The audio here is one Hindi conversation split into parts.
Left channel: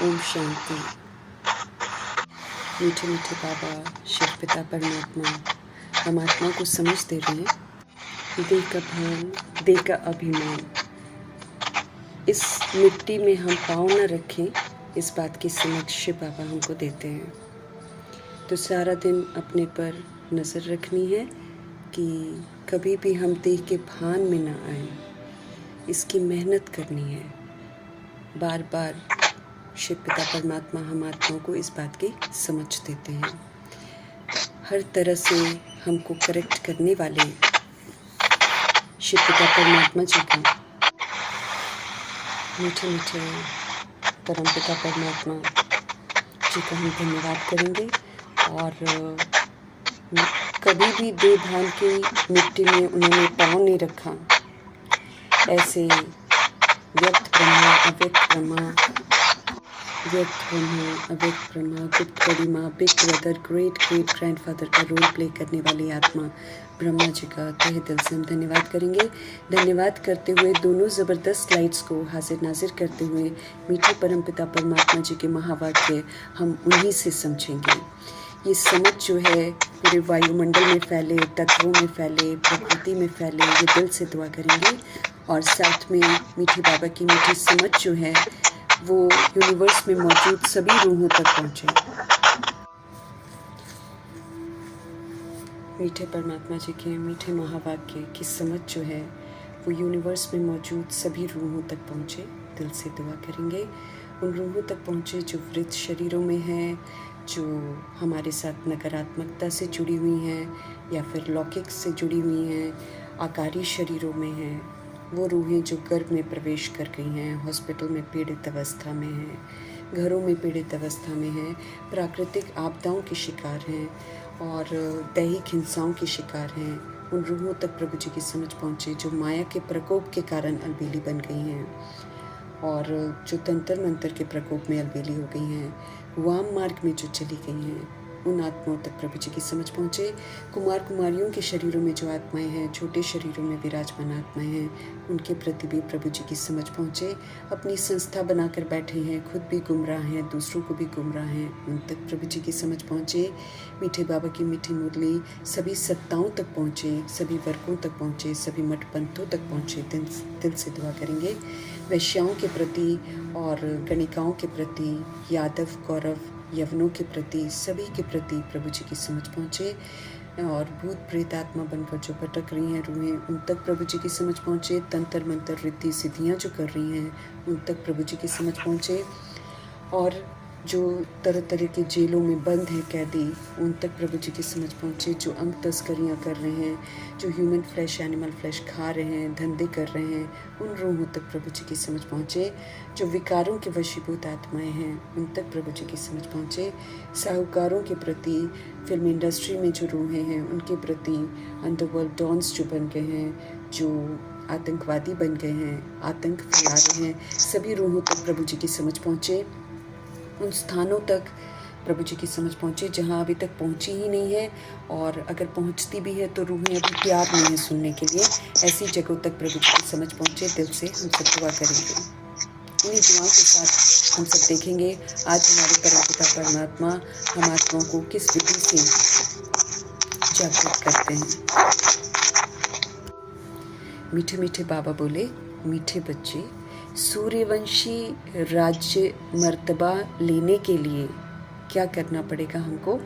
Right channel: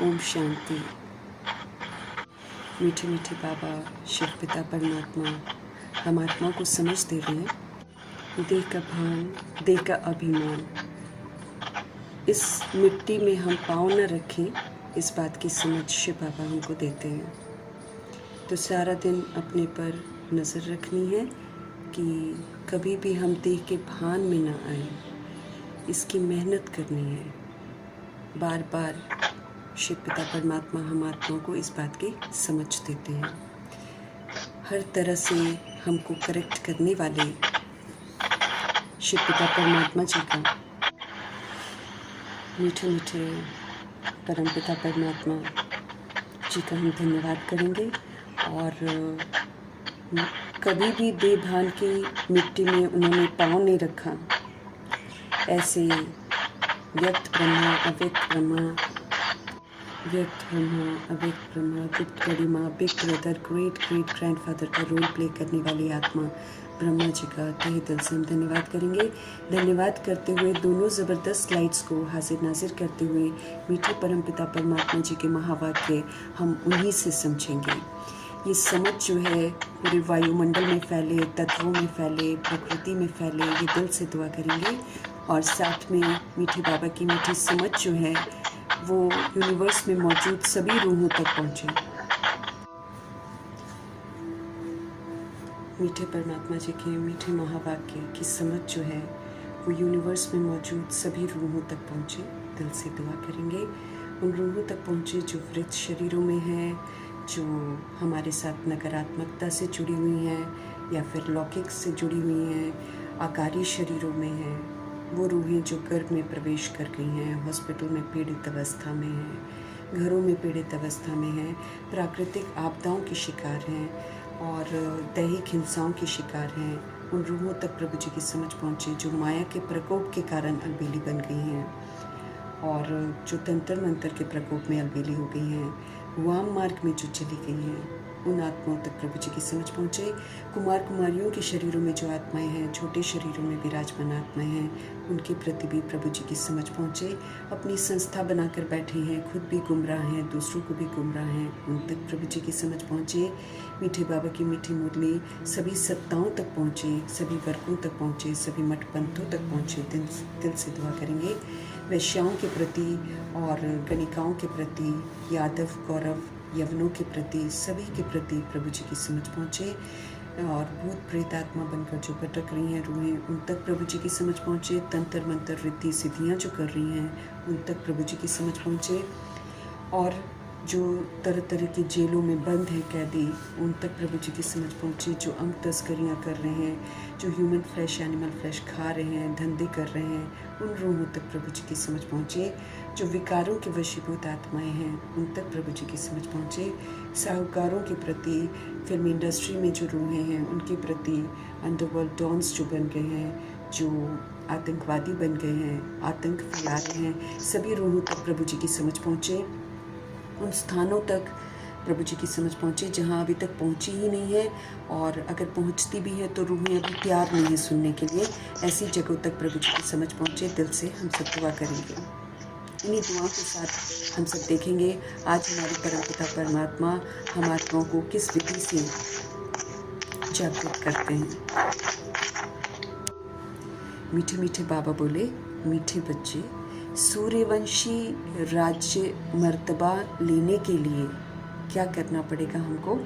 ओम शांति। मीठे मीठे बाबा शिव पिता परमात्मा हम आत्मा को समझ दे रहे हैं। देह का भान, देह का अभिमान, इस मिट्टी में हम पाँव न रखें, इस बात की समझ शिव बाबा हमको देते हैं। तो सारा दिन अपने पर नज़र रखनी है कि कभी भी हम देह के भान में ना आए। इसकी मेहनत करनी है। बार बार शिव पिता परमात्मा हम आत्मा को इस बात की समझ देते हैं। हर तरह से हमको करेक्ट करने वाले शिव पिता परमात्मा जी का, मीठे मीठे परम पिता परमात्मा जी का हम धन्यवाद करेंगे। और कभी भी बेभान की मिट्टी में उन्होंने पाँव नहीं रखा। ऐसे व्यक्त ब्रह्मा, अव्यक्त ब्रह्मा, व्यक्त ब्रह्मा, अव्यक्त ब्रह्मा, गुप्त गरिमा, big brother, great great grandfather का रोल प्ले करने वाली आत्मा ब्रह्मा जी का तहे दिल से हम धन्यवाद करेंगे। धन्यवाद करते हुए दोनों ज़बरदस्त लाइट्स को हाजिर नाजिर करते हुए मीठे परम पिता परमात्मा जी के महावाक्य हम उन्हीं से समझेंगे। ये समझ जो है पूरे वायुमंडल में फैले, तत्वों में फैले, प्रकृति में फैले, ये दिल से दुआ करेंगे। और साथ में मीठी बाबा की मीठी समझ जो है वो यूनिवर्स में मौजूद सभी रूहों तक पहुँचे। मीठे परमात्मा जी के मीठे महावाक्य की समझ जो है वो यूनिवर्स में मौजूद सभी रूहों तक पहुँचे। दिल से दुआ करेंगे उन रूहों तक पहुँचे जो वृद्ध शरीरों में हैं, जो हमारे साथ नकारात्मकता से जुड़ी हुई हैं या फिर लौकिक से जुड़ी हुई हैं, आकारी शरीरों में हैं। वो रूहें जो गर्भ में प्रवेश कर गई हैं, हॉस्पिटल में पीड़ित अवस्था में हैं, घरों में पीड़ित अवस्था में हैं, प्राकृतिक आपदाओं की शिकार हैं और दैहिक हिंसाओं की शिकार हैं। उन रूहों तक प्रभु जी की समझ पहुँचे जो माया के प्रकोप के कारण अलबेली बन गई हैं और जो तंत्र मंत्र के प्रकोप में अलबेली हो गई हैं, वाम मार्ग में जो चली गई हैं, उन आत्माओं तक प्रभु जी की समझ पहुँचे। कुमार कुमारियों के शरीरों में जो आत्माएं हैं, छोटे शरीरों में विराजमान आत्माएं हैं, उनके प्रति भी प्रभु जी की समझ पहुँचे। अपनी संस्था बनाकर बैठे हैं, खुद भी गुमराह हैं, दूसरों को भी गुमराह हैं, उन तक प्रभु जी की समझ पहुँचे। मीठे बाबा की मीठी मुरली सभी सत्ताओं तक पहुँचे, सभी वर्गों तक पहुँचे, सभी मठ पंथों तक पहुँचे। दिल से दुआ करेंगे वैश्याओं के प्रति और गणिकाओं के प्रति, यादव कौरव यवनों के प्रति, सभी के प्रति प्रभु जी की समझ पहुँचे। और भूत प्रेत आत्मा बनकर जो भटक रही हैं रूहें, उन तक प्रभु जी की समझ पहुँचे। तंत्र मंत्र रिद्धि सिद्धियाँ जो कर रही हैं, उन तक प्रभु जी की समझ पहुँचे। और जो तरह तरह के जेलों में बंद हैं कैदी, उन तक प्रभु जी की समझ पहुँचे। जो अंग तस्करियाँ कर रहे हैं, जो ह्यूमन फ्लैश एनिमल फ्लैश खा रहे हैं, धंधे कर रहे हैं, उन रूहों तक प्रभु जी की समझ पहुँचे। जो विकारों के वशीभूत आत्माएं हैं, उन तक प्रभु जी की समझ पहुँचे। साहूकारों के प्रति, फिल्म इंडस्ट्री में जो रूहें हैं उनके प्रति, अंडरवर्ल्ड डॉन्स जो बन गए हैं, जो आतंकवादी बन गए हैं, आतंक फैला रहे हैं, सभी रूहों तक प्रभु जी की समझ पहुँचे। उन स्थानों तक प्रभु जी की समझ पहुँचे जहाँ अभी तक पहुँची ही नहीं है, और अगर पहुँचती भी है तो रूहें अभी तैयार नहीं है सुनने के लिए। ऐसी जगहों तक प्रभु जी की समझ पहुँचे। दिल से हम सब दुआ करेंगे। इन्हीं दुआओं के साथ हम सब देखेंगे आज हमारे परम पिता परमात्मा हम आत्माओं को किस विधि से जागृत करते हैं। मीठे मीठे बाबा बोले, मीठे बच्चे, सूर्यवंशी राज्य मर्तबा लेने के लिए क्या करना पड़ेगा? हमको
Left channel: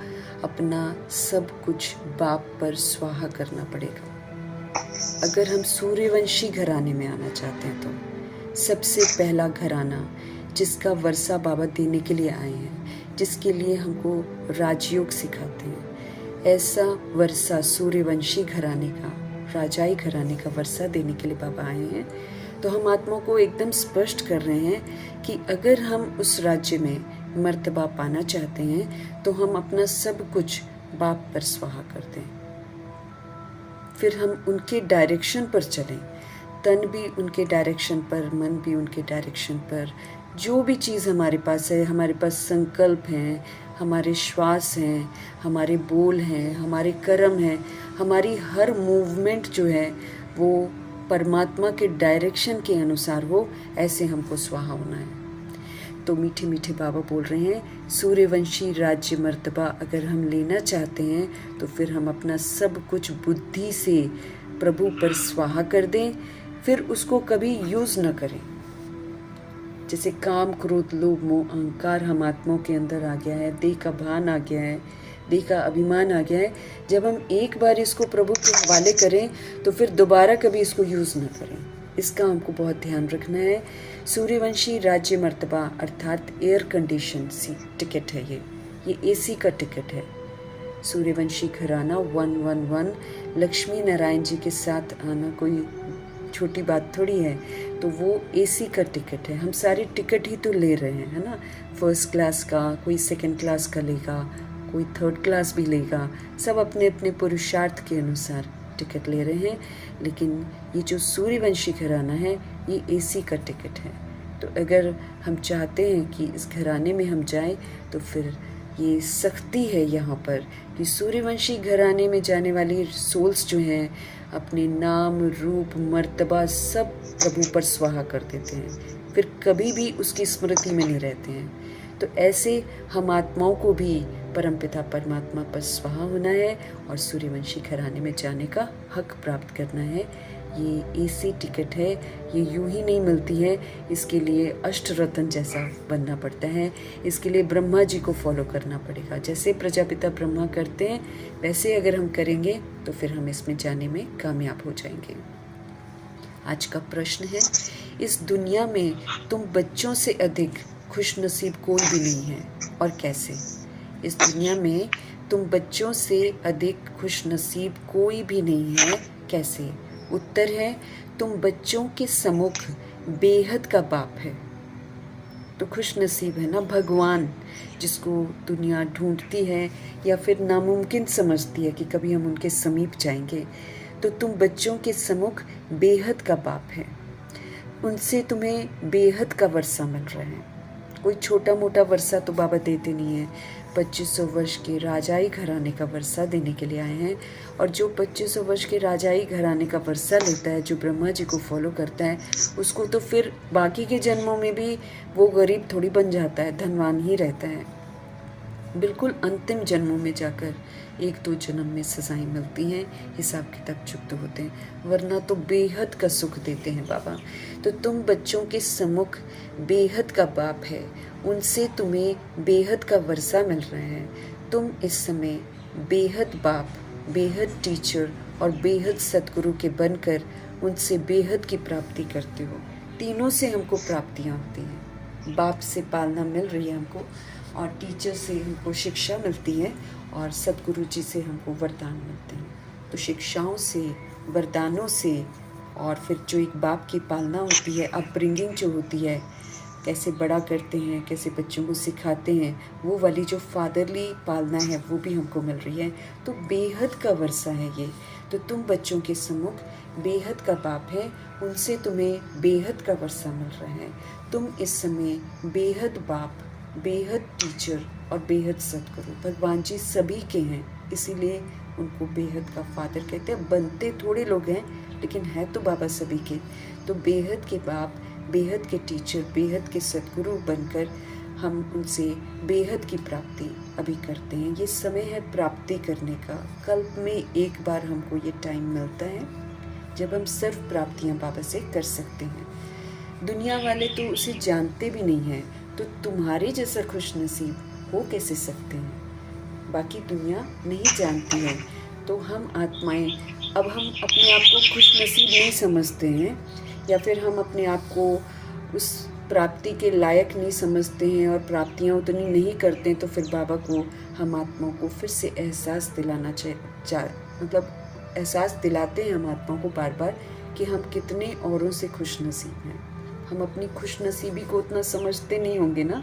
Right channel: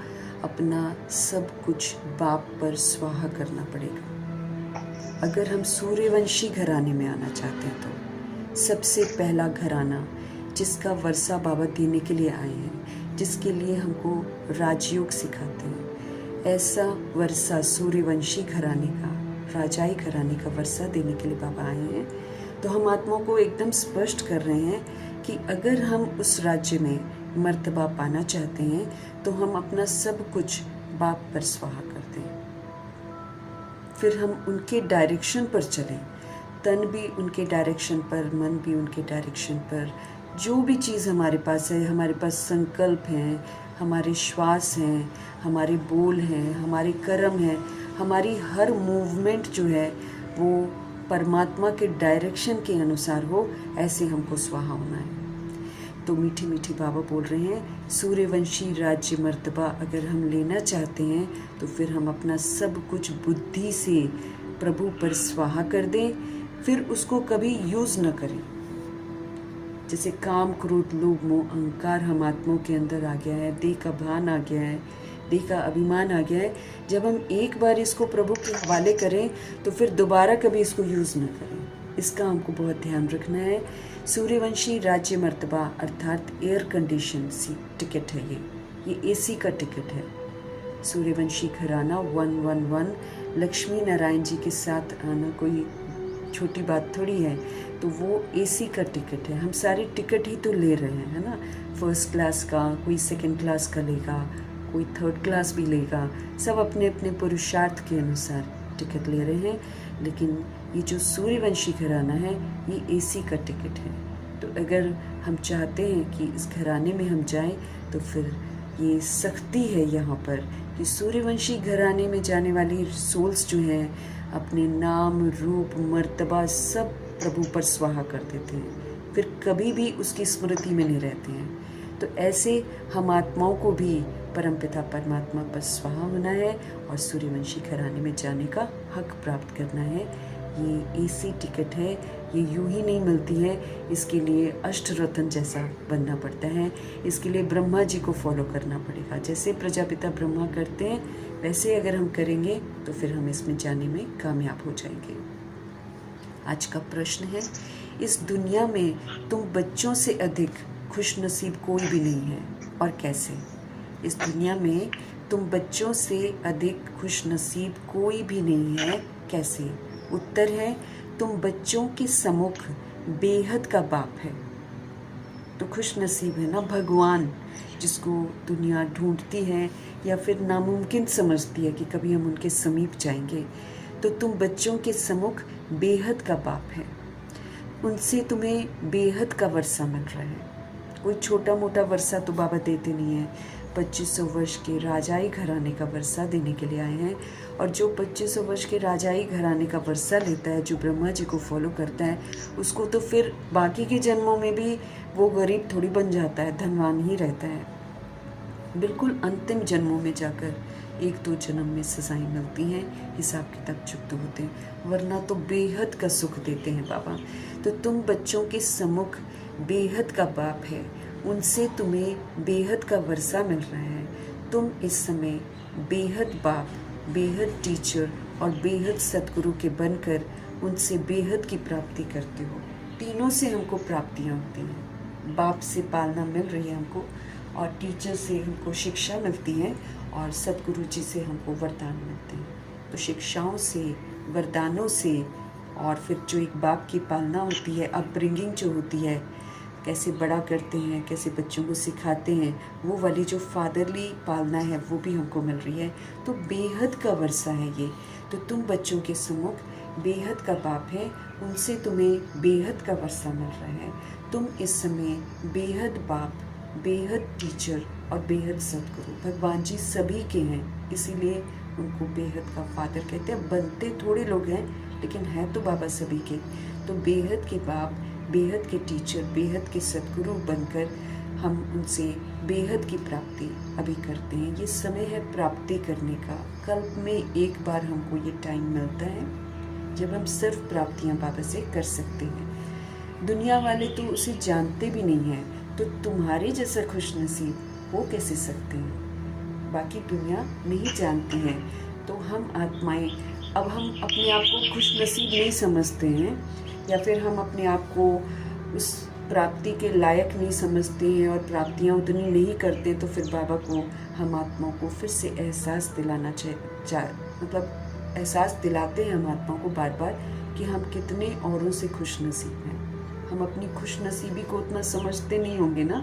अपना सब कुछ बाप पर स्वाहा करना पड़ेगा। अगर हम सूर्यवंशी घराने में आना चाहते हैं तो सबसे पहला घराना जिसका वर्षा बाबा देने के लिए आए हैं, जिसके लिए हमको राजयोग सिखाते हैं, ऐसा वर्षा सूर्यवंशी घराने का, राजाई घराने का वर्षा देने के लिए बाबा आए हैं। तो हम आत्मा को एकदम स्पष्ट कर रहे हैं कि अगर हम उस राज्य में मर्तबा पाना चाहते हैं तो हम अपना सब कुछ बाप पर स्वाहा कर दें। फिर हम उनके डायरेक्शन पर चलें, तन भी उनके डायरेक्शन पर, मन भी उनके डायरेक्शन पर। जो भी चीज़ हमारे पास है, हमारे पास संकल्प हैं, हमारे श्वास हैं, हमारे बोल हैं, हमारे कर्म हैं, हमारी हर मूवमेंट जो है वो परमात्मा के डायरेक्शन के अनुसार हो, ऐसे हमको स्वाहा होना है। तो मीठे मीठे बाबा बोल रहे हैं, सूर्यवंशी राज्य मर्तबा अगर हम लेना चाहते हैं तो फिर हम अपना सब कुछ बुद्धि से प्रभु पर स्वाहा कर दें, फिर उसको कभी यूज़ न करें। जैसे काम, क्रोध, लोभ, मोह, अहंकार हम आत्माओं के अंदर आ गया है, देह का भान आ गया है, देह का अभिमान आ गया है। जब हम एक बार इसको प्रभु के हवाले करें तो फिर दोबारा कभी इसको यूज़ न करें। इसका हमको बहुत ध्यान रखना है। सूर्यवंशी राज्य मर्तबा अर्थात एयर कंडीशन सी टिकट है ये एसी का टिकट है। सूर्यवंशी घराना 111 लक्ष्मी नारायण जी के साथ आना कोई छोटी बात थोड़ी है। तो वो एसी का टिकट है। हम सारे टिकट ही तो ले रहे हैं, है ना। फर्स्ट क्लास का, कोई सेकंड क्लास का लेगा, कोई थर्ड क्लास भी लेगा, सब अपने अपने पुरुषार्थ के अनुसार टिकट ले रहे हैं। लेकिन ये जो सूर्यवंशी घराना है ये एसी का टिकट है। तो अगर हम चाहते हैं कि इस घराने में हम जाएं तो फिर ये सख्ती है यहाँ पर कि सूर्यवंशी घराने में जाने वाली सोल्स जो हैं अपने नाम, रूप, मर्तबा सब प्रभु पर स्वाहा कर देते हैं, फिर कभी भी उसकी स्मृति में नहीं रहते हैं। तो ऐसे हम आत्माओं को भी परमपिता परमात्मा पर स्वाहा होना है और सूर्यवंशी घराने में जाने का हक प्राप्त करना है। ये एसी टिकट है, ये यूं ही नहीं मिलती है। इसके लिए अष्टरत्न जैसा बनना पड़ता है। इसके लिए ब्रह्मा जी को फॉलो करना पड़ेगा। जैसे प्रजापिता ब्रह्मा करते हैं वैसे अगर हम करेंगे तो फिर हम इसमें जाने में कामयाब हो जाएंगे। आज का प्रश्न है, इस दुनिया में तुम बच्चों से अधिक खुशनसीब कोई भी नहीं है और कैसे? इस दुनिया में तुम बच्चों से अधिक खुशनसीब कोई भी नहीं है, कैसे? उत्तर है, तुम बच्चों के सम्मुख बेहद का बाप है। तो खुश नसीब है ना भगवान, जिसको दुनिया ढूंढती है या फिर नामुमकिन समझती है कि कभी हम उनके समीप जाएंगे। तो तुम बच्चों के सम्मुख बेहद का बाप है, उनसे तुम्हें बेहद का वर्षा मिल रहा है। कोई छोटा मोटा वर्षा तो बाबा देते नहीं है। 2500 वर्ष के राजाई घराने का वर्षा देने के लिए आए हैं। और जो 2500 वर्ष के राजाई घराने का वर्षा लेता है, जो ब्रह्मा जी को फॉलो करता है, उसको तो फिर बाकी के जन्मों में भी वो गरीब थोड़ी बन जाता है, धनवान ही रहता है। बिल्कुल अंतिम जन्मों में जाकर 1-2 जन्म में सजाएं मिलती हैं, हिसाब किताब चुकते होते हैं, वरना तो बेहद का सुख देते हैं बाबा। तो तुम बच्चों के सम्मुख बेहद का बाप है, उनसे तुम्हें बेहद का वर्षा मिल रहा है। तुम इस समय बेहद बाप, बेहद टीचर और बेहद सतगुरु के बनकर उनसे बेहद की प्राप्ति करते हो। तीनों से हमको प्राप्तियाँ होती हैं। बाप से पालना मिल रही है हमको, और टीचर से हमको शिक्षा मिलती है, और सतगुरु जी से हमको वरदान मिलते हैं। तो शिक्षाओं से, वरदानों से, और फिर जो एक बाप की पालना होती है, अपब्रिंगिंग जो होती है, कैसे बड़ा करते हैं, कैसे बच्चों को सिखाते हैं, वो वाली जो फादरली पालना है वो भी हमको मिल रही है। तो बेहद का वर्षा है ये। तो तुम बच्चों के सम्मुख बेहद का बाप है, उनसे तुम्हें बेहद का वर्षा मिल रहा है। तुम इस समय बेहद बाप, बेहद टीचर और बेहद सतगुरु, भगवान जी सभी के हैं, इसीलिए उनको बेहद का फादर कहते हैं। बनते थोड़े लोग हैं लेकिन है तो बाबा सभी के। तो बेहद के बाप, बेहद के टीचर, बेहद के सतगुरु बनकर हम उनसे बेहद की प्राप्ति अभी करते हैं। ये समय है प्राप्ति करने का। कल्प में एक बार हमको ये टाइम मिलता है जब हम सिर्फ प्राप्तियां बाबा से कर सकते हैं। दुनिया वाले तो उसे जानते भी नहीं हैं, तो तुम्हारे जैसा खुशनसीब हो कैसे सकते हैं? बाकी दुनिया नहीं जानती है, तो हम आत्माएं अब हम अपने आप को खुशनसीब नहीं समझते हैं, या फिर हम अपने आप को उस प्राप्ति के लायक नहीं समझते हैं और प्राप्तियां उतनी नहीं करते, तो फिर बाबा को, हम आत्माओं को फिर से एहसास दिलाना मतलब एहसास दिलाते हैं हम आत्माओं को बार बार कि हम कितने औरों से खुशनसीब हैं। हम अपनी खुशनसीबी को उतना समझते नहीं होंगे ना।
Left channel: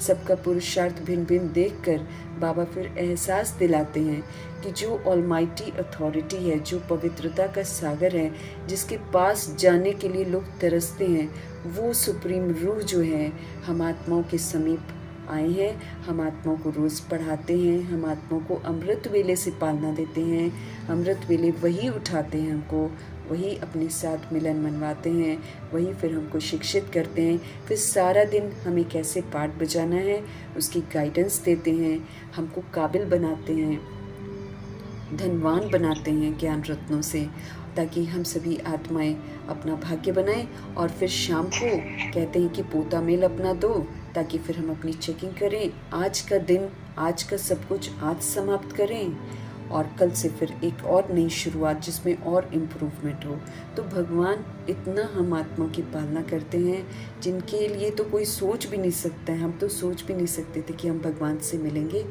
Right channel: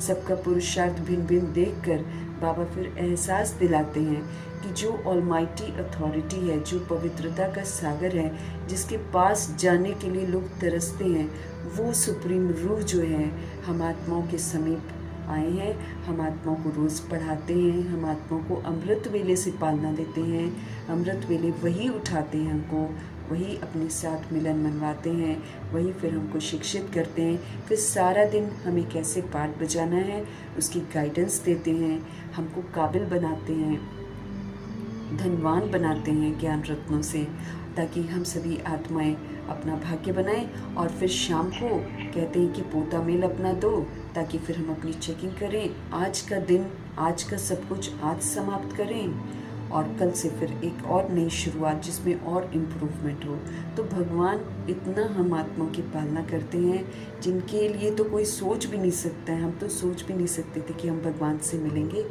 सबका पुरुषार्थ भिन्न भिन्न देखकर बाबा फिर एहसास दिलाते हैं कि जो ऑलमाइटी अथॉरिटी है, जो पवित्रता का सागर है, जिसके पास जाने के लिए लोग तरसते हैं, वो सुप्रीम रूह जो है हम आत्माओं के समीप आए हैं। हम आत्माओं को रोज़ पढ़ाते हैं, हम आत्माओं को अमृत वेले से पालना देते हैं। अमृत वेले वही उठाते हैं हमको, वही अपने साथ मिलन मनवाते हैं, वही फिर हमको शिक्षित करते हैं, फिर सारा दिन हमें कैसे पाठ बजाना है उसकी गाइडेंस देते हैं, हमको काबिल बनाते हैं, धनवान बनाते हैं ज्ञान रत्नों से, ताकि हम सभी आत्माएं अपना भाग्य बनाएं। और फिर शाम को कहते हैं कि पोता मेल अपना दो, ताकि फिर हम अपनी चेकिंग करें, आज का दिन, आज का सब कुछ आज समाप्त करें और कल से फिर एक और नई शुरुआत जिसमें और इम्प्रूवमेंट हो। तो भगवान इतना हम आत्माओं की पालना करते हैं जिनके लिए तो कोई सोच भी नहीं सकता है। हम तो सोच भी नहीं सकते थे कि हम भगवान से मिलेंगे।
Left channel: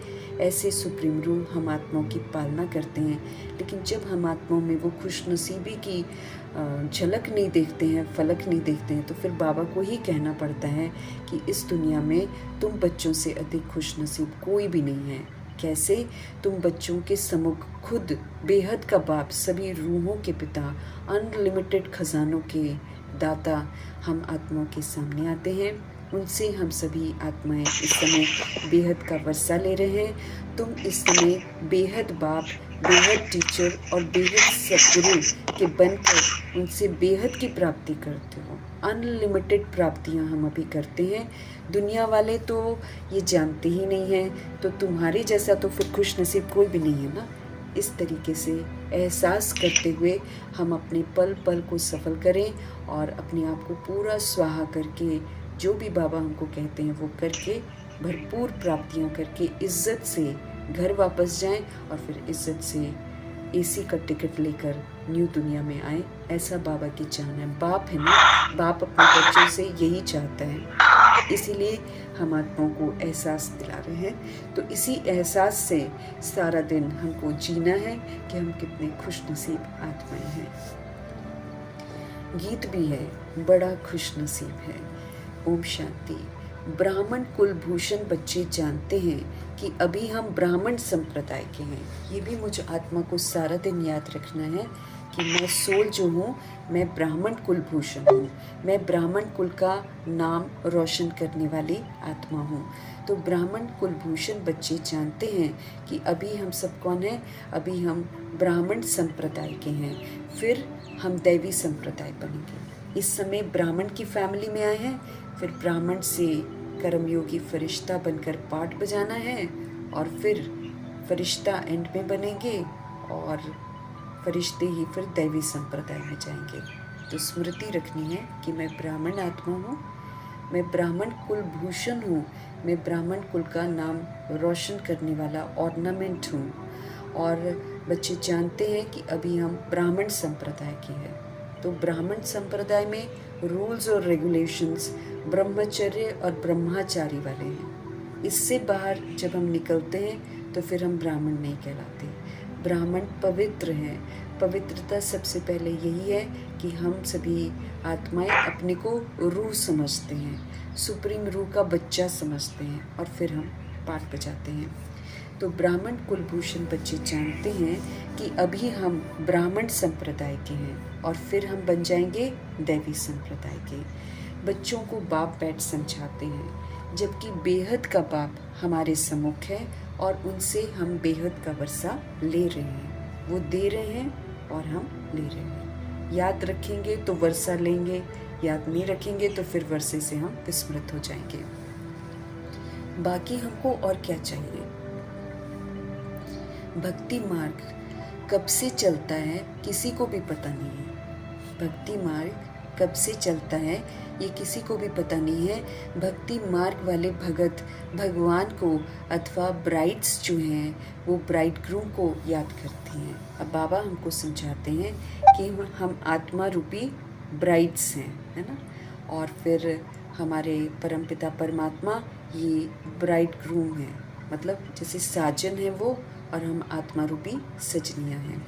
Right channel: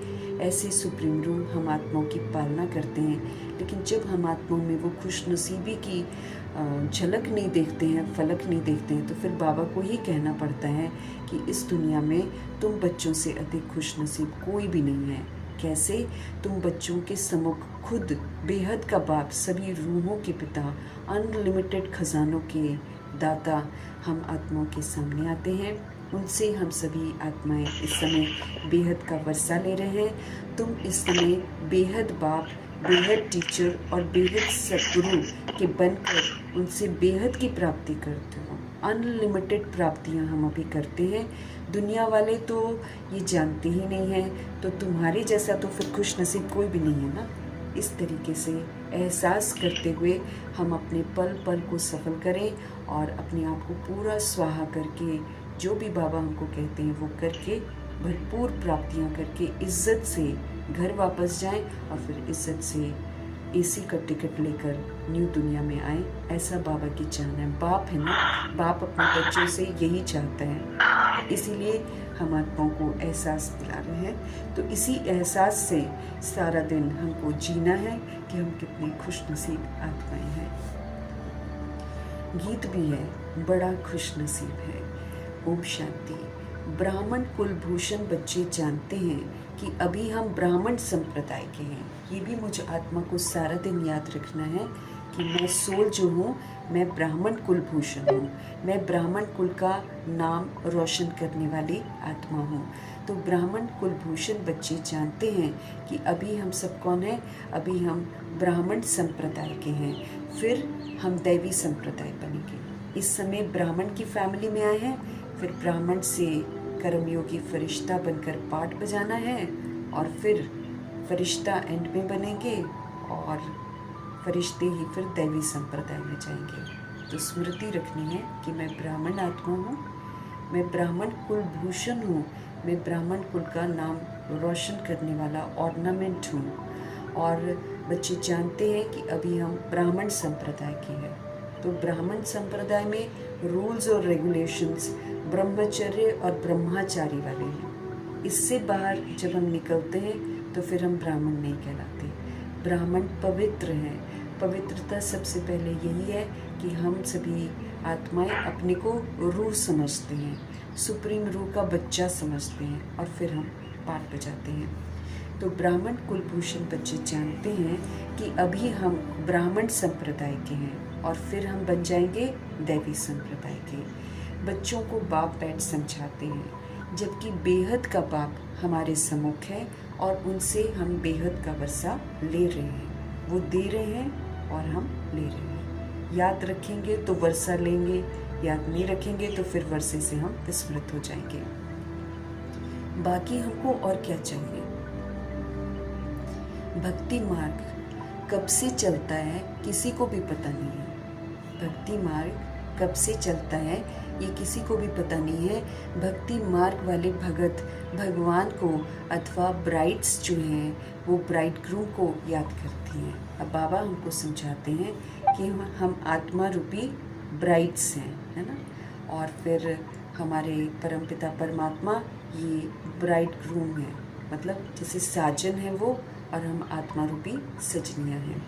ऐसे सुप्रीम रूल हम आत्माओं की पालना करते हैं। लेकिन जब हम आत्माओं में वो खुशनसीबी की झलक नहीं देखते हैं, फलक नहीं देखते हैं, तो फिर बाबा को ही कहना पड़ता है कि इस दुनिया में तुम बच्चों से अधिक खुशनसीब कोई भी नहीं है। कैसे? तुम बच्चों के सम्मुख खुद बेहद का बाप, सभी रूहों के पिता, अनलिमिटेड खजानों के दाता हम आत्माओं के सामने आते हैं। उनसे हम सभी आत्माएं इस समय बेहद का वर्षा ले रहे हैं। तुम इस समय बेहद बाप, बेहद टीचर और बेहद सद्गुरु के बनकर उनसे बेहद की प्राप्ति करते हो। अनलिमिटेड प्राप्तियां हम अभी करते हैं। दुनिया वाले तो ये जानते ही नहीं हैं, तो तुम्हारे जैसा तो फिर खुश नसीब कोई भी नहीं है ना। इस तरीके से एहसास करते हुए हम अपने पल पल को सफल करें और अपने आप को पूरा स्वाहा करके, जो भी बाबा हमको कहते हैं वो करके, भरपूर प्राप्तियां करके इज्जत से घर वापस जाएं और फिर इज्जत से एसी का टिकट लेकर न्यू दुनिया में आए। ऐसा बाबा की चाहना है। बाप है ना, बाप अपने बच्चों से यही चाहता है। इसीलिए हम आत्माओं को एहसास दिला रहे हैं। तो इसी एहसास से सारा दिन हमको जीना है कि हम कितने खुशनसीब आत्माएं हैं। गीत भी है, बड़ा खुशनसीब है। ओम शांति। ब्राह्मण कुलभूषण बच्चे जानते हैं कि अभी हम ब्राह्मण संप्रदाय के हैं। ये भी मुझे आत्मा को सारा दिन याद रखना है कि मैं सोल जो हूँ, मैं ब्राह्मण कुलभूषण हूँ। मैं ब्राह्मण कुल का नाम रोशन करने वाली आत्मा हूँ। तो ब्राह्मण कुलभूषण बच्चे जानते हैं कि अभी हम सब कौन हैं? अभी हम ब्राह्मण संप्रदाय के हैं, फिर हम दैवी संप्रदाय बनेंगे। इस समय ब्राह्मण की फैमिली में आए हैं, फिर ब्राह्मण से कर्मयोगी फरिश्ता बनकर पाठ बजाना है और फिर फरिश्ता एंड में बनेंगे और फरिश्ते ही फिर दैवी संप्रदाय में जाएंगे। तो स्मृति रखनी है कि मैं ब्राह्मण आत्मा हूँ, मैं ब्राह्मण कुलभूषण हूँ, मैं ब्राह्मण कुल का नाम रोशन करने वाला ऑर्नामेंट हूँ। और बच्चे जानते हैं कि अभी हम ब्राह्मण संप्रदाय के हैं। तो ब्राह्मण संप्रदाय में रूल्स और रेगुलेशंस ब्रह्मचर्य और ब्रह्माचारी वाले हैं। इससे बाहर जब हम निकलते हैं तो फिर हम ब्राह्मण नहीं कहलाते। ब्राह्मण पवित्र हैं। पवित्रता सबसे पहले यही है कि हम सभी आत्माएं अपने को रूह समझते हैं, सुप्रीम रूह का बच्चा समझते हैं और फिर हम पाठ बजाते हैं। तो ब्राह्मण कुलभूषण बच्चे जानते हैं कि अभी हम ब्राह्मण संप्रदाय के हैं और फिर हम बन जाएंगे दैवी संप्रदाय के। बच्चों को बाप बैठ समझाते हैं, जबकि बेहद का बाप हमारे सम्मुख है और उनसे हम बेहद का वर्षा ले रहे हैं। वो दे रहे हैं और हम ले रहे हैं। याद रखेंगे तो वर्षा लेंगे, याद नहीं रखेंगे तो फिर वर्षे से हम विस्मृत हो जाएंगे। बाकी हमको और क्या चाहिए? भक्ति मार्ग कब से चलता है किसी को भी पता नहीं है। भक्ति मार्ग कब से चलता है ये किसी को भी पता नहीं है। भक्ति मार्ग वाले भगत भगवान को अथवा ब्राइड्स जो हैं वो ब्राइड ग्रूम को याद करती हैं। अब बाबा हमको समझाते हैं कि हम आत्मा रूपी ब्राइड्स हैं, है ना, और फिर हमारे परमपिता परमात्मा ये ब्राइड ग्रूम है, मतलब जैसे साजन है वो और हम आत्मा रूपी सजनियाँ हैं।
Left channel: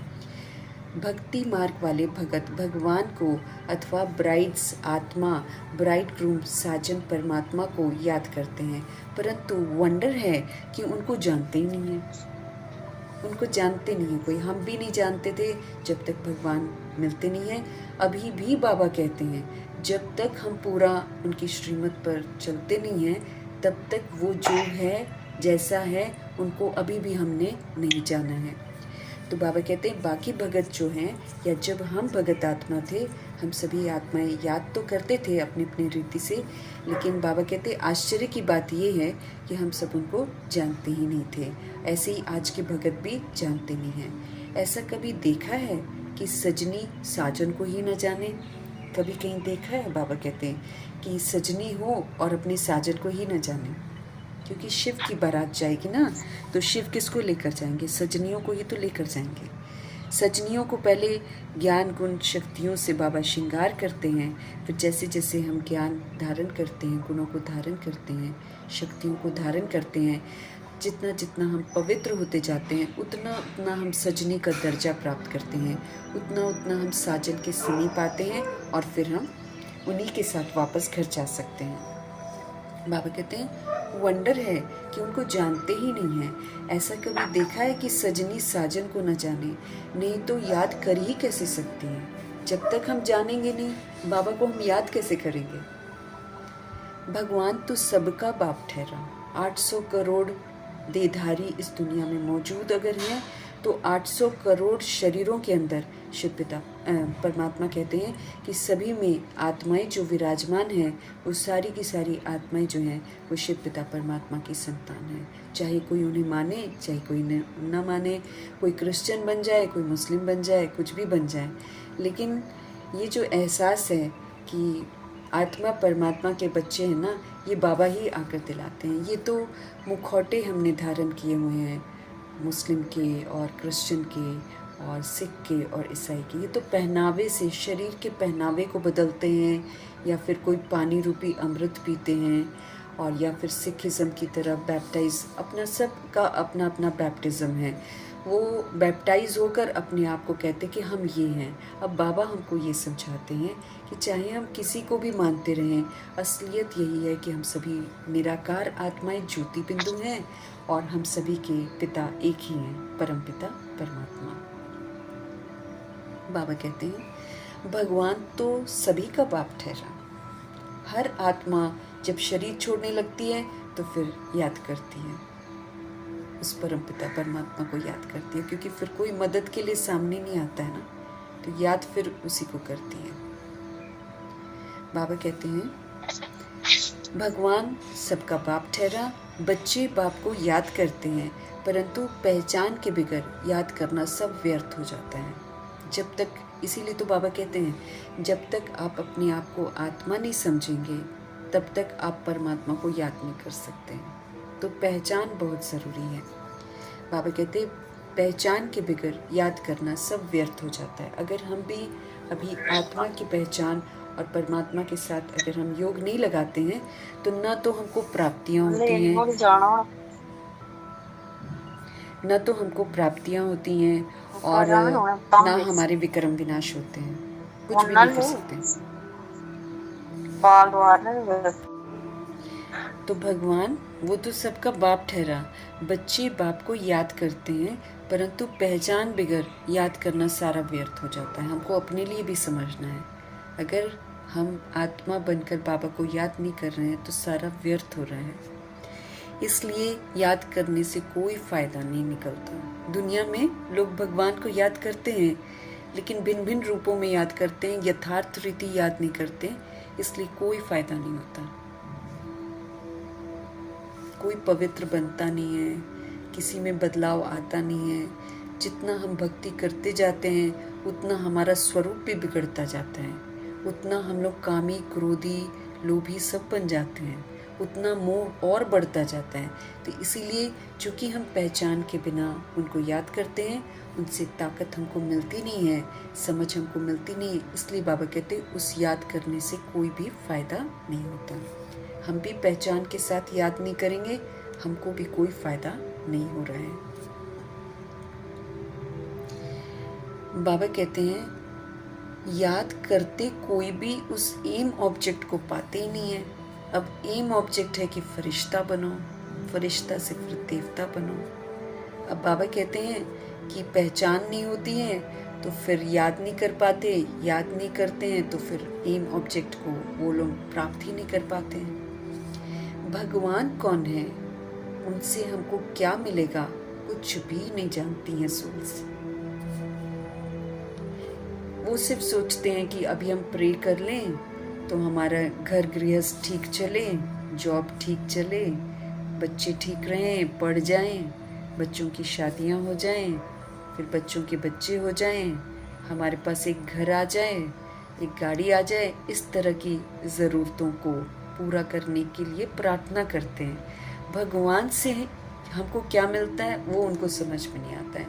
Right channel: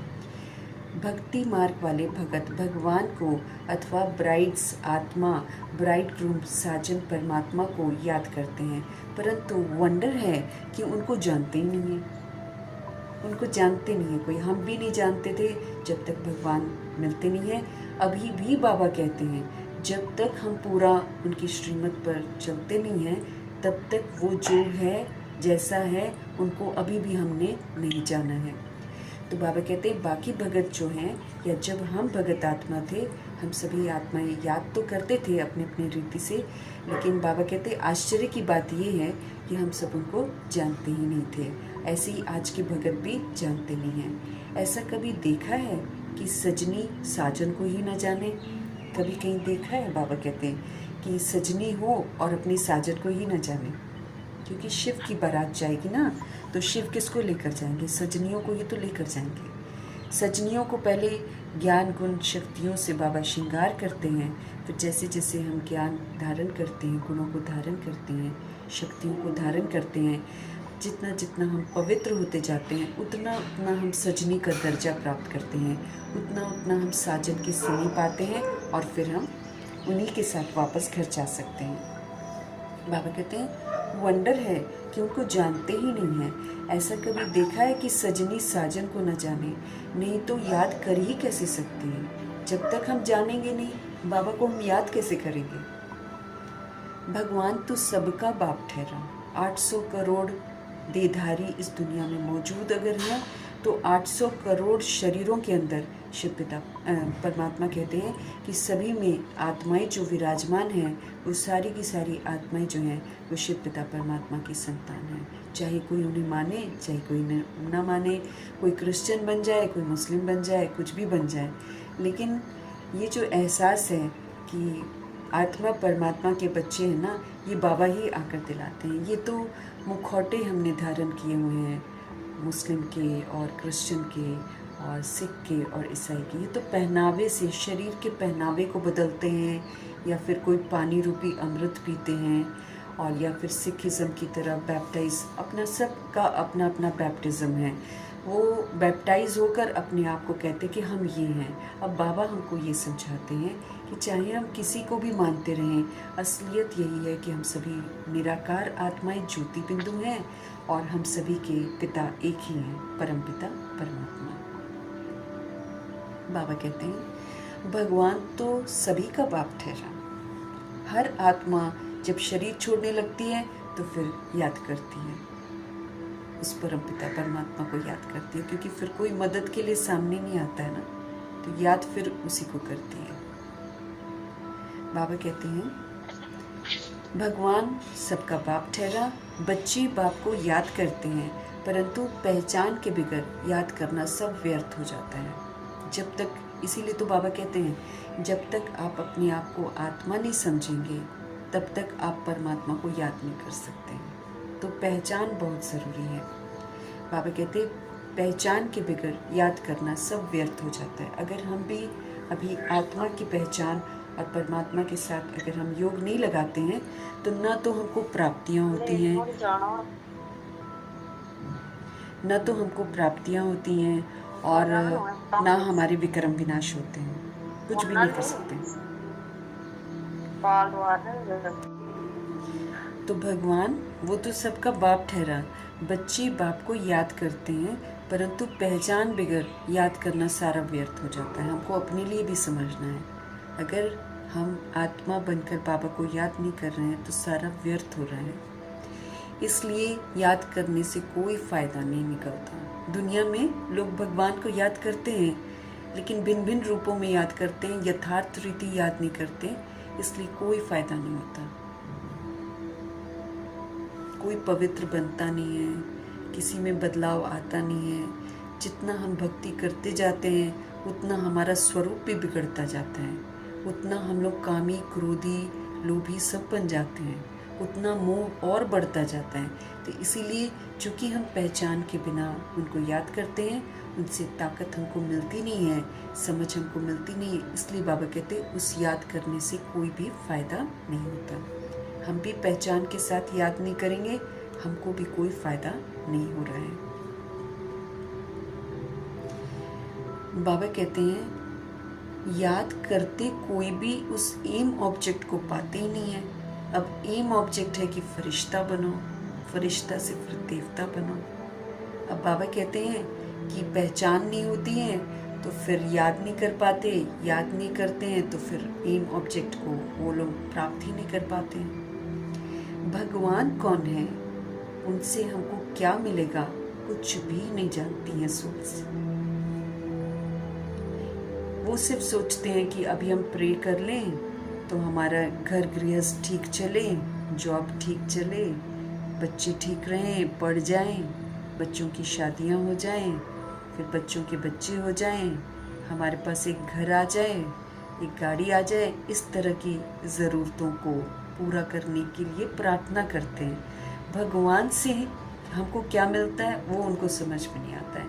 भक्ति मार्ग वाले भगत भगवान को अथवा ब्राइड्स आत्मा ब्राइड ग्रूम साजन परमात्मा को याद करते हैं, परंतु वंडर है कि उनको जानते ही नहीं है। उनको जानते नहीं है कोई। हम भी नहीं जानते थे जब तक भगवान मिलते नहीं है। अभी भी बाबा कहते हैं जब तक हम पूरा उनकी श्रीमत पर चलते नहीं हैं तब तक वो जो है जैसा है उनको अभी भी हमने नहीं जाना है। तो बाबा कहते हैं बाकी भगत जो हैं, या जब हम भगत आत्मा थे, हम सभी आत्माएं याद तो करते थे अपने अपने रीति से, लेकिन बाबा कहते हैं आश्चर्य की बात ये है कि हम सब उनको जानते ही नहीं थे। ऐसे ही आज के भगत भी जानते नहीं हैं। ऐसा कभी देखा है कि सजनी साजन को ही न जाने? कभी कहीं देखा है? बाबा कहते हैं कि सजनी हो और अपनी साजन को ही न जाने, क्योंकि शिव की बारात जाएगी ना, तो शिव किसको लेकर जाएंगे? सजनियों को ही तो लेकर जाएंगे। सजनियों को पहले ज्ञान गुण शक्तियों से बाबा श्रृंगार करते हैं, फिर जैसे जैसे हम ज्ञान धारण करते हैं, गुणों को धारण करते हैं, शक्तियों को धारण करते हैं, जितना जितना हम पवित्र होते जाते हैं, उतना उतना हम सजनी का दर्जा प्राप्त करते हैं, उतना उतना हम साजन की समीप आते हैं, और फिर हम उन्हीं के साथ वापस घर जा सकते हैं। बाबा कहते हैं वंडर है कि उनको जानते ही नहीं है। ऐसा कभी देखा है कि सजनी साजन को न जाने? नहीं तो याद कर ही कैसे सकते हैं? जब तक हम जानेंगे नहीं, बाबा को हम याद कैसे करेंगे? भगवान तो सबका बाप ठहरा। 800 करोड़ देहधारी इस दुनिया में मौजूद अगर हैं, तो 800 करोड़ शरीरों के अंदर शिव पिता परमात्मा कहते हैं कि सभी में आत्माएं जो विराजमान हैं, वो सारी की सारी आत्माएं जो हैं वो शिव पिता परमात्मा की संतान हैं। चाहे कोई उन्हें माने, चाहे कोई न माने, कोई क्रिश्चियन बन जाए, कोई मुस्लिम बन जाए, कुछ भी बन जाए, लेकिन ये जो एहसास है कि आत्मा परमात्मा के बच्चे हैं ना, ये बाबा ही आकर दिलाते हैं। ये तो मुखौटे हमने धारण किए हुए हैं, मुस्लिम के और क्रिश्चियन के और सिख के और ईसाई के। ये तो पहनावे से, शरीर के पहनावे को बदलते हैं, या फिर कोई पानी रूपी अमृत पीते हैं, और या फिर सिखिज़म की तरह बैप्टाइज, अपना सबका अपना अपना बैप्टिज़म है। वो बैप्टाइज होकर अपने आप को कहते कि हम ये हैं। अब बाबा हमको ये समझाते हैं कि चाहे हम किसी को भी मानते रहें, असलियत यही है कि हम सभी निराकार आत्माएं ज्योति बिंदु हैं, और हम सभी के पिता एक ही हैं, परम पिता परमात्मा। बाबा कहते हैं भगवान तो सभी का बाप ठहरा। हर आत्मा जब शरीर छोड़ने लगती है तो फिर याद करती है, उस परम पिता परमात्मा को याद करती है, क्योंकि फिर कोई मदद के लिए सामने नहीं आता है ना, तो याद फिर उसी को करती है। बाबा कहते हैं भगवान सबका बाप ठहरा। बच्चे बाप को याद करते हैं, परंतु पहचान के बगैर याद करना सब व्यर्थ हो जाता है। जब तक, इसीलिए तो बाबा कहते हैं जब तक आप अपने आप को आत्मा नहीं समझेंगे, तब तक आप परमात्मा को याद नहीं कर सकते। तो पहचान बहुत ज़रूरी है। बाबा कहते पहचान के बगैर याद करना सब व्यर्थ हो जाता है। अगर हम भी अभी आत्मा की पहचान और परमात्मा के साथ अगर हम योग नहीं लगाते हैं, तो ना तो हमको प्राप्तियाँ होती हैं, ना तो हमको प्राप्तियाँ होती हैं, और ना हमारे विक्रम विनाश होते हैं, कुछ भी नहीं कर सकते। तो भगवान वो तो सबका बाप ठहरा। बच्चे बाप को याद करते हैं, परंतु पहचान बगैर याद करना सारा व्यर्थ हो जाता है। हमको अपने लिए भी समझना है, अगर हम आत्मा बनकर बाबा को याद नहीं कर रहे हैं तो सारा व्यर्थ हो रहा है। इसलिए याद करने से कोई फ़ायदा नहीं निकलता। दुनिया में लोग भगवान को याद करते हैं, लेकिन भिन्न भिन्न रूपों में याद करते हैं, यथार्थ रीति याद नहीं करते, इसलिए कोई फ़ायदा नहीं होता। कोई पवित्र बनता नहीं है, किसी में बदलाव आता नहीं है। जितना हम भक्ति करते जाते हैं, उतना हमारा स्वरूप भी बिगड़ता जाता है, उतना हम लोग कामी, क्रोधी, लोभी सब बन जाते हैं, उतना मोह और बढ़ता जाता है। तो इसीलिए चूँकि हम पहचान के बिना उनको याद करते हैं, उनसे ताकत हमको मिलती नहीं है, समझ हमको मिलती नहीं है, इसलिए बाबा कहते उस याद करने से कोई भी फ़ायदा नहीं होता। हम भी पहचान के साथ याद नहीं करेंगे, हमको भी कोई फ़ायदा नहीं हो रहा है। बाबा कहते हैं याद करते कोई भी उस एम ऑब्जेक्ट को पाते ही नहीं है। अब एम ऑब्जेक्ट है कि फरिश्ता बनो, फरिश्ता से फिर देवता बनो। अब बाबा कहते हैं कि पहचान नहीं होती है तो फिर याद नहीं कर पाते, याद नहीं करते हैं तो फिर एम ऑब्जेक्ट को वो लोग प्राप्त ही नहीं कर पाते हैं। भगवान कौन है, उनसे हमको क्या मिलेगा, कुछ भी नहीं जानती हैं सोल्स। वो सिर्फ सोचते हैं कि अभी हम प्रे कर लें तो हमारा घर गृहस्थ ठीक चले, जॉब ठीक चले, बच्चे ठीक रहें, पढ़ जाएं, बच्चों की शादियां हो जाएं, फिर बच्चों के बच्चे हो जाएं, हमारे पास एक घर आ जाए, एक गाड़ी आ जाए। इस तरह की ज़रूरतों को पूरा करने के लिए प्रार्थना करते हैं। भगवान से हमको क्या मिलता है वो उनको समझ में नहीं आता है।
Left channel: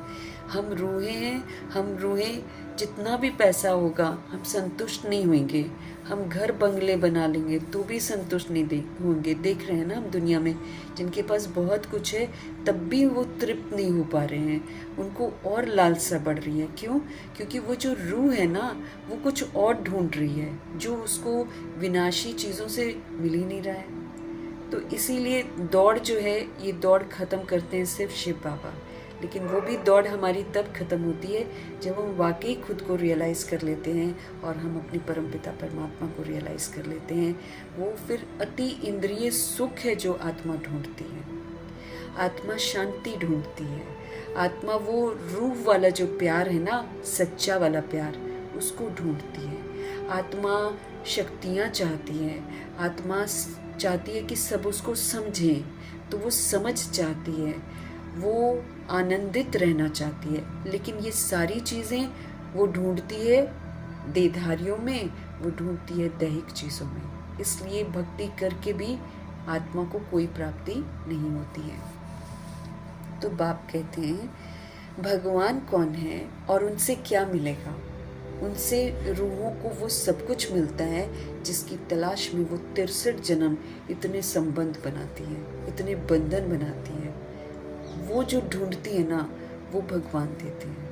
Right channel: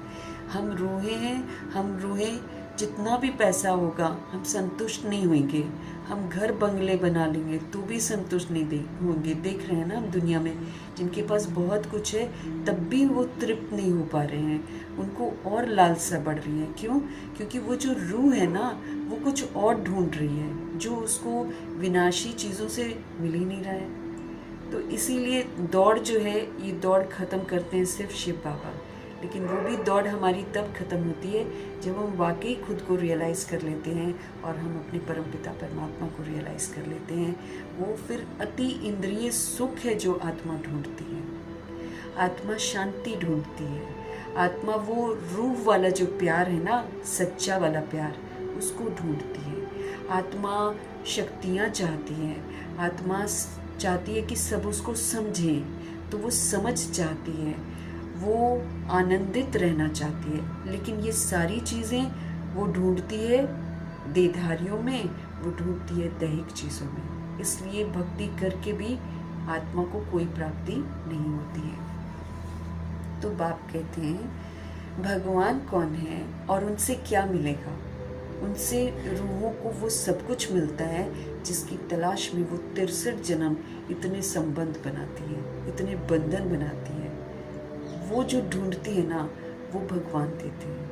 हम रूहें हैं, हम रूहें जितना भी पैसा होगा हम संतुष्ट नहीं होंगे। हम घर बंगले बना लेंगे तो भी संतुष्ट नहीं होंगे। देख रहे हैं ना हम दुनिया में जिनके पास बहुत कुछ है तब भी वो तृप्त नहीं हो पा रहे हैं, उनको और लालसा बढ़ रही है। क्यों? क्योंकि वो जो रूह है ना वो कुछ और ढूंढ रही है जो उसको विनाशी चीज़ों से मिल ही नहीं रहा है। तो इसीलिए दौड़ जो है ये दौड़ ख़त्म करते हैं सिर्फ शिव बाबा। लेकिन वो भी दौड़ हमारी तब ख़त्म होती है जब हम वाकई खुद को रियलाइज़ कर लेते हैं और हम अपने परमपिता परमात्मा को रियलाइज़ कर लेते हैं। वो फिर अति इंद्रिय सुख है जो आत्मा ढूंढती है। आत्मा शांति ढूंढती है। आत्मा वो रूह वाला जो प्यार है ना, सच्चा वाला प्यार, उसको ढूंढती है। आत्मा शक्तियाँ चाहती है। आत्मा चाहती है कि सब उसको समझें, तो वो समझ चाहती है, वो आनंदित रहना चाहती है। लेकिन ये सारी चीज़ें वो ढूंढती है देहधारियों में, वो ढूंढती है दैहिक चीज़ों में। इसलिए भक्ति करके भी आत्मा को कोई प्राप्ति नहीं होती है। तो बाप कहते हैं भगवान कौन है और उनसे क्या मिलेगा? उनसे रूहों को वो सब कुछ मिलता है जिसकी तलाश में वो 63 जन्म इतने संबंध बनाती है, इतने बंधन बनाती है। वो जो ढूंढती है ना वो भगवान देते हैं।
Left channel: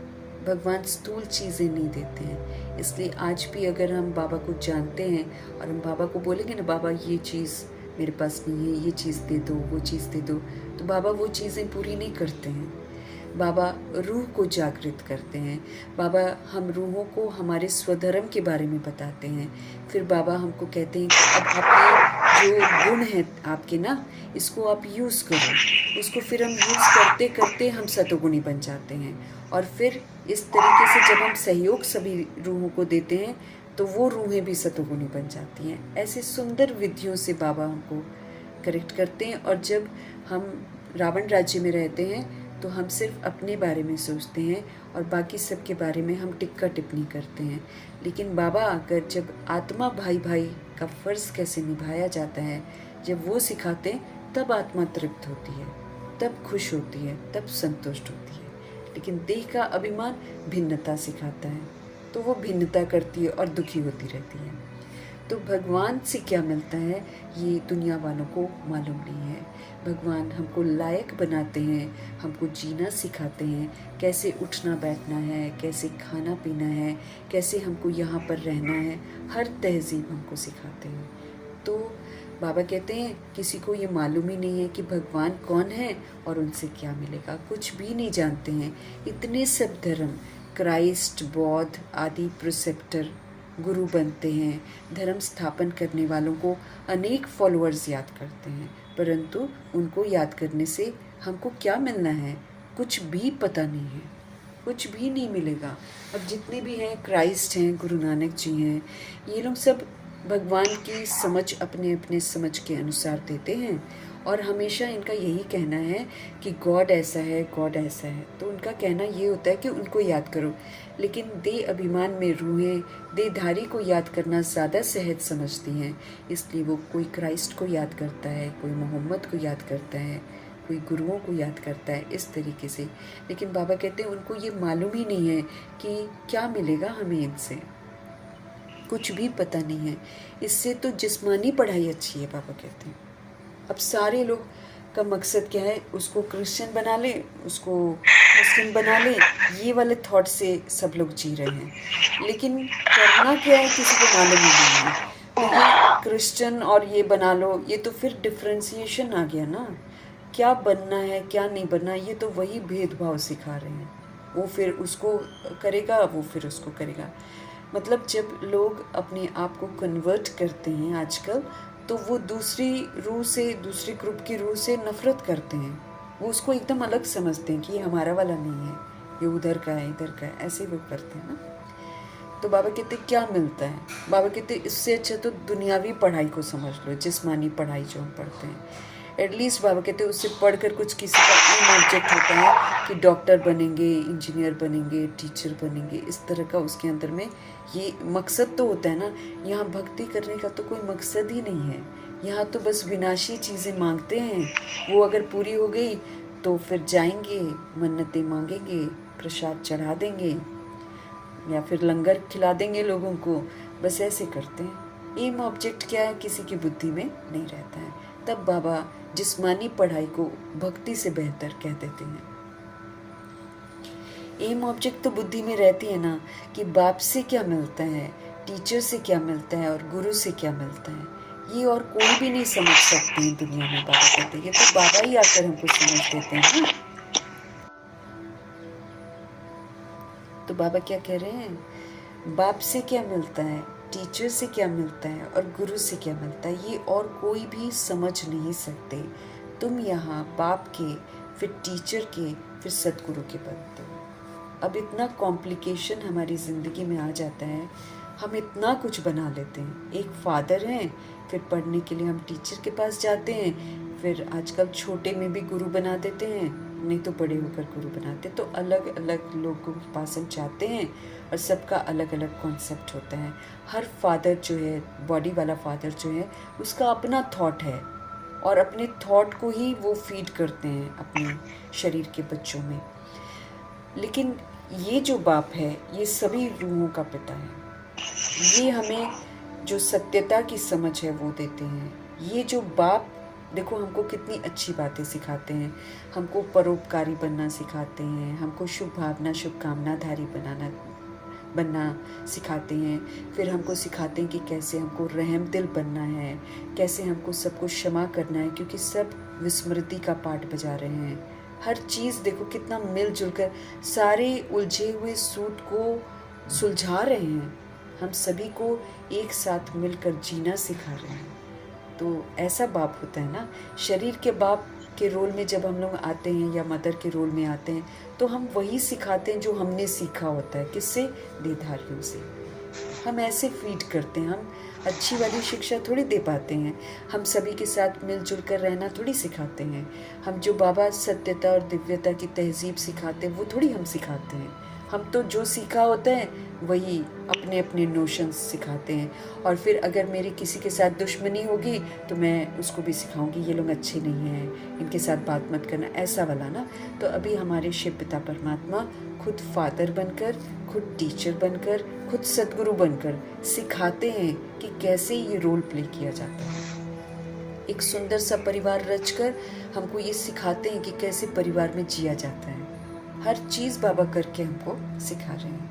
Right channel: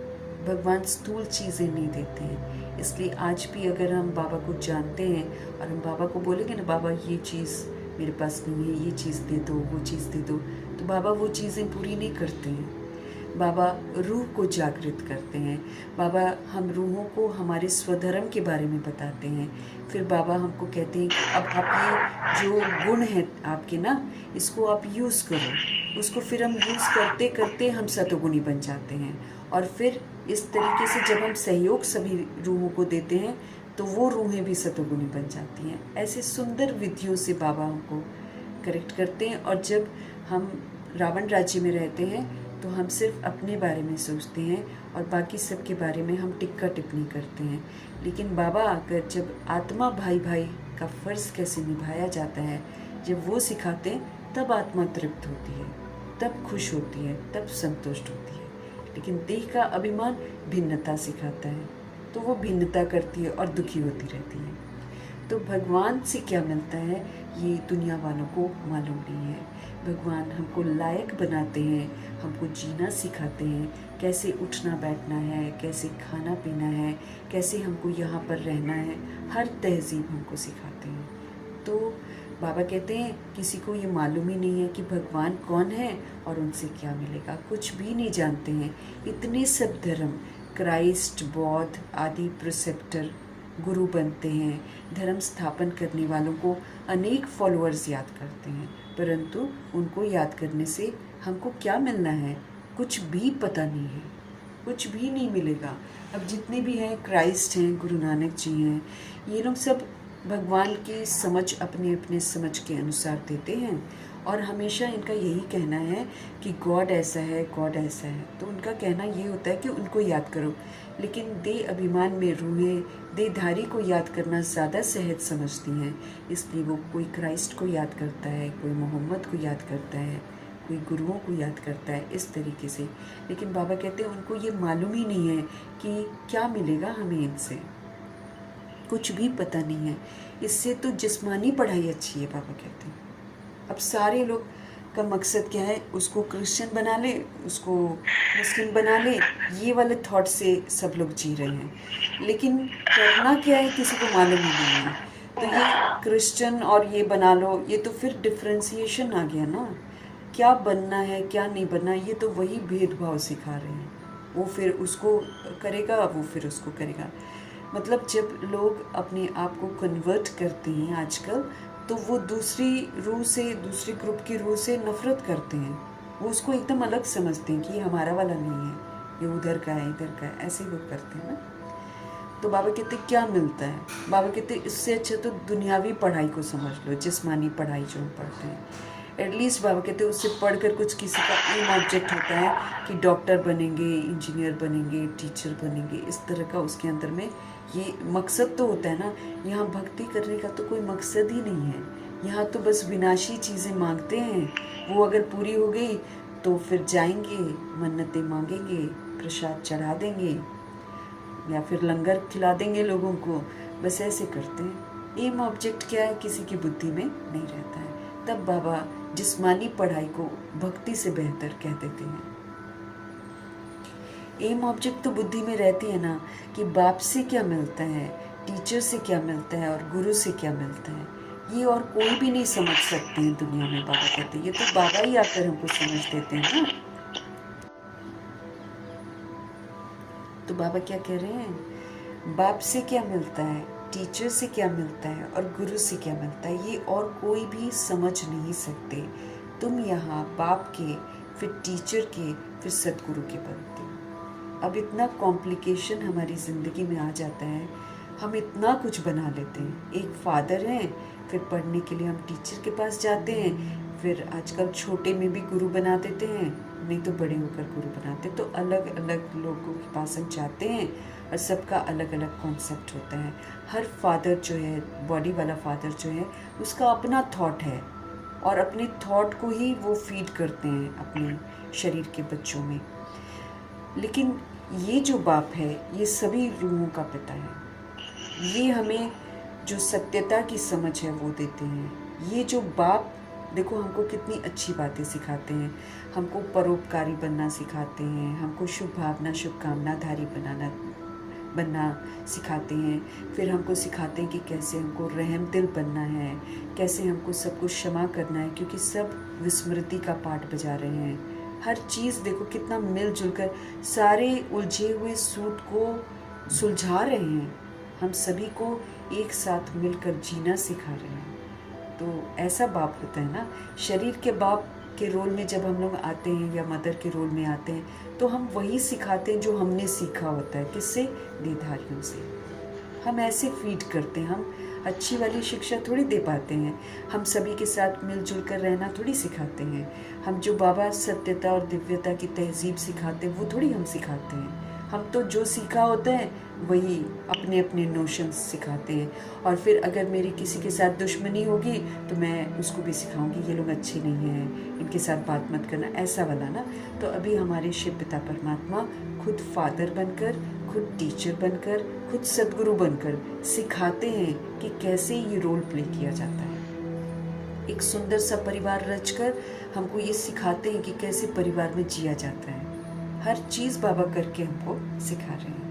भगवान स्थूल चीज़ें नहीं देते हैं। इसलिए आज भी अगर हम बाबा को जानते हैं और हम बाबा को बोलेंगे ना बाबा ये चीज़ मेरे पास नहीं है, ये चीज़ दे दो, वो चीज़ दे दो, तो बाबा वो चीज़ें पूरी नहीं करते हैं। बाबा रूह को जागृत करते हैं। बाबा हम रूहों को हमारे स्वधर्म के बारे में बताते हैं। फिर बाबा हमको कहते हैं कि अब आपके जो गुण हैं आपके ना, इसको आप यूज़ करो। उसको फिर हम यूज़ करते करते हम सतोगुणी बन जाते हैं। और फिर इस तरीके से जब हम सहयोग सभी रूहों को देते हैं तो वो रूहें भी सतोगुणी बन जाती हैं। ऐसे सुंदर विधियों से बाबा हमको करेक्ट करते हैं। और जब हम रावण राज्य में रहते हैं तो हम सिर्फ अपने बारे में सोचते हैं और बाकी सब के बारे में हम टिक्का टिप्पणी करते हैं। लेकिन बाबा आकर जब आत्मा भाई भाई का फ़र्ज़ कैसे निभाया जाता है जब वो सिखाते हैं तब आत्मा तृप्त होती है, तब खुश होती है, तब संतुष्ट होती है। लेकिन देह का अभिमान भिन्नता सिखाता है तो वो भिन्नता करती है और दुखी होती रहती है। तो भगवान से क्या मिलता है ये दुनिया वालों को मालूम नहीं है। भगवान हमको लायक बनाते हैं, हमको जीना सिखाते हैं, कैसे उठना बैठना है, कैसे खाना पीना है, कैसे हमको यहाँ पर रहना है, हर तहजीब हमको सिखाते हैं। तो बाबा कहते हैं किसी को ये मालूम ही नहीं है कि भगवान कौन है और उनसे क्या मिलेगा, कुछ भी नहीं जानते हैं। इतने सब धर्म, क्राइस्ट, बौद्ध आदि प्रिसेप्टर गुरु बनते हैं, धर्म स्थापन करने वालों को अनेक फॉलोअर्स याद करते हैं, परंतु उनको याद करने से हमको क्या मिलना है? कुछ भी पता नहीं है, कुछ भी नहीं मिलेगा। अब जितने भी हैं, क्राइस्ट हैं, गुरु नानक जी हैं, ये लोग सब भगवान की समझ अपने अपने समझ के अनुसार देते हैं और हमेशा इनका यही कहना है कि गॉड ऐसा है, गॉड ऐसा है। तो उनका कहना ये होता है कि उनको याद करो। लेकिन देह अभिमान में रूहें देहधारी को याद करना ज़्यादा सहज समझती हैं, इसलिए वो कोई क्राइस्ट को याद करता है, कोई मोहम्मद को याद करता है, कोई गुरुओं को याद करता है, इस तरीके से। लेकिन बाबा कहते हैं उनको ये मालूम ही नहीं है कि क्या मिलेगा हमें इनसे, कुछ भी पता नहीं है। इससे तो जिस्मानी पढ़ाई अच्छी है, बाबा कहते हैं। अब सारे लोग का मकसद क्या है? उसको क्रिश्चियन बना ले, उसको मुस्लिम बना ले, ये वाले थॉट से सब लोग जी रहे हैं। लेकिन करना क्या है किसी को मालूम ही नहीं है। तो ये क्रिश्चियन और ये बना लो, ये तो फिर डिफ्रेंसिएशन आ गया ना। क्या बनना है क्या नहीं बनना, ये तो वही भेदभाव सिखा रहे हैं। वो फिर उसको करेगा, वो फिर उसको करेगा। मतलब जब लोग अपने आप को कन्वर्ट करते हैं आजकल, तो वो दूसरी रूह से, दूसरे ग्रुप की रूह से नफ़रत करते हैं। वो उसको एकदम अलग समझते हैं कि ये हमारा वाला नहीं है, ये उधर का है, इधर का है, ऐसे लोग करते हैं ना। तो बाबा कहते क्या मिलता है? बाबा कहते इससे अच्छा तो दुनियावी पढ़ाई को समझ लो, जिस्मानी पढ़ाई जो हम पढ़ते हैं। एटलीस्ट बाबा कहते उससे पढ़कर कुछ किसी का एम ऑब्जेक्ट होता है कि डॉक्टर बनेंगे, इंजीनियर बनेंगे, टीचर बनेंगे, इस तरह का उसके अंदर में ये मकसद तो होता है ना। यहाँ भक्ति करने का तो कोई मकसद ही नहीं है। यहाँ तो बस विनाशी चीज़ें मांगते हैं, वो अगर पूरी हो गई तो फिर जाएंगे, मन्नतें मांगेंगे, प्रसाद चढ़ा देंगे या फिर लंगर खिला देंगे लोगों को, बस ऐसे करते हैं। एम ऑब्जेक्ट क्या है किसी की बुद्धि में नहीं रहता है। तब बाबा जिस्मानी पढ़ाई को भक्ति से बेहतर कह देते हैं। एम ऑब्जेक्ट तो बुद्धि में रहती है ना कि बाप से क्या मिलता है, टीचर से क्या मिलता है और गुरु से क्या मिलता है, ये और कोई भी नहीं समझ सकते हैं दुनिया में। बाबा कहते हैं ये तो बाबा ही आकर हमको समझ देते हैं ना। तो बाबा क्या कह रहे हैं, बाप से क्या मिलता है, टीचर से क्या मिलता है और गुरु से क्या मिलता है, ये और कोई भी समझ नहीं सकते। तुम यहाँ बाप के, फिर टीचर के, फिर सतगुरु के बनते हो। अब इतना कॉम्प्लिकेशन हमारी ज़िंदगी में आ जाता है, हम इतना कुछ बना लेते हैं। एक फादर हैं, फिर पढ़ने के लिए हम टीचर के पास जाते हैं, फिर आजकल छोटे में भी गुरु बना देते हैं, नहीं तो बड़े होकर गुरु बनाते। तो अलग अलग लोगों के पास हम जाते हैं और सबका अलग अलग कॉन्सेप्ट होता है। हर फादर जो है, बॉडी वाला फादर जो है, उसका अपना थॉट है और अपने थॉट को ही वो फीड करते हैं अपने शरीर के बच्चों में। लेकिन ये जो बाप है, ये सभी रूहों का पिता है। ये हमें जो सत्यता की समझ है वो देते हैं। ये जो बाप देखो हमको कितनी अच्छी बातें सिखाते हैं, हमको परोपकारी बनना सिखाते हैं, हमको शुभ भावना, शुभकामनाधारी बनना सिखाते हैं। फिर हमको सिखाते हैं कि कैसे हमको रहम दिल बनना है, कैसे हमको सबको क्षमा करना है, क्योंकि सब विस्मृति का पाठ बजा रहे हैं। हर चीज़ देखो कितना मिलजुल कर सारे उलझे हुए सूट को सुलझा रहे हैं। हम सभी को एक साथ मिलकर जीना सिखा रहे हैं। तो ऐसा बाप होता है ना। शरीर के बाप के रोल में जब हम लोग आते हैं या मदर के रोल में आते हैं तो हम वही सिखाते हैं जो हमने सीखा होता है। किससे? देहधारियों से। हम ऐसे फीड करते हैं, हम अच्छी वाली शिक्षा थोड़ी दे पाते हैं। हम सभी के साथ मिलजुल कर रहना थोड़ी सिखाते हैं। हम जो बाबा सत्यता और दिव्यता की तहजीब सिखाते हैं वो थोड़ी हम सिखाते हैं। हम तो जो सीखा होता है वही अपने अपने नोशंस सिखाते हैं। और फिर अगर मेरी किसी के साथ दुश्मनी होगी तो मैं उसको भी सिखाऊंगी ये लोग अच्छे नहीं हैं, इनके साथ बात मत करना, ऐसा वाला ना। तो अभी हमारे शिव पिता परमात्मा खुद फादर बनकर, खुद टीचर बनकर, खुद सद्गुरु बनकर सिखाते हैं कि कैसे ये रोल प्ले किया जाता है। एक सुंदर सा परिवार रचकर हमको ये सिखाते हैं कि कैसे परिवार में जिया जाता है। हर चीज़ बाबा करके हमको सिखा रहे हैं।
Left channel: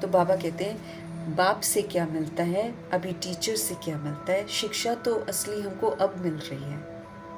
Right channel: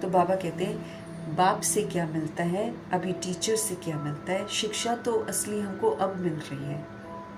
तो बाबा कहते हैं बाप से क्या मिलता है, अभी टीचर से क्या मिलता है। शिक्षा तो असली हमको अब मिल रही है,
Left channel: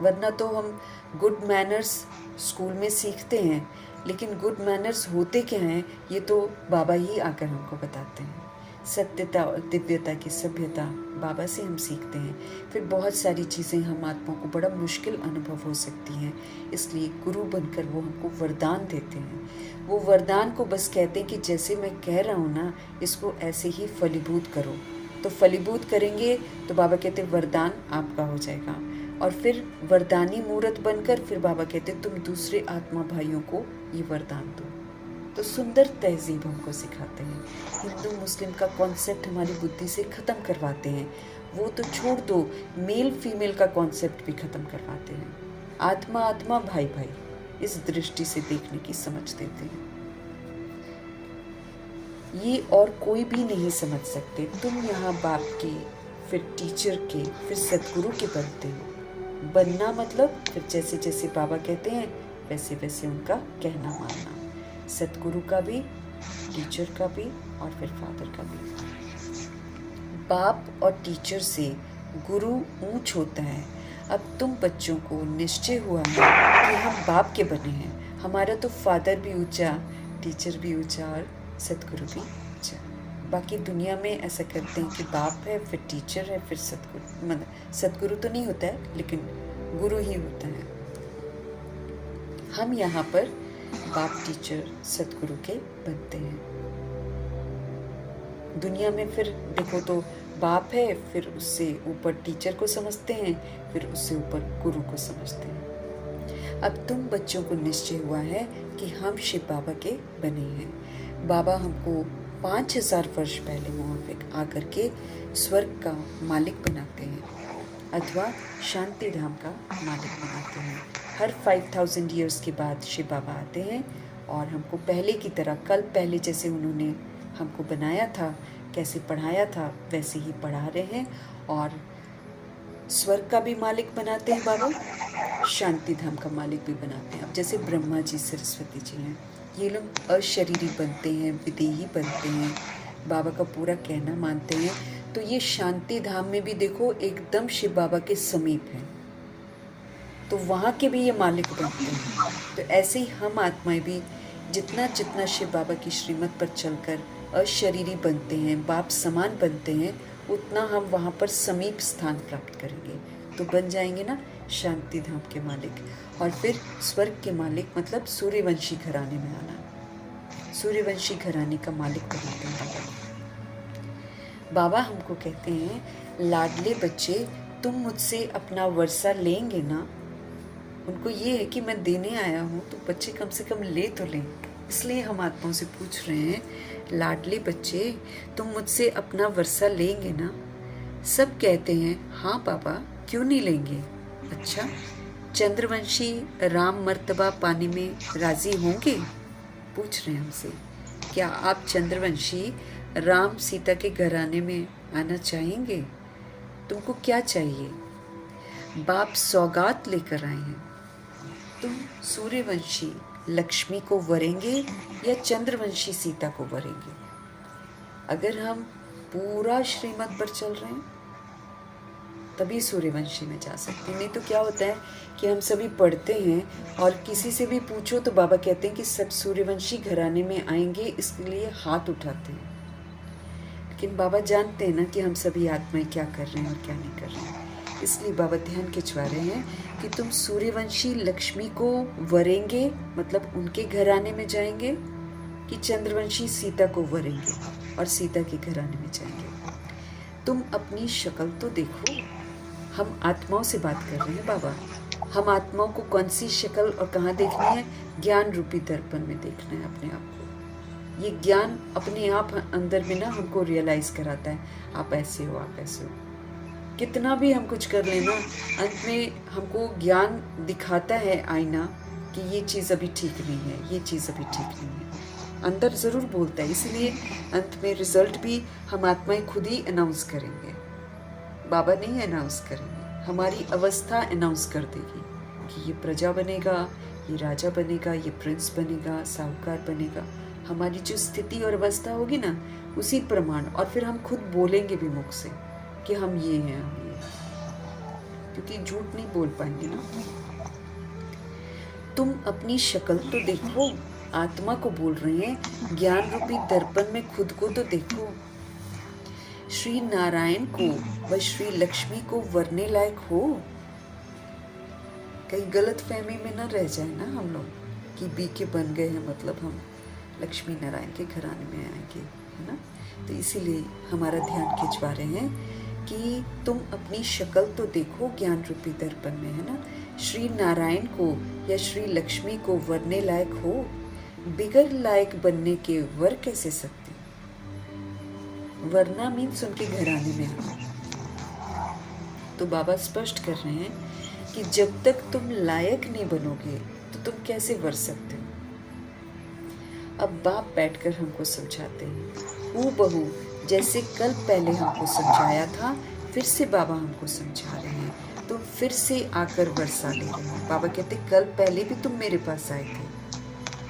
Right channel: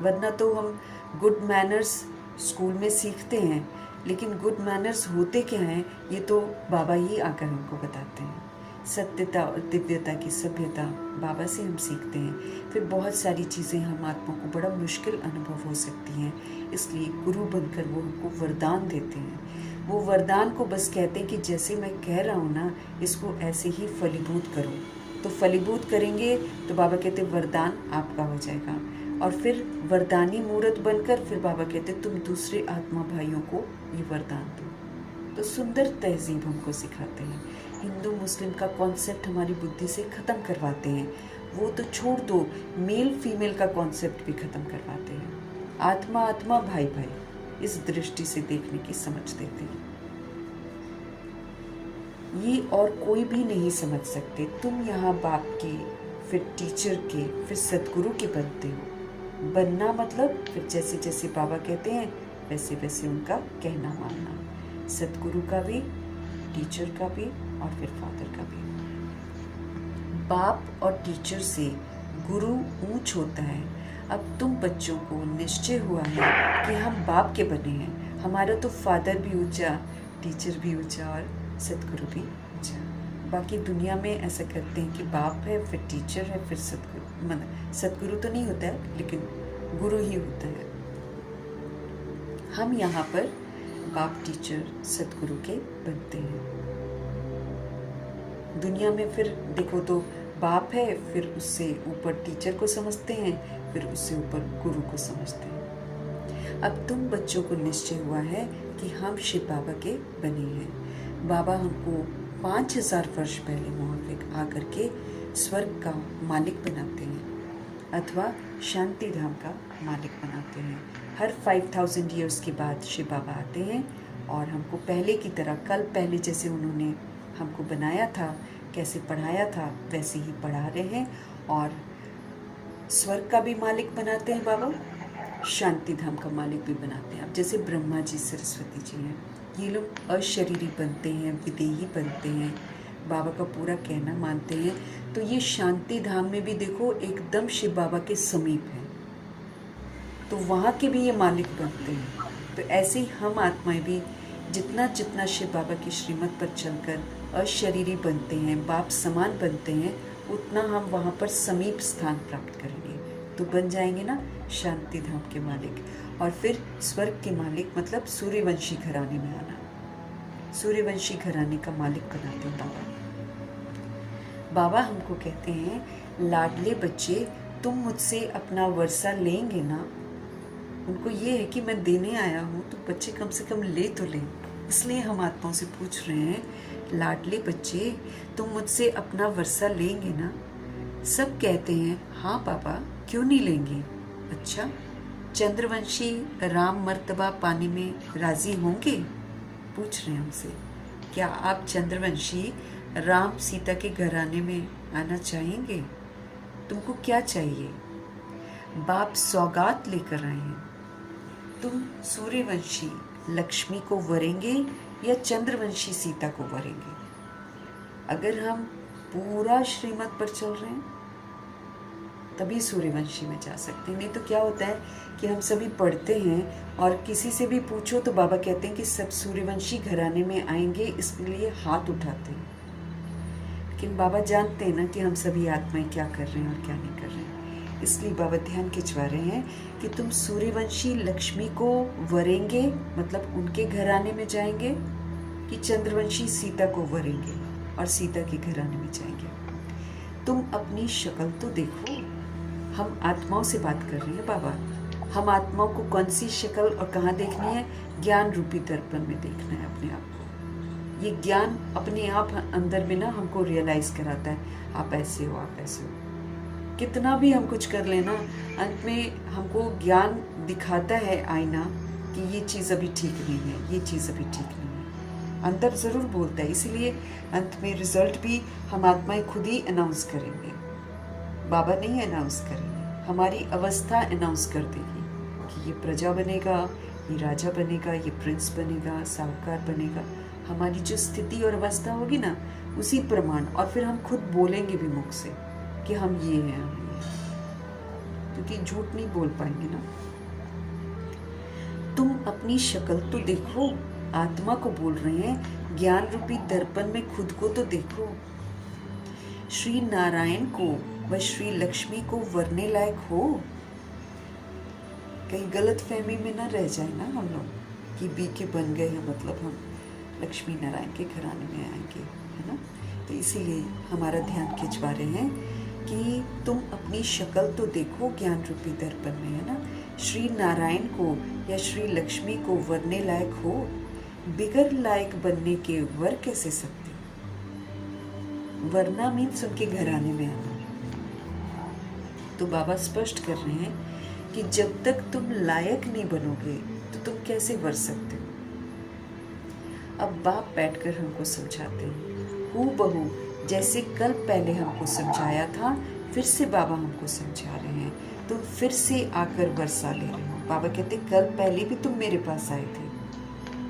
वरना तो हम गुड मैनर्स स्कूल में सीखते हैं, लेकिन गुड मैनर्स होते क्या हैं ये तो बाबा ही आकर हमको बताते हैं। सत्यता और दिव्यता की सभ्यता बाबा से हम सीखते हैं। फिर बहुत सारी चीज़ें हम आत्मा को बड़ा मुश्किल अनुभव हो सकती हैं, इसलिए गुरु बनकर वो हमको वरदान देते हैं। वो वरदान को बस कहते हैं कि जैसे मैं कह रहा हूँ ना, इसको ऐसे ही फलीभूत करो। तो फलीभूत करेंगे तो बाबा कहते वरदान आपका हो जाएगा। और फिर वरदानी मूर्त बनकर फिर बाबा कहते तुम दूसरे आत्मा भाइयों को ये वरदान दो। तो सुंदर तहजीब हमको सिखाते हैं। हिंदू मुस्लिम का कॉन्सेप्ट हमारी बुद्धि से ख़त्म करवाते हैं। वो तो छोड़ दो, मेल फीमेल का कॉन्सेप्ट भी ख़त्म करवाते हैं। आत्मा आत्मा, भाई भाई, इस दृष्टि से देखने की समझ देते हैं। ये और कोई भी नहीं समझ सकते। तुम यहाँ बाप के, फिर टीचर के, फिर सद्गुरु के बनते हो। बनना मतलब फिर जैसे जैसे बाबा कहते हैं वैसे वैसे उनका कहना मानना। सद्गुरु का भी, टीचर का भी और फिर फादर का भी। बाप और टीचर से गुरु ऊंच होता है। अब तुम बच्चों को निश्चय हुआ है कि हम बाप के बने हैं। हमारा तो फादर भी ऊंचा, टीचर भी ऊंचा और सद्गुरु भी ऊंचा। बाकी दुनिया में ऐसा करते हैं कि बाप है, फिर टीचर है, फिर सद्गुरु। मतलब सद्गुरु तो नहीं होता है, लेकिन गुरु ही होता है। हम यहाँ पर बाप, टीचर, सद्गुरु के बनते हैं। दुनिया में फिर देखो तो बाप है, फिर उससे ऊपर टीचर को समझते हैं, फिर उससे ऊपर गुरु को समझते हैं। अब तुम बच्चों को निश्चय हुआ है कि हम शिव बाबा के बने हैं। बाबा हमको 5000 वर्ष पहले वहाँ पे आकर के स्वर्ग का मालिक बनाते हैं अथवा शांति धाम का मालिक बनाते हैं। हर 5000 ईयर्स के बाद शिव बाबा आते हैं और हमको पहले की तरह, कल पहले जैसे उन्होंने हमको बनाया था, कैसे पढ़ाया था, वैसे ही पढ़ा रहे हैं और स्वर्ग का भी मालिक बनाते हैं बाबा, शांति धाम का मालिक भी बनाते हैं। अब जैसे ब्रह्मा जी, सरस्वती जी हैं, ये लोग अशरीरी बनते हैं, विदेही बनते हैं, बाबा का पूरा कहना मानते हैं, तो ये शांति धाम में भी देखो एकदम शिव बाबा के समीप है, तो वहाँ के भी ये मालिक बनते हैं। तो ऐसे ही हम आत्माएं भी जितना जितना शिव बाबा की श्रीमत पर चलकर अशरीरी बनते हैं, बाप समान बनते हैं, उतना हम वहाँ पर समीप स्थान प्राप्त करेंगे, तो बन जाएंगे ना शांति धाम के मालिक। और फिर स्वर्ग के मालिक मतलब सूर्यवंशी घराने में आना, सूर्यवंशी घराने का मालिक बनाते हैं बाबा। बाबा हमको कहते हैं, लाडले बच्चे तुम मुझसे अपना वर्षा लेंगे ना। उनको ये है कि मैं देने आया हूँ, तो बच्चे कम से कम ले तो लें। इसलिए हम आत्माओं से पूछ रहे हैं, लाडले बच्चे तुम मुझसे अपना वर्षा लेंगे ना। सब कहते हैं हाँ बाबा, क्यों नहीं लेंगे। अच्छा, चंद्रवंशी राम मर्तबा पाने में राजी होंगे? पूछ रहे हैं हमसे, क्या आप चंद्रवंशी राम सीता के घराने में आना चाहेंगे? तुमको क्या चाहिए? बाप सौगात लेकर आए हैं। तुम सूर्यवंशी लक्ष्मी को वरेंगे या चंद्रवंशी सीता को वरेंगे? अगर हम पूरा श्रीमत पर चल रहे हैं तभी सूर्यवंशी में जा सकते हैं। नहीं तो क्या होता है कि हम सभी पढ़ते हैं और किसी से भी पूछो तो बाबा कहते हैं कि सब सूर्यवंशी घराने में आएंगे, इसलिए हाथ उठाते हैं। लेकिन बाबा जानते हैं ना कि हम सभी आत्माएं क्या कर रहे हैं और क्या नहीं कर रहे हैं, इसलिए बाबा ध्यान खिंचवा रहे हैं कि तुम सूर्यवंशी लक्ष्मी को वरेंगे, मतलब उनके घराने में जाएंगे, कि चंद्रवंशी सीता को वरेंगे और सीता के घराने में जाएंगे। तुम अपनी शक्ल तो देखो। हम आत्माओं से बात कर रहे हैं बाबा। हम आत्माओं को कौन सी शक्ल और कहाँ देखनी है? ज्ञान रूपी दर्पण में देखना है अपने आप को। ये ज्ञान अपने आप अंदर में ना हमको रियलाइज कराता है, आप ऐसे हो, आप ऐसे हो। कितना भी हम कुछ कर लेना, अंत में हमको ज्ञान दिखाता है आईना कि ये चीज़ अभी ठीक नहीं है, ये चीज़ अभी ठीक नहीं है। अंदर ज़रूर बोलता है, इसीलिए अंत में रिजल्ट भी हम आत्माएं खुद ही अनाउंस करेंगे, बाबा नहीं अनाउंस करेंगे। हमारी अवस्था अनाउंस कर देगी कि ये प्रजा बनेगा, ये राजा बनेगा, ये प्रिंस बनेगा, साहूकार बनेगा। हमारी जो स्थिति और अवस्था होगी ना, उसी प्रमाण, और फिर हम खुद बोलेंगे भी मुख से कि हम ये हैं, हम ये हैं, क्योंकि झूठ नहीं बोल पाएंगे ना। तुम अपनी शक्ल तो देखो, आत्मा को बोल रहे हैं, ज्ञान रूपी दर्पण में खुद को तो देखो। श्री नारायण को व श्री लक्ष्मी को वरने लायक हो। कहीं गलत फहमी में न रह जाए ना हम लोग कि बी के बन गए हैं मतलब हम लक्ष्मी नारायण के घराने में आएंगे, है ना। तो इसीलिए हमारा ध्यान खिंचवा रहे हैं कि तुम अपनी शक्ल तो देखो ज्ञान रूपी दर्पण में, है ना। श्री नारायण को या श्री लक्ष्मी को वरने लायक हो। बिगर लायक बनने के वर कैसे सकते? वरना मीन्स उनके घराने में आना। तो बाबा स्पष्ट कर रहे हैं कि जब तक तुम लायक नहीं बनोगे तो तुम कैसे वर सकते हो। अब बाप बैठकर हमको समझाते हैं, हूबहू जैसे कल पहले हमको समझाया था, फिर से बाबा हमको समझा रहे हैं। तो फिर से आकर वर्षा ले रहे हैं। बाबा कहते कल पहले भी तुम मेरे पास आए थे,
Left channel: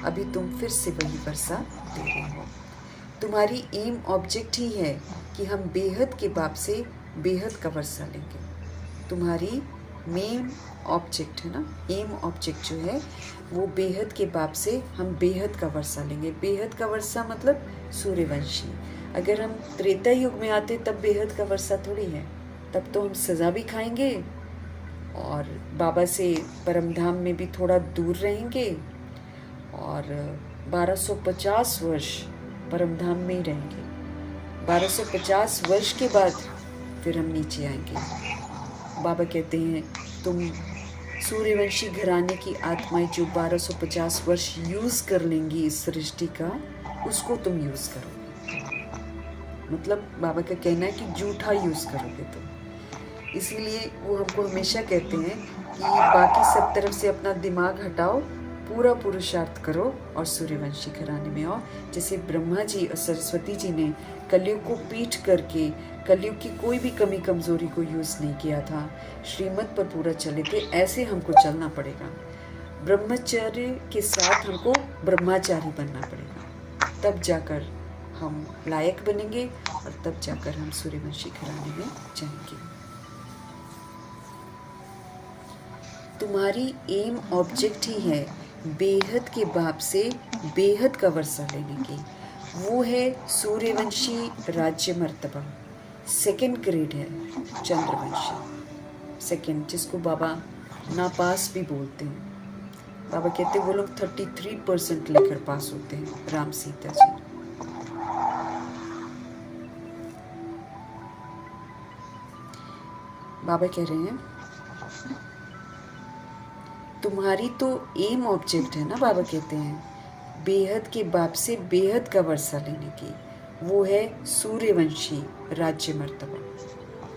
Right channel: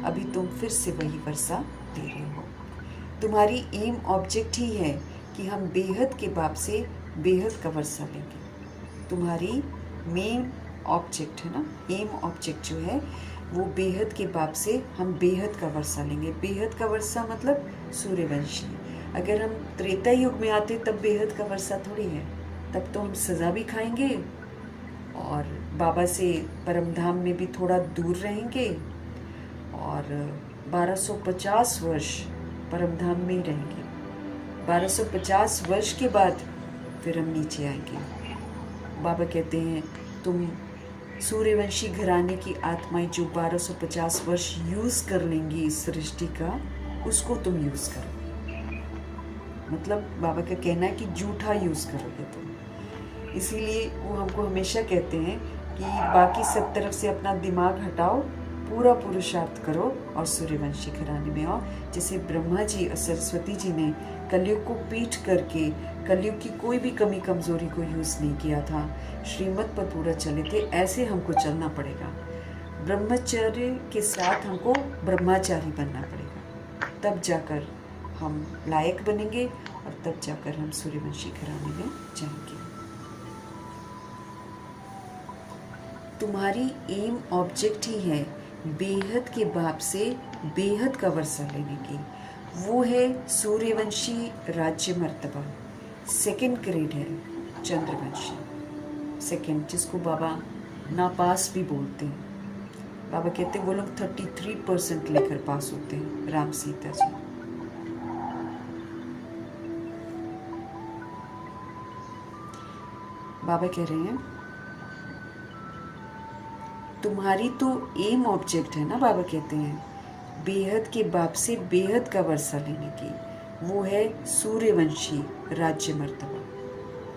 अभी तुम फिर से वही वर्षा दे रहे हो। तुम्हारी एम ऑब्जेक्ट ही है कि हम बेहद के बाप से बेहद का वर्षा लेंगे। तुम्हारी मेन ऑब्जेक्ट है ना, एम ऑब्जेक्ट जो है वो बेहद के बाप से हम बेहद का वर्षा लेंगे। बेहद का वर्षा मतलब सूर्यवंशी। अगर हम त्रेता युग में आते तब बेहद का वर्षा थोड़ी है, तब तो हम सज़ा भी खाएंगे और बाबा से परमधाम में भी थोड़ा दूर रहेंगे और 1250 वर्ष परमधाम में ही रहेंगे। 1250 वर्ष के बाद फिर हम नीचे आएंगे। बाबा कहते हैं तुम सूर्यवंशी घराने की आत्माएं जो 1250 वर्ष यूज़ कर लेंगी इस सृष्टि का, उसको तुम यूज़ करोगे। मतलब बाबा का कहना है कि जूठा यूज़ करोगे तुम। इसीलिए वो हमको हमेशा कहते हैं कि बाकी सब तरफ से अपना दिमाग हटाओ, पूरा पुरुषार्थ करो और सूर्यवंशी घराने में आओ। जैसे ब्रह्मा जी और सरस्वती जी ने कलयुग को पीठ करके कलयुग की कोई भी कमी कमजोरी को यूज़ नहीं किया था, श्रीमत पर पूरा चले थे, ऐसे हमको चलना पड़ेगा। ब्रह्मचर्य के साथ हमको ब्रह्मचारी बनना पड़ेगा, तब जाकर हम लायक बनेंगे और तब जाकर हम सूर्यवंशी घराने में जाएंगे। तुम्हारी एम ऑब्जेक्ट ही है बेहद के बाप से बेहद का वर्षा लेने की, वो है सूर्यवंशी राज्य मर्तबा। सेकंड ग्रेड है चंद्रवंशी, सेकंड, जिसको बाबा नापास भी बोलते हैं। बाबा कहते हैं वो लोग 33% लेकर पास होते हैं, राम सीता जी। बाबा कह रहे हैं तुम्हारी तो एम ऑब्जेक्ट है ना, बाबा कहते हैं बेहद के बाप से बेहद का वर्षा लेने की, वो है सूर्यवंशी राज्य मर्तबा।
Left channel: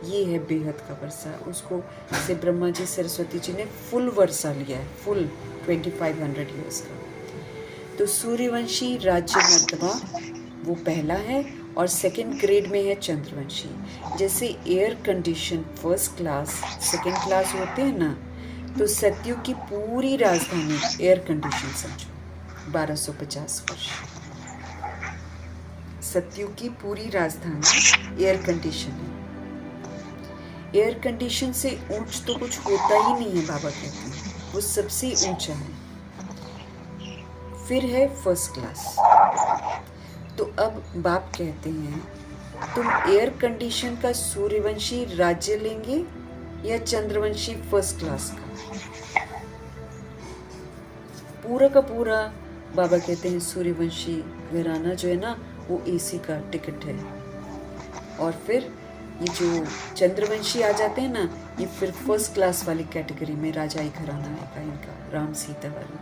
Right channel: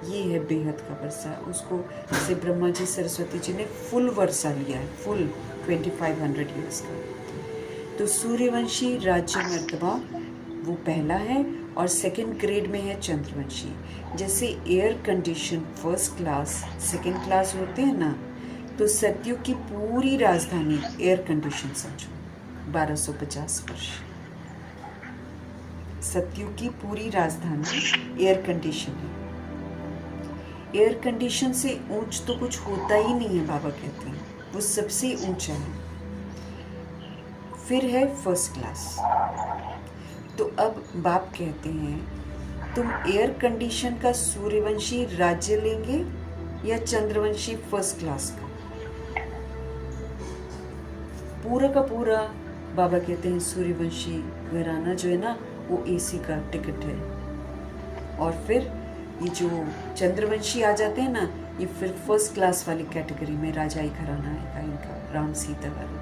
ये है बेहद का वर्षा, उसको से ब्रह्मा जी सरस्वती जी ने फुल वर्षा लिया है, फुल 2500 ईयर्स का। तो सूर्यवंशी राज्य मर्तबा वो पहला है, और सेकंड ग्रेड में है चंद्रवंशी। जैसे air condition first class second class होते हैं ना, तो सतयुग की पूरी राजधानी एयर कंडीशन समझो, 1250 वर्ष सतयुग की पूरी राजधानी एयर कंडीशन है। एयर कंडीशन से ऊंच तो कुछ होता ही नहीं है, बाबा कहते हैं वो सबसे ऊंचा है। फिर है फर्स्ट क्लास। तो अब बाप कहते हैं तुम एयर कंडीशन का सूर्यवंशी राज्य लेंगे या चंद्रवंशी फर्स्ट क्लास का? पूरा का पूरा बाबा कहते हैं सूर्यवंशी घराना जो है ना, वो एसी का टिकट है। और फिर ये जो चंद्रवंशी आ जाते हैं ना, ये फिर फर्स्ट क्लास वाली कैटेगरी में राजाई घराना है इनका, राम सीता वाली।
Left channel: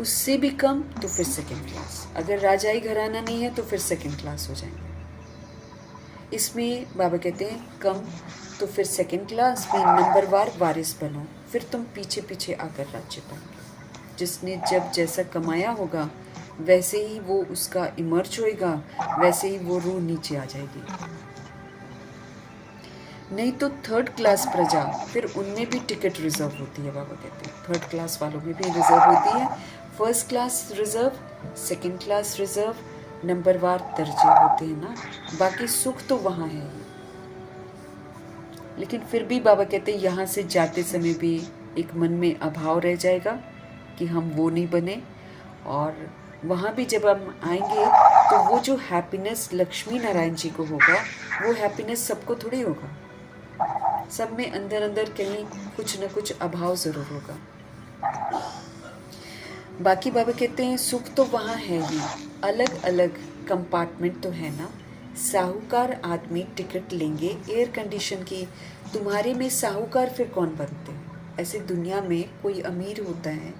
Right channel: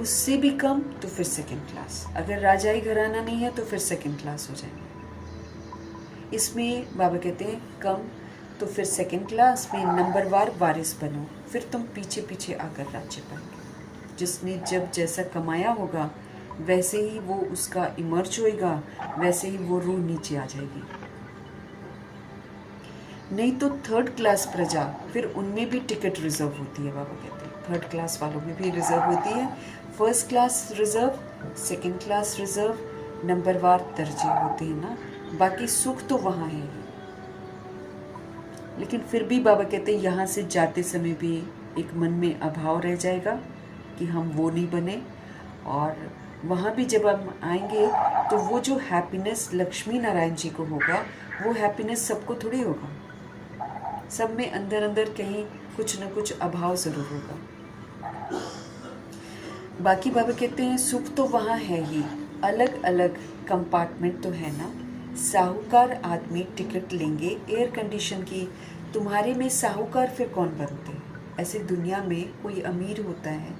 उससे भी कम तो फिर सेकंड क्लास, अगर राजाई घराना नहीं है तो फिर सेकंड क्लास हो जाएंगे। इसमें बाबा कहते हैं कम तो फिर सेकंड क्लास में नंबरवार वारिस बनो, फिर तुम पीछे पीछे आकर राज्य पाओगे। जिसने जब जैसा कमाया होगा वैसे ही वो उसका इमर्ज होएगा, वैसे ही वो रूह नीचे आ जाएगी। नहीं तो थर्ड क्लास प्रजा, फिर उनमें भी टिकट रिजर्व होती है। बाबा कहते हैं थर्ड क्लास वालों में भी रिजर्व होती है, first class reserve, second class reserve, नंबरवार दर्जे होते हैं ना। बाकी सुख तो वहाँ है, लेकिन फिर भी बाबा कहते हैं यहाँ से जाते समय भी एक मन में अभाव रह जाएगा कि हम वो नहीं बने। और वहाँ भी जब हम आएंगे तो वो जो हैप्पीनेस लक्ष्मी नारायण जी को होगा, वो हैप्पीनेस सबको थोड़ी होगा। सब में अंदर अंदर कहीं कुछ न कुछ अभाव ज़रूर होगा। बाकी बाबा कहते हैं सुख तो वहाँ है ही, अलग अलग कंपार्टमेंट तो है ना। साहूकार आदमी टिकट लेंगे एयर कंडीशन की, तुम्हारे में साहूकार फिर कौन बनते हैं? ऐसे दुनिया में कोई अमीर होता है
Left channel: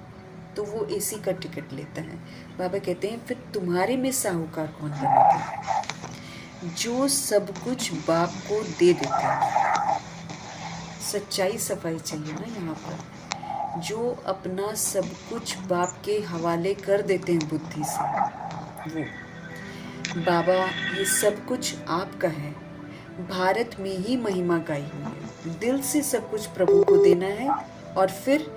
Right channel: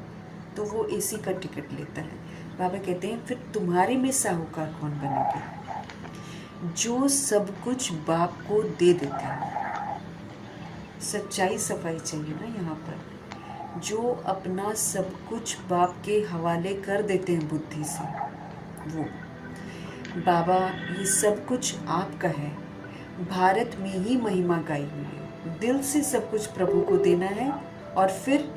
तो वो एसी का टिकट लेता है। बाबा कहते हैं फिर तुम्हारे में साहूकार कौन बनेगा? जो सब कुछ बाप को दे देता है। सच्चाई सफाई चाहिए ना यहाँ पर। जो अपना सब कुछ बाप के हवाले कर देते हैं बुद्धि से, वो बाबा ये सब कुछ आपका है। भारत में ही महिमा गाई हुई है। दिल से सब कुछ प्रभु को देना है और फिर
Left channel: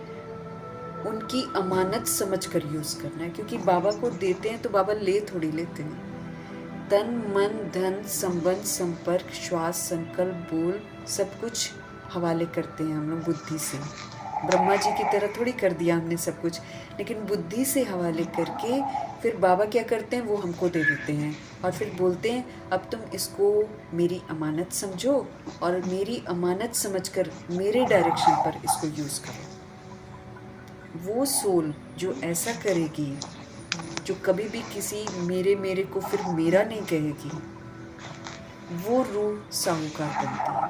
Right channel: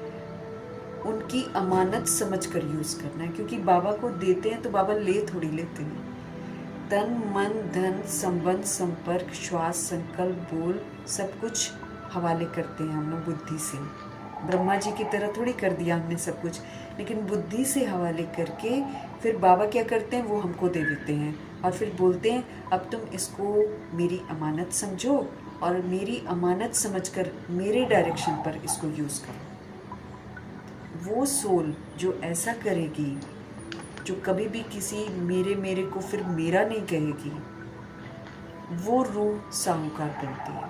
उनकी अमानत समझकर यूज़ करना है, क्योंकि बाबा को देते हैं तो बाबा ले थोड़ी लेते हैं। तन मन धन संबंध संपर्क श्वास संकल्प बोल सब कुछ हवाले करते हैं हम लोग बुद्धि से। ब्रह्मा जी की तरह थोड़ी कर दिया हमने सब कुछ, लेकिन बुद्धि से हवाले करके फिर बाबा क्या करते हैं वो हमको दे देते हैं और फिर बोलते हैं अब तुम इसको मेरी अमानत समझो और मेरी अमानत समझकर मेरे डायरेक्शन पर इसको यूज़ करो। वो सोल जो ऐसा करेगी जो कभी भी किसी मेरे मेरे को फिर मेरा नहीं कहेगी, वो रूह साहूकार बनती है।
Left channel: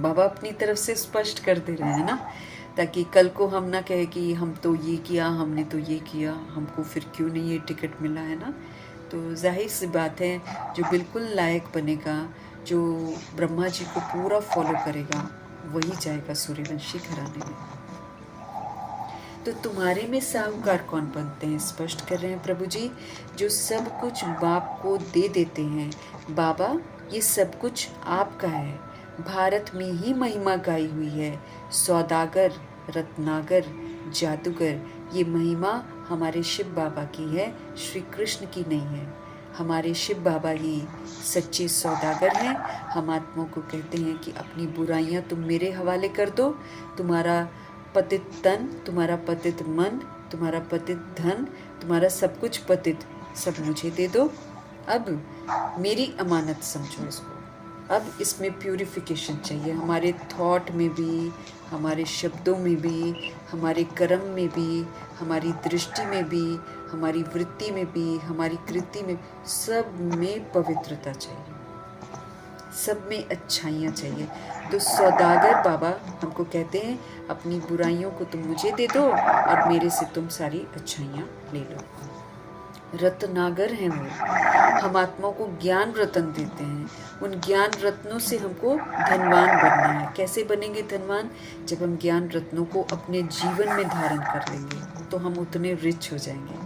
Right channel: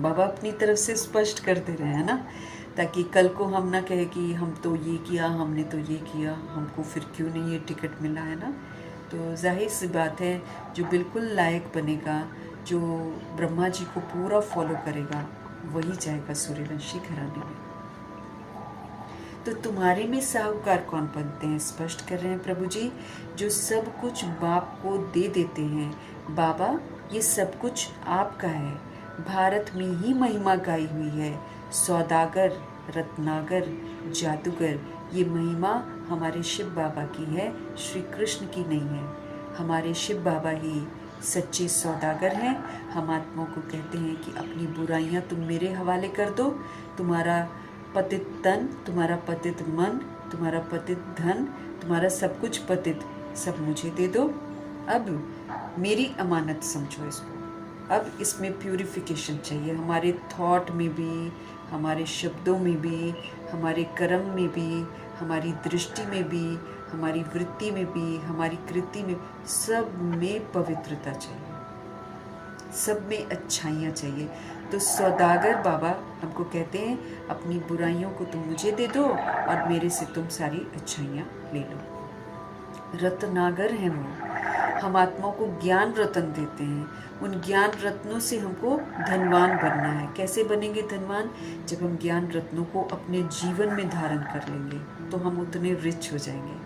बाबा अपनी तरफ से स्पष्ट कर दे रहे हैं ना, ताकि कल को हम ना कहे कि हम तो ये किया, हमने तो ये किया, हमको फिर क्यों नहीं ये टिकट मिला, है ना। तो जाहिर सी बात है, जो बिल्कुल लायक बनेगा, जो ब्रह्मा जी को पूरा फॉलो करेगा, वही जाएगा सूर्यवंशी घराने में। तो तुम्हारे में साहूकार कौन बनते हैं? स्पष्ट कर रहे हैं प्रभु जी, जो सब कुछ बाप को दे देते हैं। बाबा, ये सब कुछ आपका है। भारत में ही महिमा गाई हुई है। सौदागर, रत्नागर, जादूगर, ये महिमा हमारे शिव बाबा की है, श्री कृष्ण की नहीं है। हमारे शिव बाबा ही सच्चे सौदागर हैं। हम आत्मा को कहते हैं कि अपनी बुराइयां तुम मेरे हवाले कर दो। तुम्हारा पतित तन, तुम्हारा पतित मन, तुम्हारा पतित धन, तुम्हारा सब कुछ पतित, सब मुझे दे दो। अब मेरी अमानत समझो इसको। अब इसमें प्यूरिफिकेशन चाहिए, हमारे थॉट में भी, हमारे शब्दों में भी, हमारे कर्म में भी, हमारी दृष्टि में भी, हमारी वृत्ति में भी, हमारी कृति में, सब में पवित्रता चाहिए, सब में अच्छाइयाँ चाहिए। तो सौदागर बाबा हमको कहते हैं, अपनी बुराइयों को तुम मुझे दे दो और मेरे से तुम सारी अच्छाइयाँ ले लो। रत्नागर हैं वो, हम आत्मा को ज्ञान रत्न देते हैं। उन ज्ञान रत्नों से हमको धनवान बनना है। कैसे बनेंगे धनवान? जब हम ज्ञान रत्नों को अपने जीवन में धारण कर लेंगे तो हम उतने रिच हो जाएंगे।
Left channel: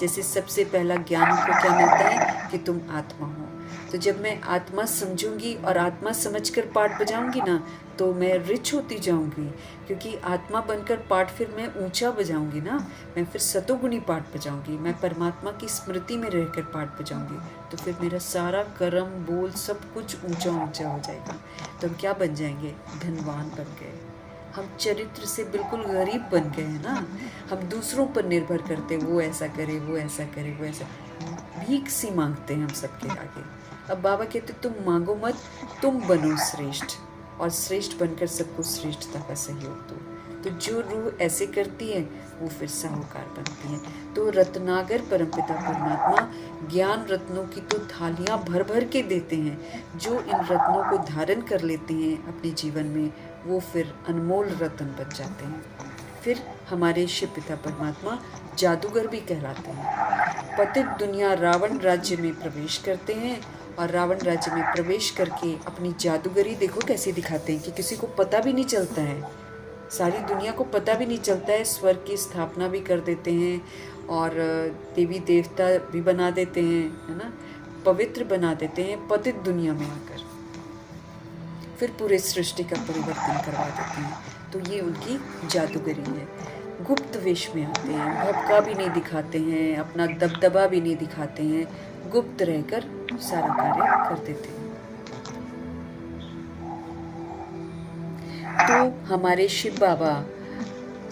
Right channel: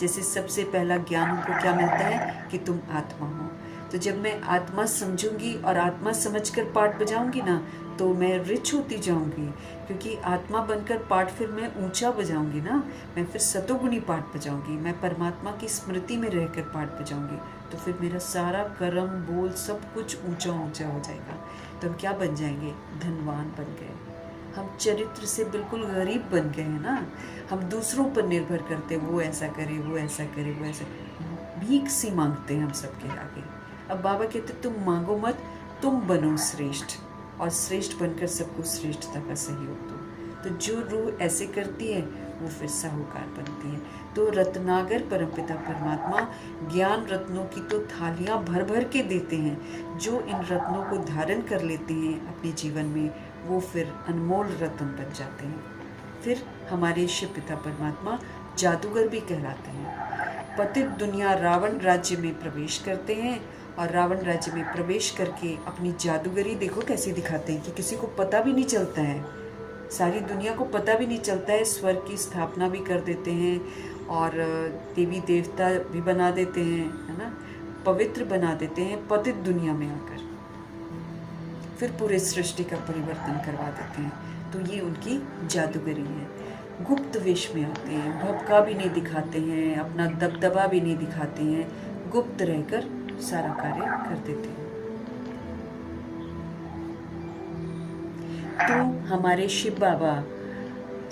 जैसे सबसे पहला ज्ञान हमको क्या मिलता है कि तुम आत्मा हो। तो जब मैं आत्मा समझूंगी और आत्मा समझकर पाठ बजाऊंगी ना, तो मैं रिच होती जाऊंगी, क्योंकि आत्मा बनकर पाठ फिर मैं ऊंचा बजाऊंगी ना, मैं फिर सतोगुणी पाठ बजाऊंगी, मैं परमात्मा की स्मृति में रहकर पाठ बजाऊंगी, तो फिर मेरा सारा कर्म बोल सब कुछ ऊंचा ऊंचा हो जाएगा। तो हम क्या बन जाएंगे? धनवान बन गए। हम चरित्र से बिल्कुल गरीब बन गए हैं ना। हम दूसरों पर निर्भर करते, वो ऐसा करे, वो ऐसा करे, वो ऐसा, भीख सी मांगते हैं हम सबके आगे। अब बाबा कहते तुम मांगो मत, तुम बनो श्रेष्ठ, और श्रेष्ठ बनकर सबको श्रेष्ठता का सहयोग दो। तो जो रूह ऐसे करती है वो फिर साहूकार बनती है। तो रत्नागर परमपिता परमात्मा ज्ञान रत्नों की तो थालियां भर भर के देते हैं। जो इन रत्नों को धारण कर लेते हैं अपने जीवन में, वो फिर अनमोल रत्न बन जाते हैं। फिर हमारे शिव पिता परमात्मा जादूगर भी कहलाते हैं। पतित दुनिया रावण राज्य में प्रवेश करते हैं, और रावण राज्य में प्रवेश करके अपनी जादूगरी देखो कैसे दिखाते हैं कि किसी को पता भी नहीं चलता है, सारी दुनिया को पता भी नहीं चलता है। स्वर्ग की स्थापना भी कर देते हैं और देवी देवता भी बना देते हैं, है ना, पवित्र बना देते हैं पतित दुनिया में आकर, फिर पूरे सृष्टि का परिवर्तन करवा देते हैं। तो ये उनकी जादूगरी है। गुप्त वेश में आते हैं, भपका भी नहीं दिखाते हैं, अपना दबदबा भी नहीं दिखाते हैं, गुप्त रहकर सारा कार्य कर देते हैं। तो हमारे शिव बाबा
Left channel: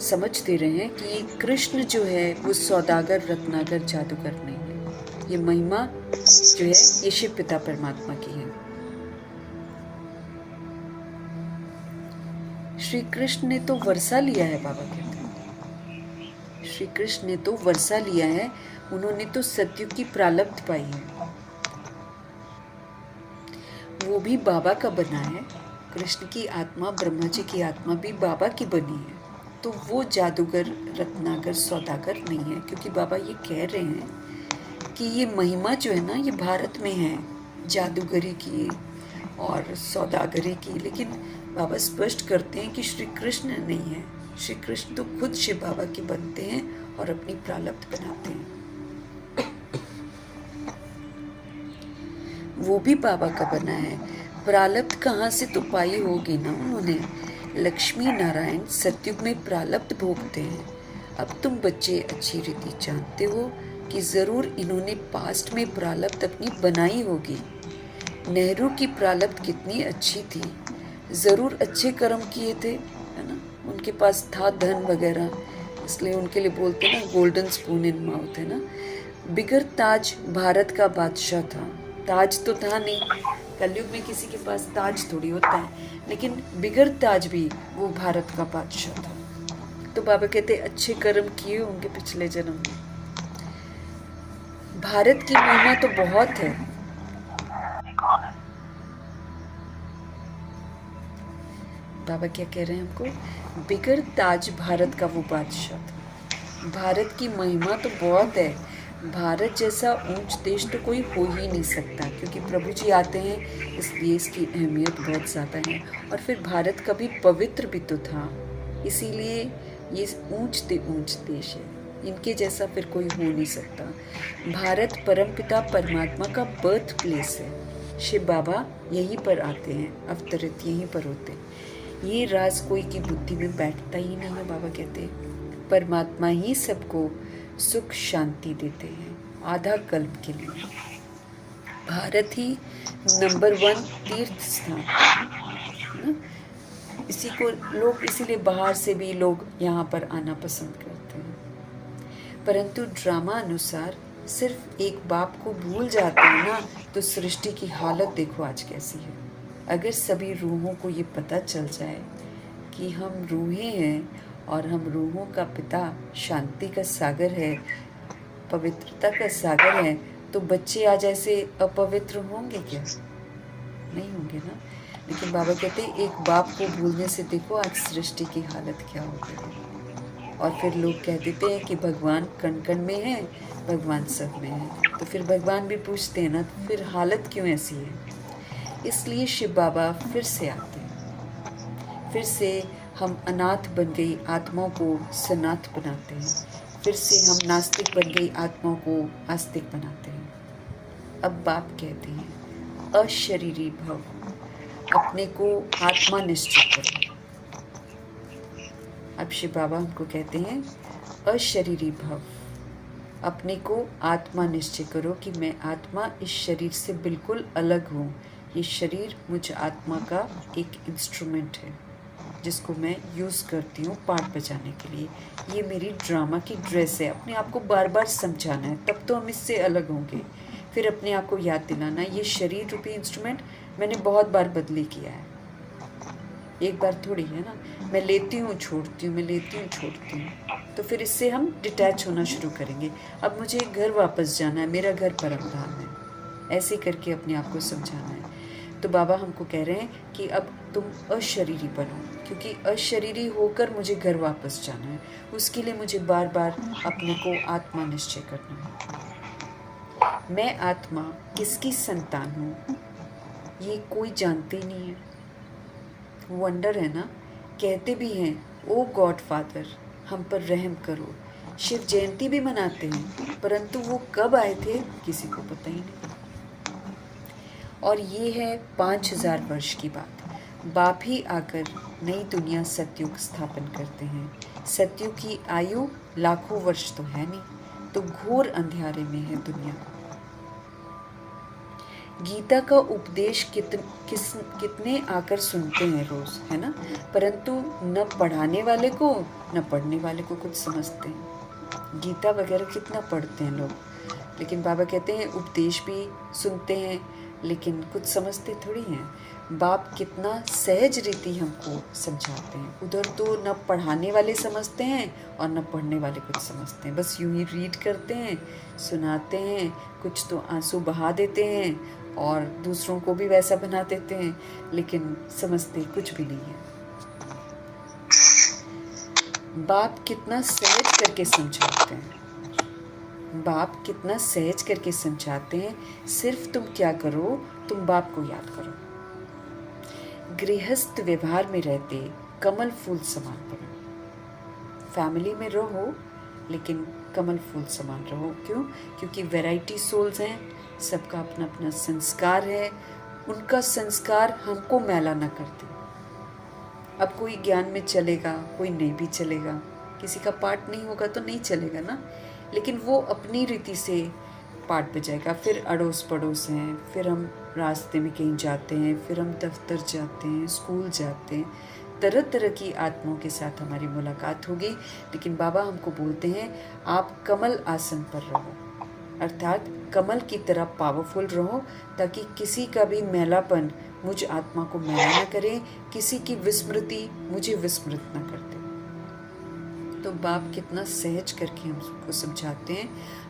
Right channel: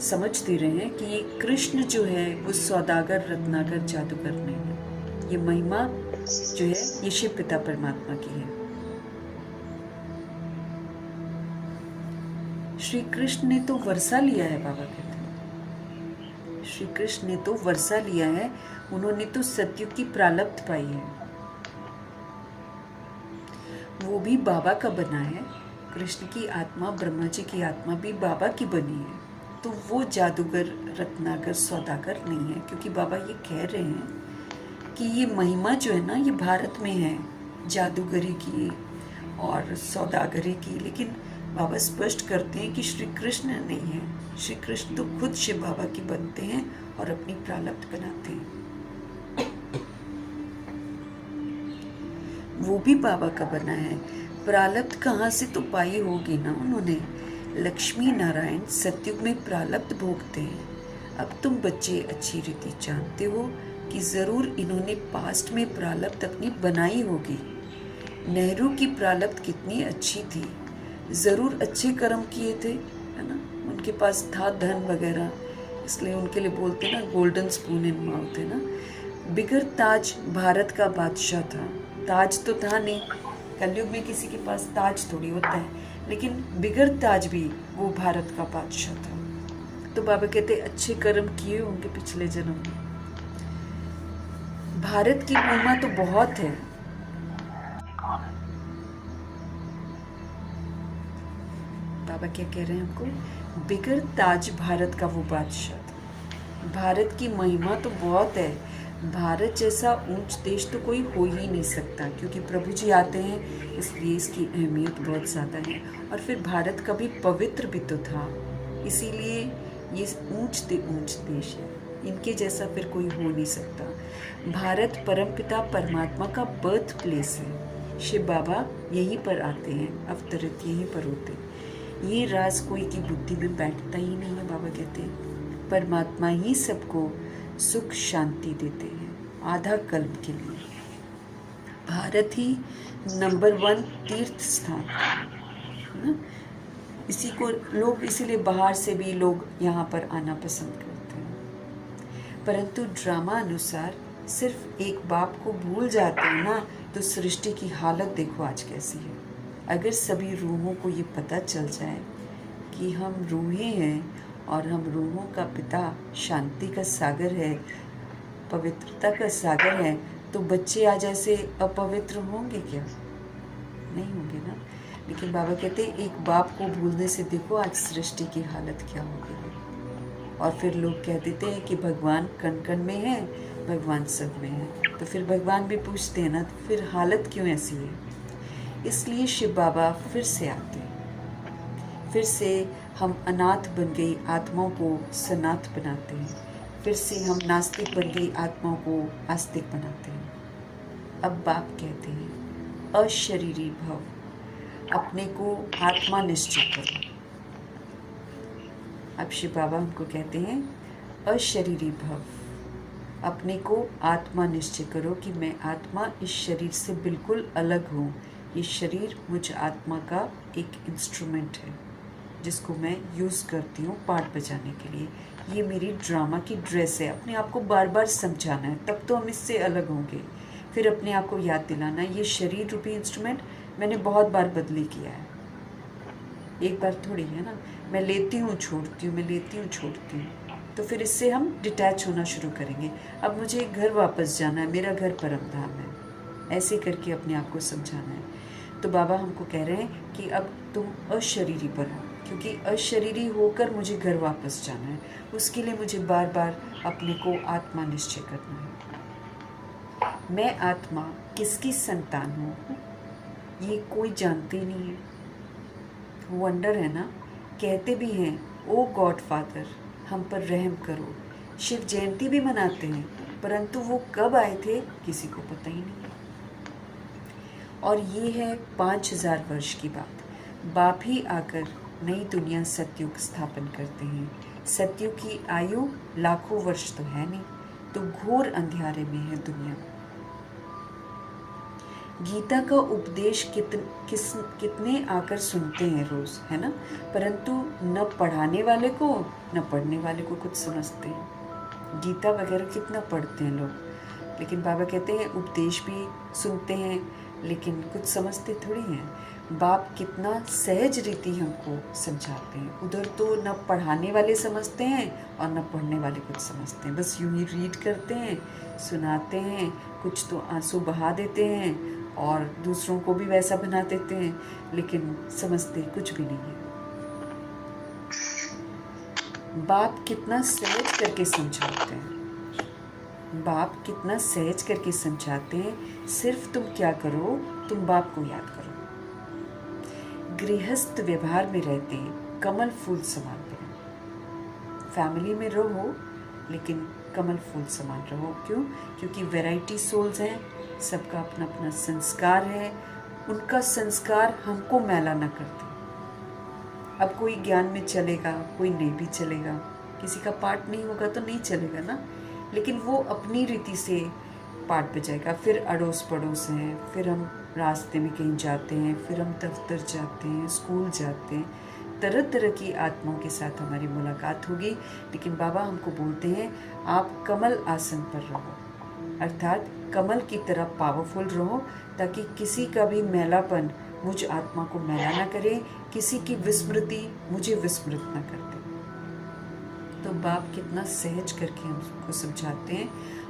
समझ दे रहे हैं कि ये कृष्ण जो है वो सौदागर रत्नागर जादूगर नहीं है। ये महिमा जो है ये शिव पिता परमात्मा की है। श्री कृष्ण ने तो वर्षा लिया है, बाबा कहते हैं। श्री कृष्ण ने तो वर्षा लिया है, उन्होंने तो सतयुग की प्रारब्ध पाई है, वो भी बाबा का बना है। कृष्ण की आत्मा, ब्रह्मा जी की आत्मा भी बाबा की बनी है। तो वो जादूगर रत्नागर सौदागर नहीं है, क्योंकि बाबा ये कह रहे हैं कि ये महिमा जो है ना ये भारत में है, जादूगरी की और सौदागरी की। लेकिन बाबा स्पष्ट करते हैं कि श्री कृष्ण नहीं है। श्री कृष्ण तो खुद शिव बाबा की बनते हैं और अपनी प्रारब्ध बनाते हैं। वो भी बाबा का बना है। प्रारब्ध कहाँ से तो पाई होगी ना उन्होंने। लक्ष्मी नारायण सतयुग में प्रारब्ध भोगते हैं। अब तुम बच्चे अच्छी रीति जानते हो कि जरूर इन्होंने पास्ट में प्रारब्ध अपनी बनाई होगी। नेहरू की प्रारब्ध कितनी अच्छी थी, जरूर अच्छे कर्म किए थे, है ना, उनके पास था धन वगैरह, इसलिए उनके लिए बोलते ना गोल्डन स्पून इन माउथ, है ना। बिगर ताज भारत का बादशाह था, ताज तो था नहीं, कलयुग में किसी के पास ताज थोड़ी होता है, लेकिन बिगर ताज भी वो भारत का बादशाह था। तो बाबा कहते अच्छे कर्म किए होंगे पिछले जन्म में। भारत की महिमा तो बहुत है। बाबा क्या कह रहे हैं हमको, बिगड़ ताज भारत का वो बादशाह था। भारत की महिमा तो बहुत है। भारत जैसा ऊंच देश तो कोई हो ही नहीं सकता, क्योंकि प्रभु जी आते हैं इसलिए इसकी अहमियत बहुत ज़्यादा है। और फिर भारत कभी पवित्र भी तो था, इसीलिए ये ऊंच देश है। इनके जैसा फिर कोई हो नहीं सकता। भारत परमपिता परमात्मा का बर्थ प्लेस है। शिव बाबा यहीं पर आते हैं, अवतरित यहीं पर होते हैं। ये राज कोई की बुद्धि में बैठता ही नहीं है। बाबा कहते हैं परमात्मा ही सबको सुख शांति देते हैं आधा कल्प के लिए। भारत ही नंबर 1 तीर्थ स्थान है। इसी को लोग इसीलिए बाहर से भी लोग यहाँ पर आना पसंद करते हैं। परंतु ड्रामा अनुसार सिर्फ एक बाप को भूल जाते हैं ना, तो सृष्टि की हालत देखो आज कैसी है। अगर सभी रूहों को ये पता चल जाए कि हम रूहें हैं और हम रूहों का पिता शांति का सागर है, पवित्रता का सागर है, तो बच्चे आज ऐसे अपवित्र होंगे क्या? नहीं होंगे ना। लेकिन बाबा कहते हैं एक बाप को भूलने से देखो आज सृष्टि की हालत क्या हो गई है। और फिर लोग कह देते हैं कि भगवान कण कण में है, भगवान सब में है। तो फिर भगवान भी पूछते हैं ना, तो फिर हालत क्यों ऐसी है? इसलिए शिव बाबा फिर से आते हैं। फिर से हम अनाथ बन गई आत्माओं को सनाथ बनाते हैं। फिर से हम नास्तिक बन गई आत्माओं को आस्तिक बनाते हैं। अब बाप कहते हैं अशरीरी भव, अपने को आत्मा निश्चित करो। अब शिव बाबा हमको कहते हैं अशरीरी भव, अपने को आत्मा निश्चय करो कि मैं आत्मा इस शरीर से बिल्कुल अलग हूँ। ये शरीर मुझ आत्मा का एक इंस्ट्रूमेंट है जिसको मैं यूज़ करती हूँ पार्ट बजाने के लिए। ये मेरी ड्रामा की ड्रेस है। अपने आप को बार बार समझाना है, तब तो हम इससे अलग होंगे। फिर अपने आप को याद दिलाना ये शरीर रूपी इंस्ट्रूमेंट मैंने बहुत बार बदली किया है, एक बार थोड़ी है ना। मैं लेती हूँ छोड़ती हूँ, मैं लेती हूँ छोड़ती हूँ। तो फिर इससे हम डिटैच होना शुरू करेंगे। अब मुझे घर वापस जाना है, मेरा घर परम धाम है। ऐसे करके अपने आप को समझाना है। तो बाबा हमको कह रहे हैं कि अब तुम अशरीरी बनो, क्योंकि अशरीरी होकर मुझे घर वापस जाना है। उसके लिए मुझे बार बार अपने को आत्मा निश्चय करना है। मैं आत्मा किसकी संतान हूँ ये कोई जानते ही नहीं है। वंडर है ना। कहते भी हैं ओ गॉड फादर हम पर रहम करो। शिव जयंती भी मनाते हैं, परंतु वो कब आए थे किसी को पता ही नहीं। और ये है 5000 वर्ष की बात। बाप ही आकर नई दुनिया सतयुग स्थापन करते हैं। सतयुग की आयु लाखों वर्ष तो है नहीं, तो घोर अंधियारे में है दुनिया। गीता का उपदेश कितने आकर सुनते हैं रोज, है ना, परंतु न पढ़ाने वाले को न पढ़ने वाले को कुछ समझते हैं। गीता वगैरह कितना पढ़ते हैं लोग, लेकिन बाबा कहते हैं उपदेश भी सुनते हैं लेकिन कुछ समझते थोड़ी हैं। बाप कितना सहज रीति हमको समझाते हैं। उधर तो न पढ़ाने वाले समझते हैं और न पढ़ने वाले कुछ समझते हैं। बस यूं ही रीड करते हैं, सुनाते हैं, कुछ तो आंसू बहा देते हैं और दूसरों को भी वैसा बना देते हैं, लेकिन समझते कुछ भी नहीं है। बाप कितना सहज करके समझाते हैं। बाप कितना सहज करके समझाते हैं। सिर्फ तुम क्या करो, तुम बाप को याद करो। गृहस्थ व्यवहार में रहते कमल फूल समान बनो। फैमिली में रहो लेकिन कमल फूल समान रहो। क्यों? क्योंकि वैरायटी सोल्स हैं, सबका अपना अपना संस्कार है। उनका संस्कार हमको मैला न कर दे। अब कोई ज्ञान में चलेगा, कोई नहीं भी चलेगा। किसी का पाठ नहीं होगा तो नहीं चलेगा ना, लेकिन वो अपनी रीति से पाठ बजाएगा। फिर अड़ोस पड़ोस हैं, फिर हम रास्ते में कहीं जाते हैं, फिर हम दफ्तर जाते हैं, स्कूल जाते हैं। तरह तरह की आत्माओं के साथ हमारी मुलाकात होगी। लेकिन बाबा हमको बोलते हैं आप कमल आसन पर रहो, अर्थात कमल की तरह पावरफुल रहो, ताकि किसी का भी मैलापन मुझ आत्मा को मैला न करे, किसी की विस्मृति मुझे विस्मृत न कर दे। तो बाप कितना सहज करके हमको समझाते हैं,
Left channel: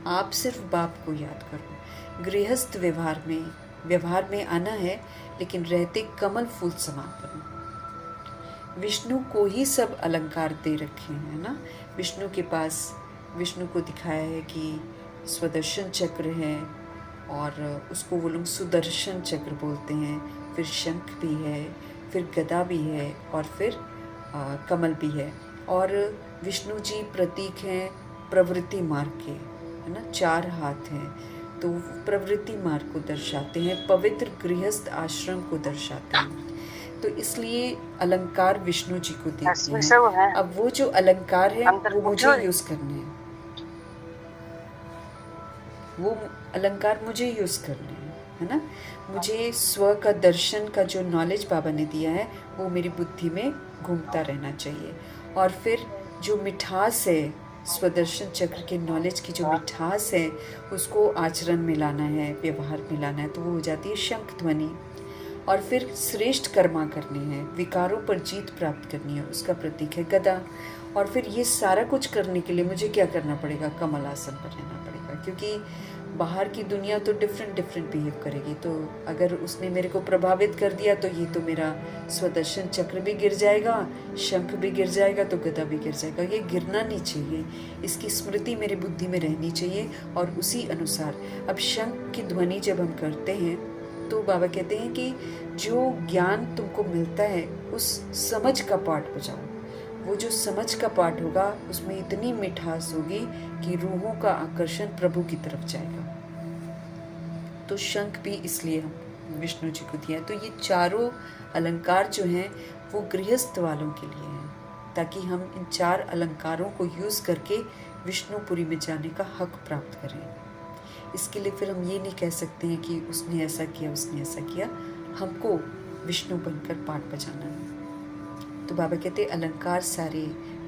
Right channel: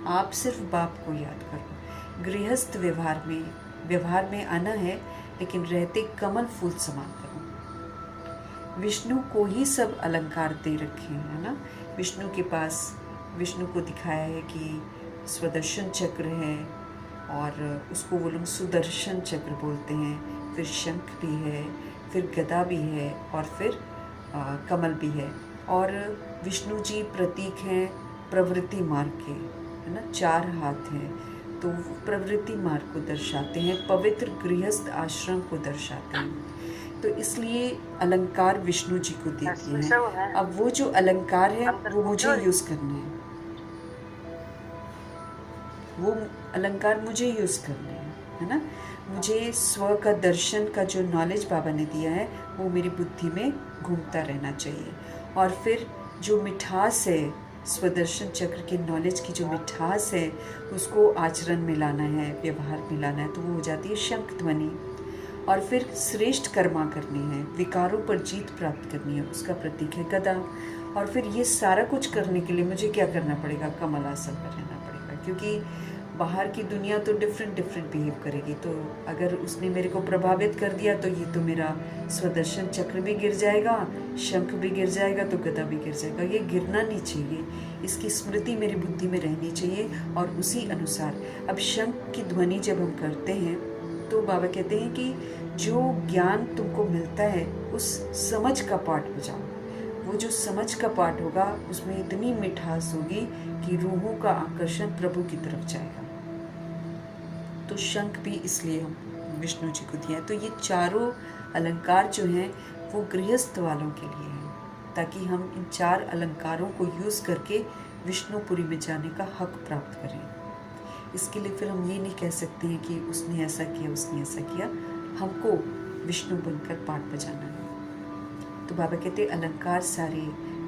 आप सिर्फ बाप को याद करो। गृहस्थ व्यवहार में आना है, लेकिन रहते कमल फूल समान बनो। विष्णु को ही सब अलंकार दे रखे हैं, है ना। विष्णु के पास, विष्णु को दिखाया है कि स्वदर्शन चक्र है, और उसको वो लोग सुदर्शन चक्र बोलते हैं। फिर शंख भी है, फिर गदा भी है, और फिर कमल भी है। और विष्णु जी प्रतीक हैं प्रवृत्ति मार्ग के, है ना। 4 हाथ हैं, तो प्रवृत्ति मार्ग को दर्शाते हैं, पवित्र गृहस्थ आश्रम को दर्शाते हैं। तो इसलिए अलंकार विष्णु जी को देते हैं। अब वो जो अलंकार है वो मुझे यूज करने हैं, वो अलंकार मुझे यूज करने हैं, है ना। मुझे स्व का दर्शन का जो नॉलेज बाबा ने दिया है वो मेरी बुद्धि में घूमता रहना चाहिए। और फिर जो मिठास है, स्वदर्शन चक्र के नॉलेज की जो मिठास है, उसको आचरण में लाना है, व्यवहार में लाना है, तो वो हो जाती है शंख ध्वनि। और फिर श्रेष्ठ कर्मा करनी है, विकारों पर जीत प्राप्त करनी है, उसका प्रतीक है गदा। और फिर ये सारा कुछ करने के लिए मुझे क्या करना पड़ेगा? कमल आसन पर रहना पड़ेगा, क्योंकि बाहर की दुनिया तो डिफरेंट बिहेव करेगी। तो अगर उसने मेरे को प्रभावित कर दिया तो ये तो मेरा स्वदर्शन चक्र भी गिर जाएगा, शंख भी गिर जाएगा, तो गदा भी गिर जाएगा। ये गिरना नहीं चाहिए, इसकी स्मृति मेरी बुद्धि में रहनी चाहिए। और उसी अनुसार अब शंख की ध्वनि जब हम करते हैं तो बाबा कहते हैं कि जो ज्ञान तुमको मिलता है उस समझ का पाठ बजाओ। वो जो समझ का पाठ होगा उसमें इतनी मिठास होगी कि रूहों का आकर्षण प्रभु की तरफ जाएगा। तो शंख भी इसलिए हम विष्णु जी को दिया है। तो ये चारों अलंकार जो हैं वो गृहस्थ वालों के लिए हैं, ताकि हम इन 4 अलंकारों को यूज़ करके विष्णुपुरी में जाने का हक प्राप्त करें। इसके लिए फिर हम ये नहीं कह सकते हैं कि उसने ऐसा किया, उसने ऐसा किया। हमको विष्णु बनकर पाठ बजाना है। तो बाबा कहते अलंकार सारे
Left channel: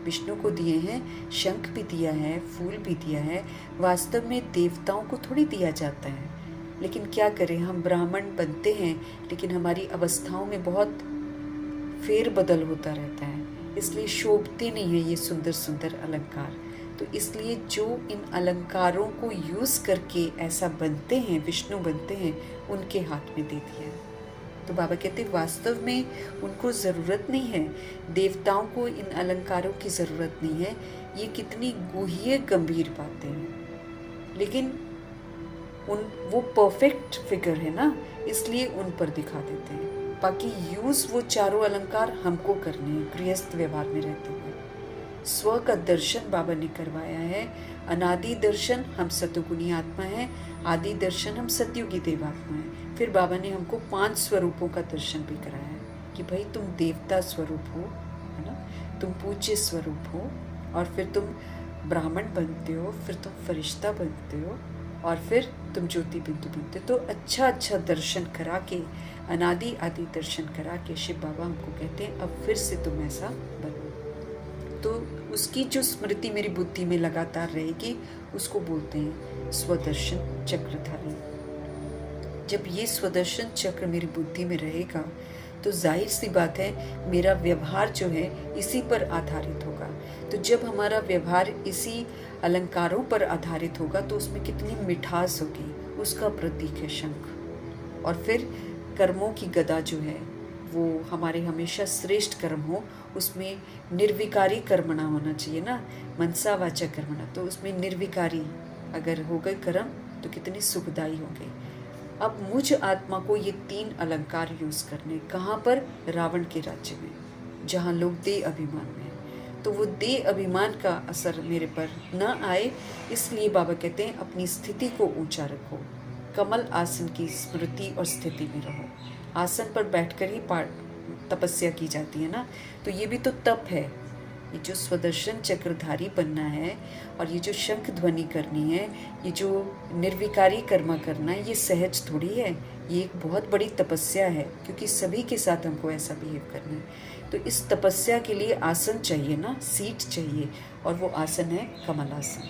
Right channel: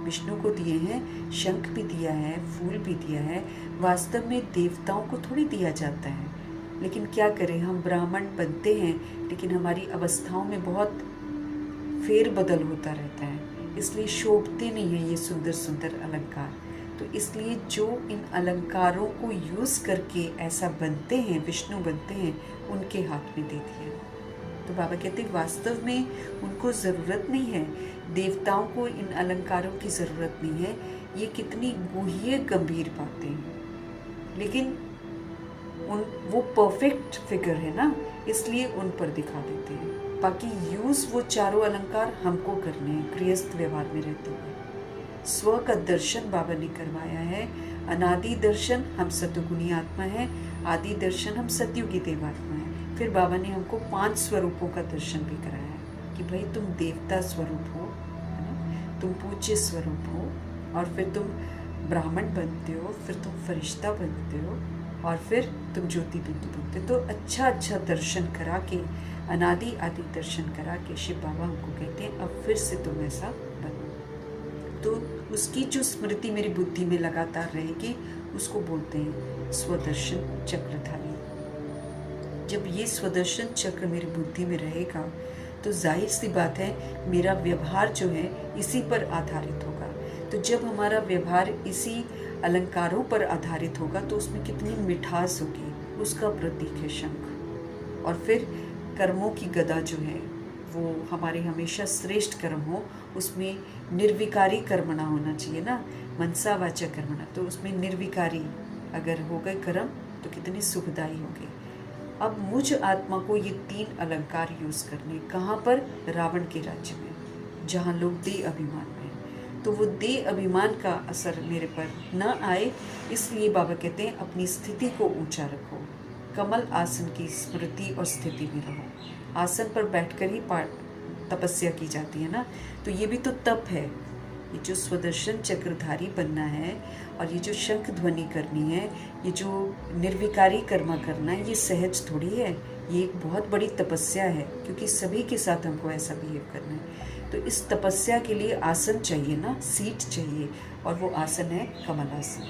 विष्णु को दिए हैं, शंख भी दिया है, फूल भी दिया है। वास्तव में देवताओं को थोड़ी दिया जाता है, लेकिन क्या करें, हम ब्राह्मण बनते हैं, लेकिन हमारी अवस्थाओं में बहुत फेरबदल होता रहता है, इसलिए शोभते नहीं हैं ये सुंदर सुंदर अलंकार। तो इसलिए जो इन अलंकारों को यूज़ करके ऐसा बनते हैं, विष्णु बनते हैं, उनके हाथ में दे दिया। तो बाबा कहते वास्तव में उनको ज़रूरत नहीं है, देवताओं को इन अलंकारों की ज़रूरत नहीं है। ये कितनी गुह्य गंभीर बातें हैं, लेकिन वो परफेक्ट फिगर है ना, इसलिए उन पर दिखा देते हैं। बाकी यूज़ वो चारों अलंकार हमको करने हैं गृहस्थ व्यवहार में रहते हुए। स्व का दर्शन बाबा ने करवाया है। अनादि दर्शन हम सतगुणी आत्मा है, आदि दर्शन हम सतयुगी देवात्मा है। फिर बाबा ने हमको 5 स्वरूपों का दर्शन भी कराया है कि भाई तुम देवता स्वरूप हो, है ना, तुम पूज्य स्वरूप हो, और फिर तुम ब्राह्मण बनते हो, फिर तुम फरिश्ता बनते हो, और फिर तुम ज्योति बिंदु बनते हो। तो अच्छा दर्शन करा के, अनादि आदि दर्शन करा के शिव बाबा हमको कहते हैं अब फिर से तुम ऐसा बनो। तो उसकी जो स्मृति मेरी बुद्धि में लगातार रहेगी उसको बोलते हैं स्वदर्शन चक्रधारी। जब ये स्वदर्शन चक्र मेरी बुद्धि में रहेगा तो जाहिर सी बात है मेरा व्यवहार जो है इसी पर आधारित होगा। तो जब हमारा व्यवहार इसी अलंकारों पर आधारित होगा तो उसमें कितनी मिठास होगी, उसका प्रतीक है शंख। और फिर कर्मों की गदा जो है वो हमारे हमेशा श्रेष्ठ कर्म हो, उसमें निर्विकारी कर्मणा होना चाहिए ना, मनसा वाचा कर्मणा। तो उसमें निर्विकारी अगर हो गए कर्म तो कितनी सुखदायी होंगे। अब मुझ आत्मा को ये 3 अलंकार यूज करने, कहाँ पर? रावण के राज्य में, जहाँ लोग देह अभिमान में हैं। तो वो देह अभिमान का असर मेरे पर न आए, इसलिए बाबा कहते हैं अपनी स्थिति को ऊंचा रखो, कमल आसन की स्मृति और स्थिति में रहो। आसन पर बैठकर ही तपस्या की जाती है ना, तो ये भी तो तप है। ये जो स्वदर्शन चक्रधारी बनना है और ये जो शंख ध्वनि करनी है, ये जो निर्विकारी कर्मा करना है, ये सहज थोड़ी है, ये एक बहुत बड़ी तपस्या है, क्योंकि सभी के साथ हमको ऐसा बिहेव करना है। तो इस तपस्या के लिए आसन चाहिए ना, सीट चाहिए, और वो आसन है कमल आसन।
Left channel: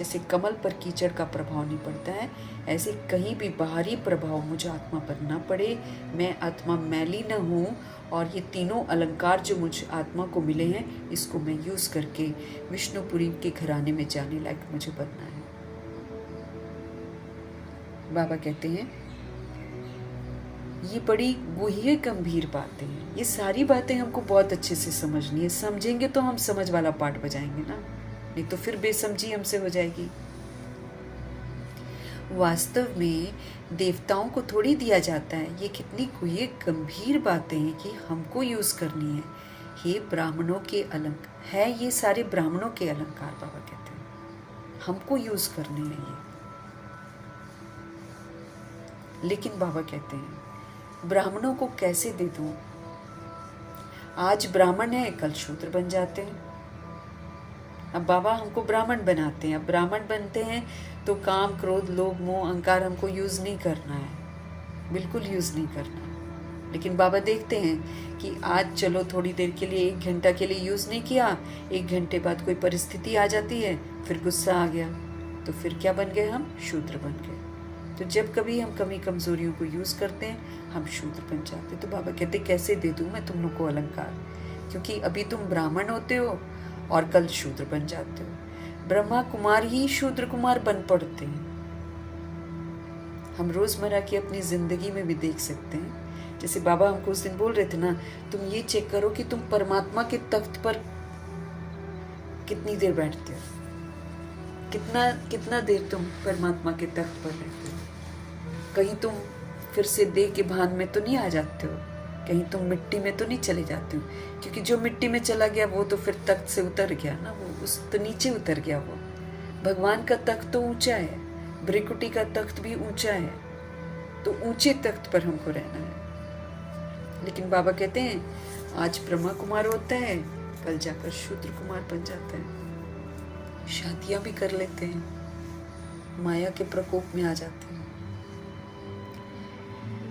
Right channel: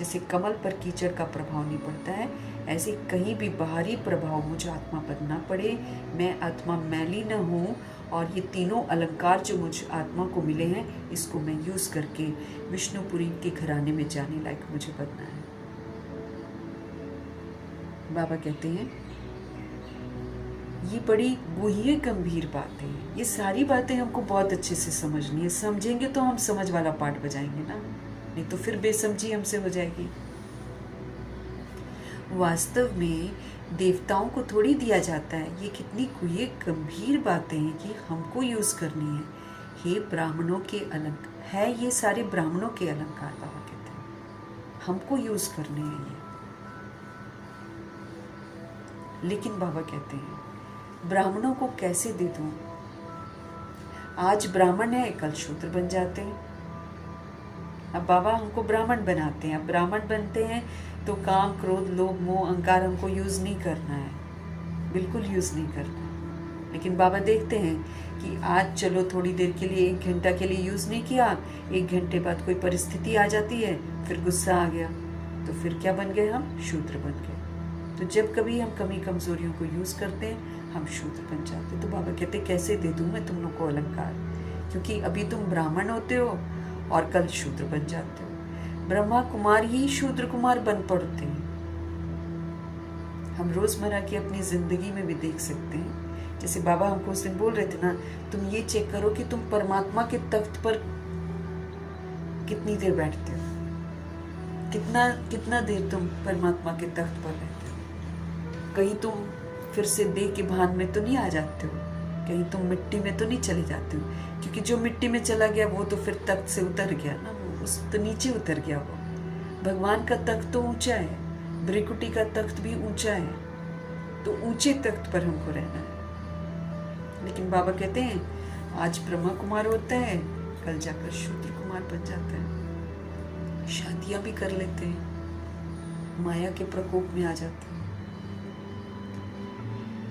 जैसे कमल पर कीचड़ का प्रभाव नहीं पड़ता है, ऐसे कहीं भी बाहरी प्रभाव मुझे आत्मा पर ना पड़े, मैं आत्मा मैली न हूँ, और ये तीनों अलंकार जो मुझे आत्मा को मिले हैं इसको मैं यूज़ करके विष्णुपुरी के घराने में जाने लायक मुझे बनना है। बाबा कहते हैं ये बड़ी गुह्य गंभीर बातें हैं, ये सारी बातें हमको बहुत अच्छे से समझनी है। समझेंगे तो हम समझ वाला पाठ बजाएंगे ना, नहीं तो फिर बेसमझी हमसे हो जाएगी। वास्तव में देवताओं को थोड़ी दिया जाता है। ये कितनी गुह्य गंभीर बातें हैं कि हमको यूज करनी है। ये ब्राह्मणों के अलंकार है, ये सारे ब्राह्मणों के अलंकार बाबा कहते हैं, हमको यूज करने हैं ये। लेकिन बाबा कहते हैं ब्राह्मणों को कैसे दे दूं? आज ब्राह्मण है, कल शूद्र बन जाते हैं। अब बाबा हमको ब्राह्मण बनाते हैं। अब ब्राह्मण बनते हैं तो काम, क्रोध, लोभ, मोह, अहंकार हमको यूज नहीं करना है, बिल्कुल यूज नहीं करना। लेकिन बाबा देखते हैं कि आज चलो थोड़ी देर के लिए, 1 घंटा के लिए यूज नहीं किया, 1 घंटे बाद कोई परिस्थिति आ जाती है, फिर गुस्सा आ गया, तो फिर क्या बन गए हम? शूद्र बन गए। तो जब कभी हम कमी कमजोरियों को यूज करते हैं हम शूद्र बन जाते हैं। तो बाबा कहते कैसे दे दूं मैं तुम लोग को अलंकार, क्योंकि अभी तुम ब्राह्मण होते हो और कल शूद्र बन जाते हो। ब्रह्मा कुमार ही शूद्र कुमार बन पड़ते हैं। हम रोजमर्रा की अपनी जिंदगी में भी देख सकते हैं। जैसे बाबा हमको उस दिन बोल रहे थे ना, तुम ये चेक करो कि तुम परमात्मा के तख्त पर कितनी देर बैठते हो, कितना देर तुम परमात्मा के तख्त पर रहते हो। कहीं तुम फिर से देह के भान में तो नहीं आ जाते हो, कहीं तुम मिट्टी में तो नहीं चले जाते हो, क्योंकि जो मिट्टी में चला गया वो तो फिर तख्त से उतर गया ना, वो उस तो नीचे उतर गया। वो भगवान का तख्त तो ऊंचा है, ब्रिकुटी का तख्त भी ऊंचा है, तो ऊंचे तख्त पर हमको रहना है। लेकिन बाबा कहते हैं आज ब्रह्मा कुमार होता है, कल जाकर शूद्र कुमार बन जाता है। शादियां भी कर लेते हैं, माया के प्रकोप में आ जाते हैं।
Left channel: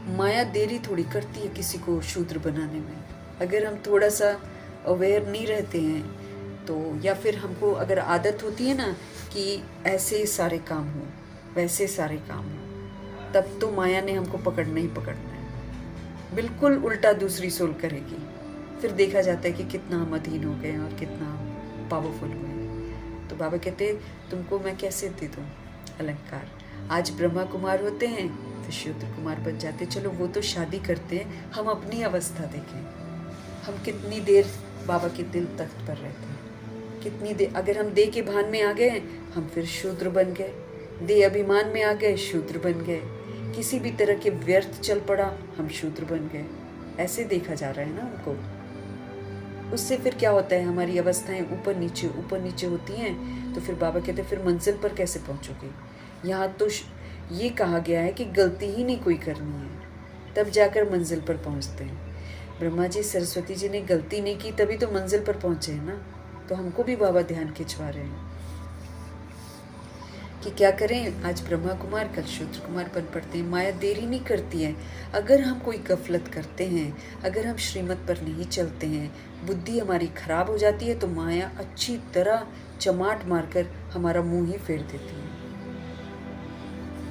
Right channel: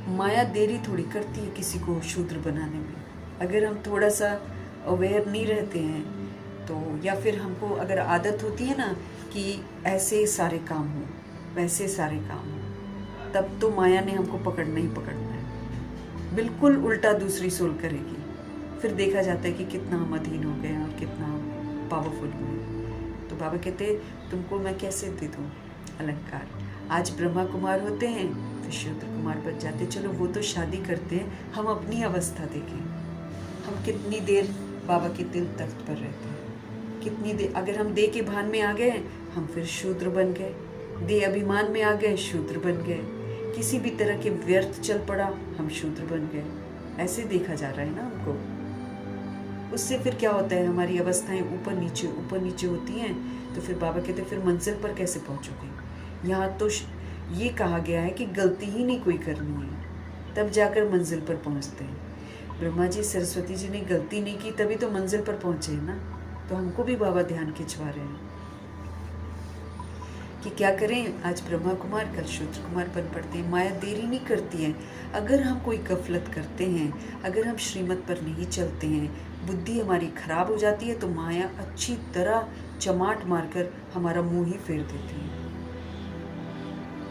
माया देरी थोड़ी करती है किसी को शूद्र बनाने में। अगर हम थोड़ा सा अवेयर नहीं रहते हैं तो, या फिर हमको अगर आदत होती है ना कि ऐसे सारे काम हो, वैसे सारे काम हो, तब तो माया ने हमको पकड़ना ही पकड़ना है। बिल्कुल उल्टा दूसरी सोल करेगी। फिर देखा जाता है कि कितना हम अधीन हो गए और कितना पावरफुल हुए। तो बाबा कहते तुमको मैं कैसे दे दूँ अलंकार। आज ब्रह्मा कुमार होते हैं फिर शूद्र कुमार बन जाते। चलो वो तो शादी करते हैं, हम अपनी अवस्था देखें। हम कितनी देर बाबा के दिल तख्त पर रहते हैं, कितनी देर। अगर हम देह के भान में आ गए हम फिर शूद्र बन गए, देह अभिमान में आ गए शूद्र बन गए, किसी भी तरह के व्यर्थ चल पड़ा हम शूद्र बन गए। ऐसे देखा जा रहा है ना हमको। उससे फिर क्या होता है, हमारी अवस्थाएं ऊपर नीचे होती हैं। तो फिर बाबा कहते हैं फिर मंजिल पर कैसे पहुंचोगे। यहाँ तो ये कहा गया है कि गलती ही नहीं कोई करनी है, तब जाकर मंजिल पर पहुंचते हैं। ब्रह्मा जी सरस्वती जी ने गलती नहीं की तभी तो मंजिल पर पहुंचे हैं ना। तो हमको भी बाबा ध्यान खिंचवा रहे हैं कि क्या करें। आज ब्रह्मा कुमार कल शूद्र कुमार बन पड़ते हैं। माया देरी नहीं करती है। अगर हम कोई गफलत करते हैं, अगर हम श्रीमत पर नहीं चलते हैं, बुद्धि हमारी खराब हो जाती है, तो माया अच्छी तरह चमाट मारकर हमारा मुंह ही फेर देती है।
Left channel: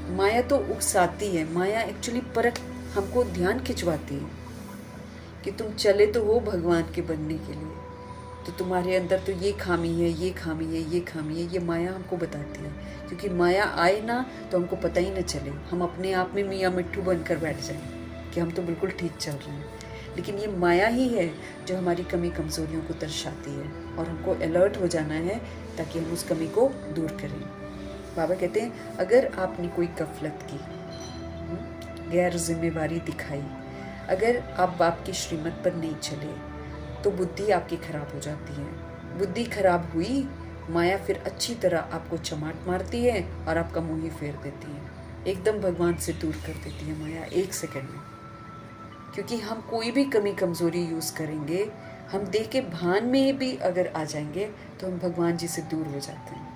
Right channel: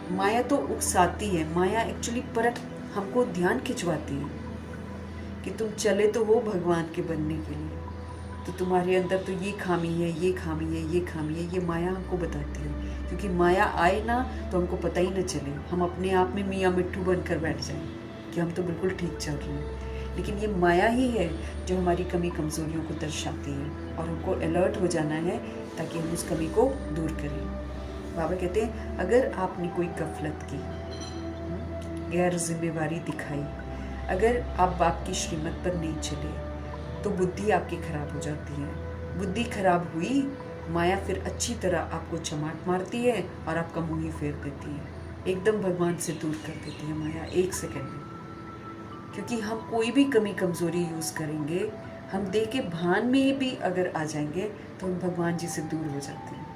माया तो उकसाती है, माया एक्चुअली परख हमको ध्यान खिंचवाती है कि तुम चले तो हो भगवान के बनने के लिए, तो तुम्हारे अंदर तो ये खामी है, ये खामी है, ये खामी है। ये माया हमको बताती है, क्योंकि माया आए ना तो हमको पता ही ना चले, हम अपने आप में मियाँ मिट्ठू बनकर बैठ जाएं कि हम तो बिल्कुल ठीक चल रहे हैं। लेकिन ये माया ही है जो हमारी कमी कमजोरियों को दर्शाती है, और हमको अलर्ट हो जाना है ताकि हम उस कमी को दूर करें। बाबा कहते हैं अगर आपने कोई गफलत की, गैर जिम्मेवारी दिखाई, अगर आप बाप की श्रीमत पर नहीं चले, तो बुद्धि आपकी खराब हो जाती है। बुद्धि खराब हुई, माया फिर अच्छी तरह आपको चमाट मारती है और आपका मुंह ही फेर देती है, एकदम भगवान से दूर कर देती है माया 1 सेकंड में। क्योंकि हम कोई भी कमी कमजोरी यूज़ करेंगे, हम देह के भान में भी अगर आ जाएंगे तो हम भगवान जी से दूर हो जाते हैं।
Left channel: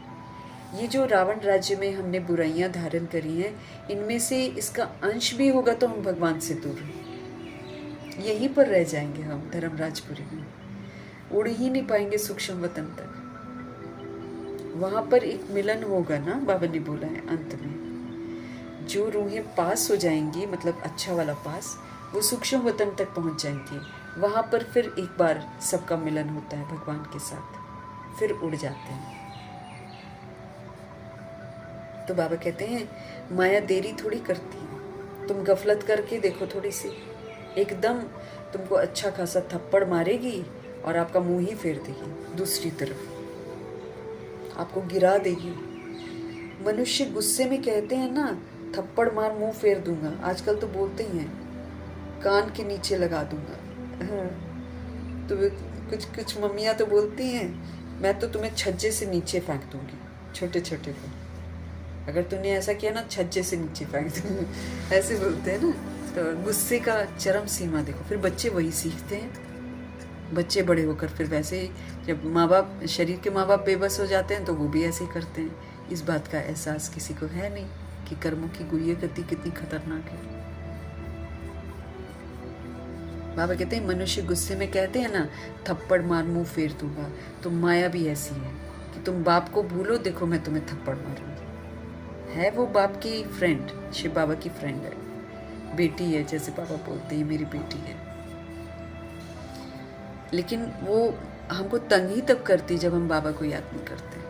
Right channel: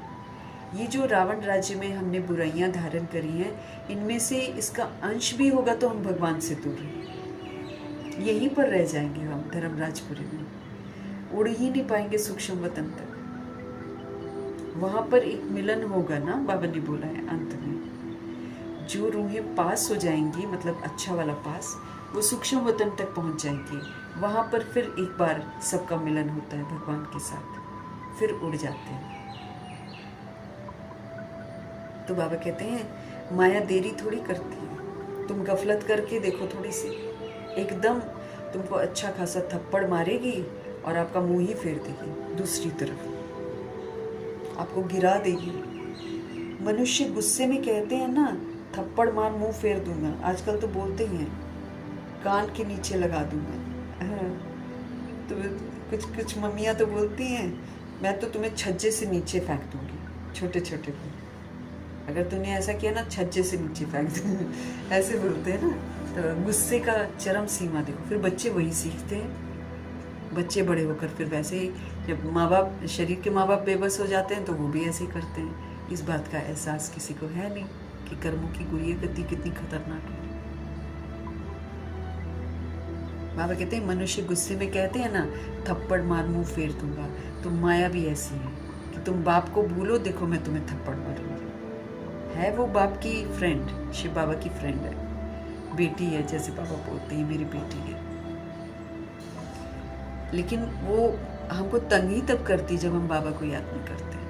ये जो रावण राज्य में हमने बुराइयां धारण करी हैं, इनमें से इसका अंश भी होगा तो हम भगवान से दूर हैं। यहीं पर रह जाएंगे हम धर्मराजपुरी में, उड़ ही नहीं पाएंगे सूक्ष्म वतन तक। वहाँ पर एक मिलन होगा ना, बाबा ने बोला है अंत में। जो रूहें पास हो जाएंगी, मतलब अच्छा वाला पास, वो सूक्ष्म वतन तक पहुँच जाएंगी। वहाँ पर फिर एक बार सबका मिलन होता है भगवान के साथ, फिर उड़ जाते हैं। तो बाबा कहते हैं माया देरी थोड़ी करती है, तुम गफलत करके देखो थोड़ी सी, एकदम तुमको अच्छा खासा थप्पड़ मारेगी और आपका मुंह ही फेर देगी दूसरी तरफ, आपको गिरा देगी। मनुष्य गुस्से में कहते हैं ना, थप्पड़ मार मुंह फेर दूंगा, आजकल तो बोलते ही हैं कान के नीचे लगा दूंगा। तो कुछ मम्मियाँ तो बोलती हैं मैं तो तुम्हें छज्जे से नीचे फेंक दूंगी, छोटे छोटे को, अगर तुमने ऐसा किया ना छज्जे से नीचे फेंक दूंगी, ऐसे बोलते हैं ना। तो गुस्से का चरम सीमा देखो। फिर बच्चे वही सीखते हैं, बच्चे बड़े होकर फिर वैसे ही, जब माँ बाप, शरीर के माँ बाप बेबस हो जाते हैं तो वो भी ऐसे ही करते हैं। इस बात का एहसास किसी को है नहीं कि कर्मों की गुइया गति कितनी खतरनाक है। बाबा कहते हैं मनुष्य गुस्से में कहते हैं ना, थप्पड़ मार मुंह फेर दूंगा, तो माया भी ऐसी है कि तुम बाप को भूलो, देखो मैं तुम्हें थप्पड़ मारूंगी। है वो बाप की फ्रेंड, शिव बाबा की फ्रेंड है, बेटी है, जैसे बाबा बोलते हैं मेरी बेटी है। लेकिन वो हमको तंग ही तब करती जब हम बाबा को याद नहीं करते।